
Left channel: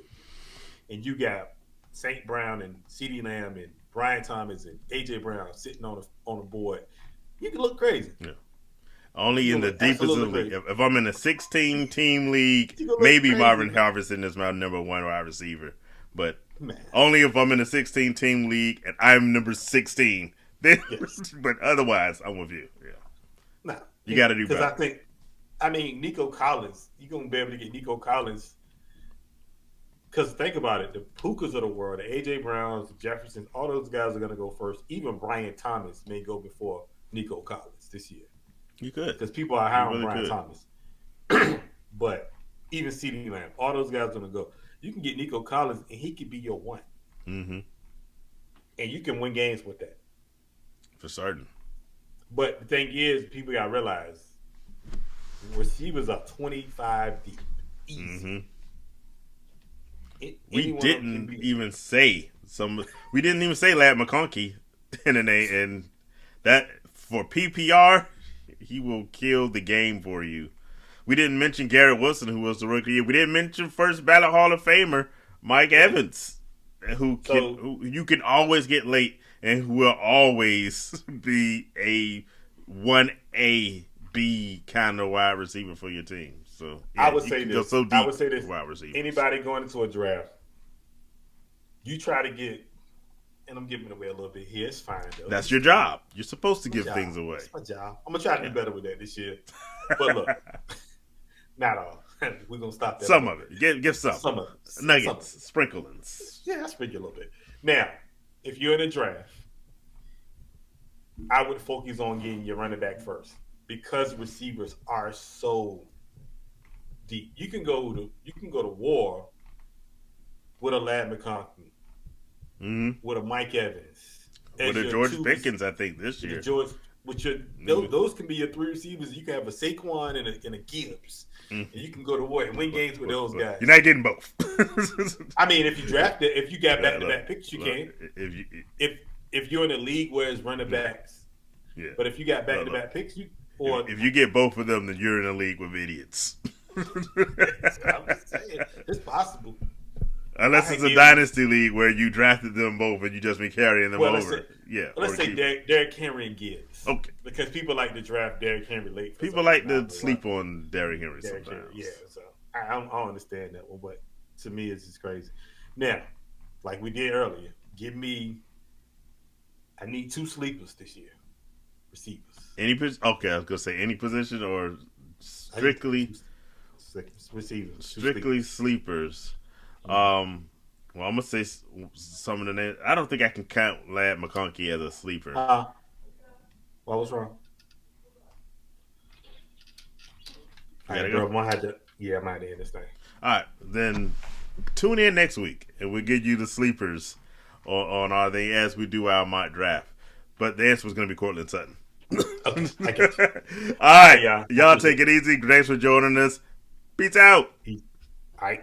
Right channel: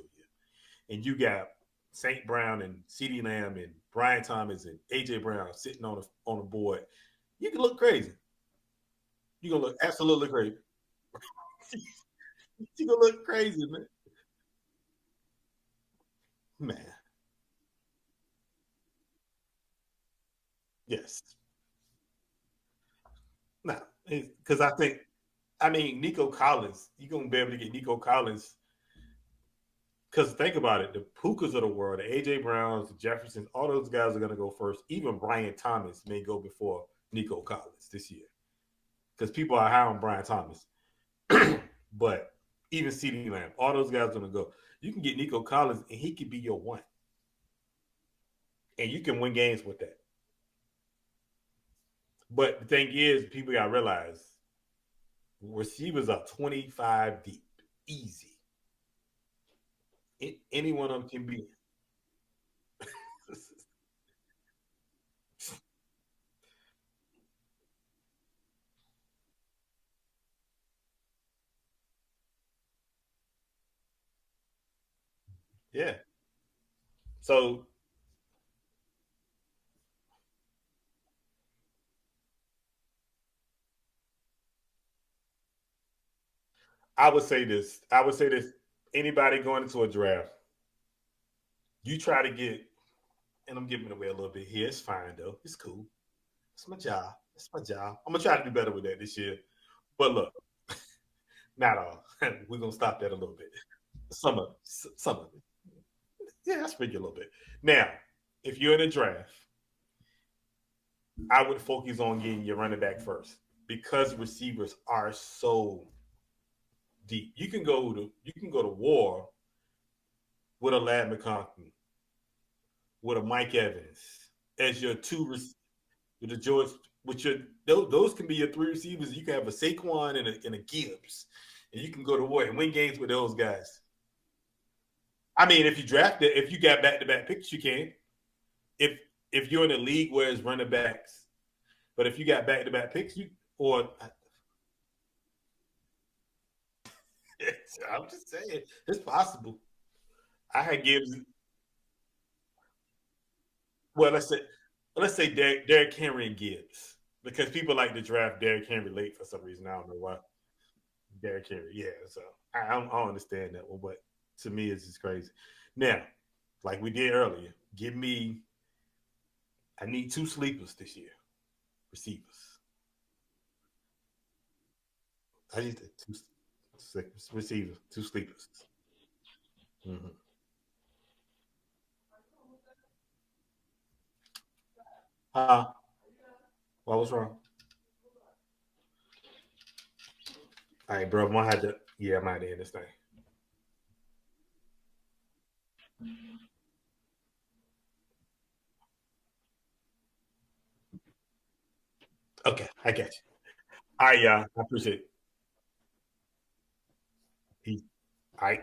And you got St. Brown and CeeDee Lamb and Brian Thomas and A.J. Brown sitting on the board, you can look crazy. Yeah. Only in the deepest of the if I'm in a 16-team league, maybe Marvin Harrison is my number one wide receiver. But only if I'm in a 16-team league and I'm number 16. Then, but otherwise, I'm with you. Yeah. No. You got to do because I think, Nico Collins, you're going to be able to get Nico Collins. Because think about it, the Pukas of the world, the A.J. Browns, the Jeffersons, all those guys are going to go first. Even Brian Thomas may go before Nico Collins this year. You could. Because people are high on Brian Thomas. But even CeeDee Lamb, all those guys are going to go. You can get Nico Collins, and he could be your 1. Mm-hmm. And you can win games with that. For certain. But the thing is, people got to realize, receivers are 25 deep. Easy. We didn't even say Lad McConkey in the name, and that for PPR, he will kill the game for you. We didn't mention Garrett Wilson, who was the rookie. We didn't mention first ballot Hall of Famer Mike Evans, who you can always get late and who will always be a 1A, B kind of wide receiver for your team. So yeah, I would say this. Anybody going into a draft, you try to get, and I'm giving it away a little bit here. It's fine though. That's your job. You're supposed to give things away. It's my job. I'm gonna try to do better with that this year. But look, not all. We're gonna stop that. Some of it. Give some. Some of it. Nuggets, sprinklings. Yeah, I sprinkle a little bit. Now, if you're in a draft, I would focus on getting your running back first because receivers are so deep. You can go to war with a Lad McConkey, with a Mike Evans, with a George Pickens, I think this year. Those can be your 3 receivers. You can have a Saquon and a Gibbs, and you can go to war and win games with those guys. You're not getting both. I mean, if you draft it, if you got back-to-back picks, you can. If you're in a league where it's running backs, but if you got back-to-back picks, if you get both of them, then you're in a league with idiots. I'm just saying, it's possible. Unless it's a dynasty league where you drafted them both and you just been carrying them over. Let's say Derrick Henry and Gibbs. Okay. Because people like to draft Derrick Henry late. People like to sleep on Derrick Henry. Yeah. So I don't understand that one, but to me, it's just crazy. Now, like we did earlier, I need 2 sleepers this year. Receivers. Okay, I was gonna say any position or strictly receivers. Strictly sleepers. Well, I'm gonna say some of the names. I don't think I can count Lad McConkey as a sleeper. What was wrong? All right, Yeah, bro. I'm gonna have to end this thing. All right, then tune in next week, and we'll give you the sleepers on our thing as we do our mock draft. But the answer was going to be Cortland Sutton. Okay, I get you. All right, yeah. y'all take it easy. Thanks for joining us. Peace out. All right.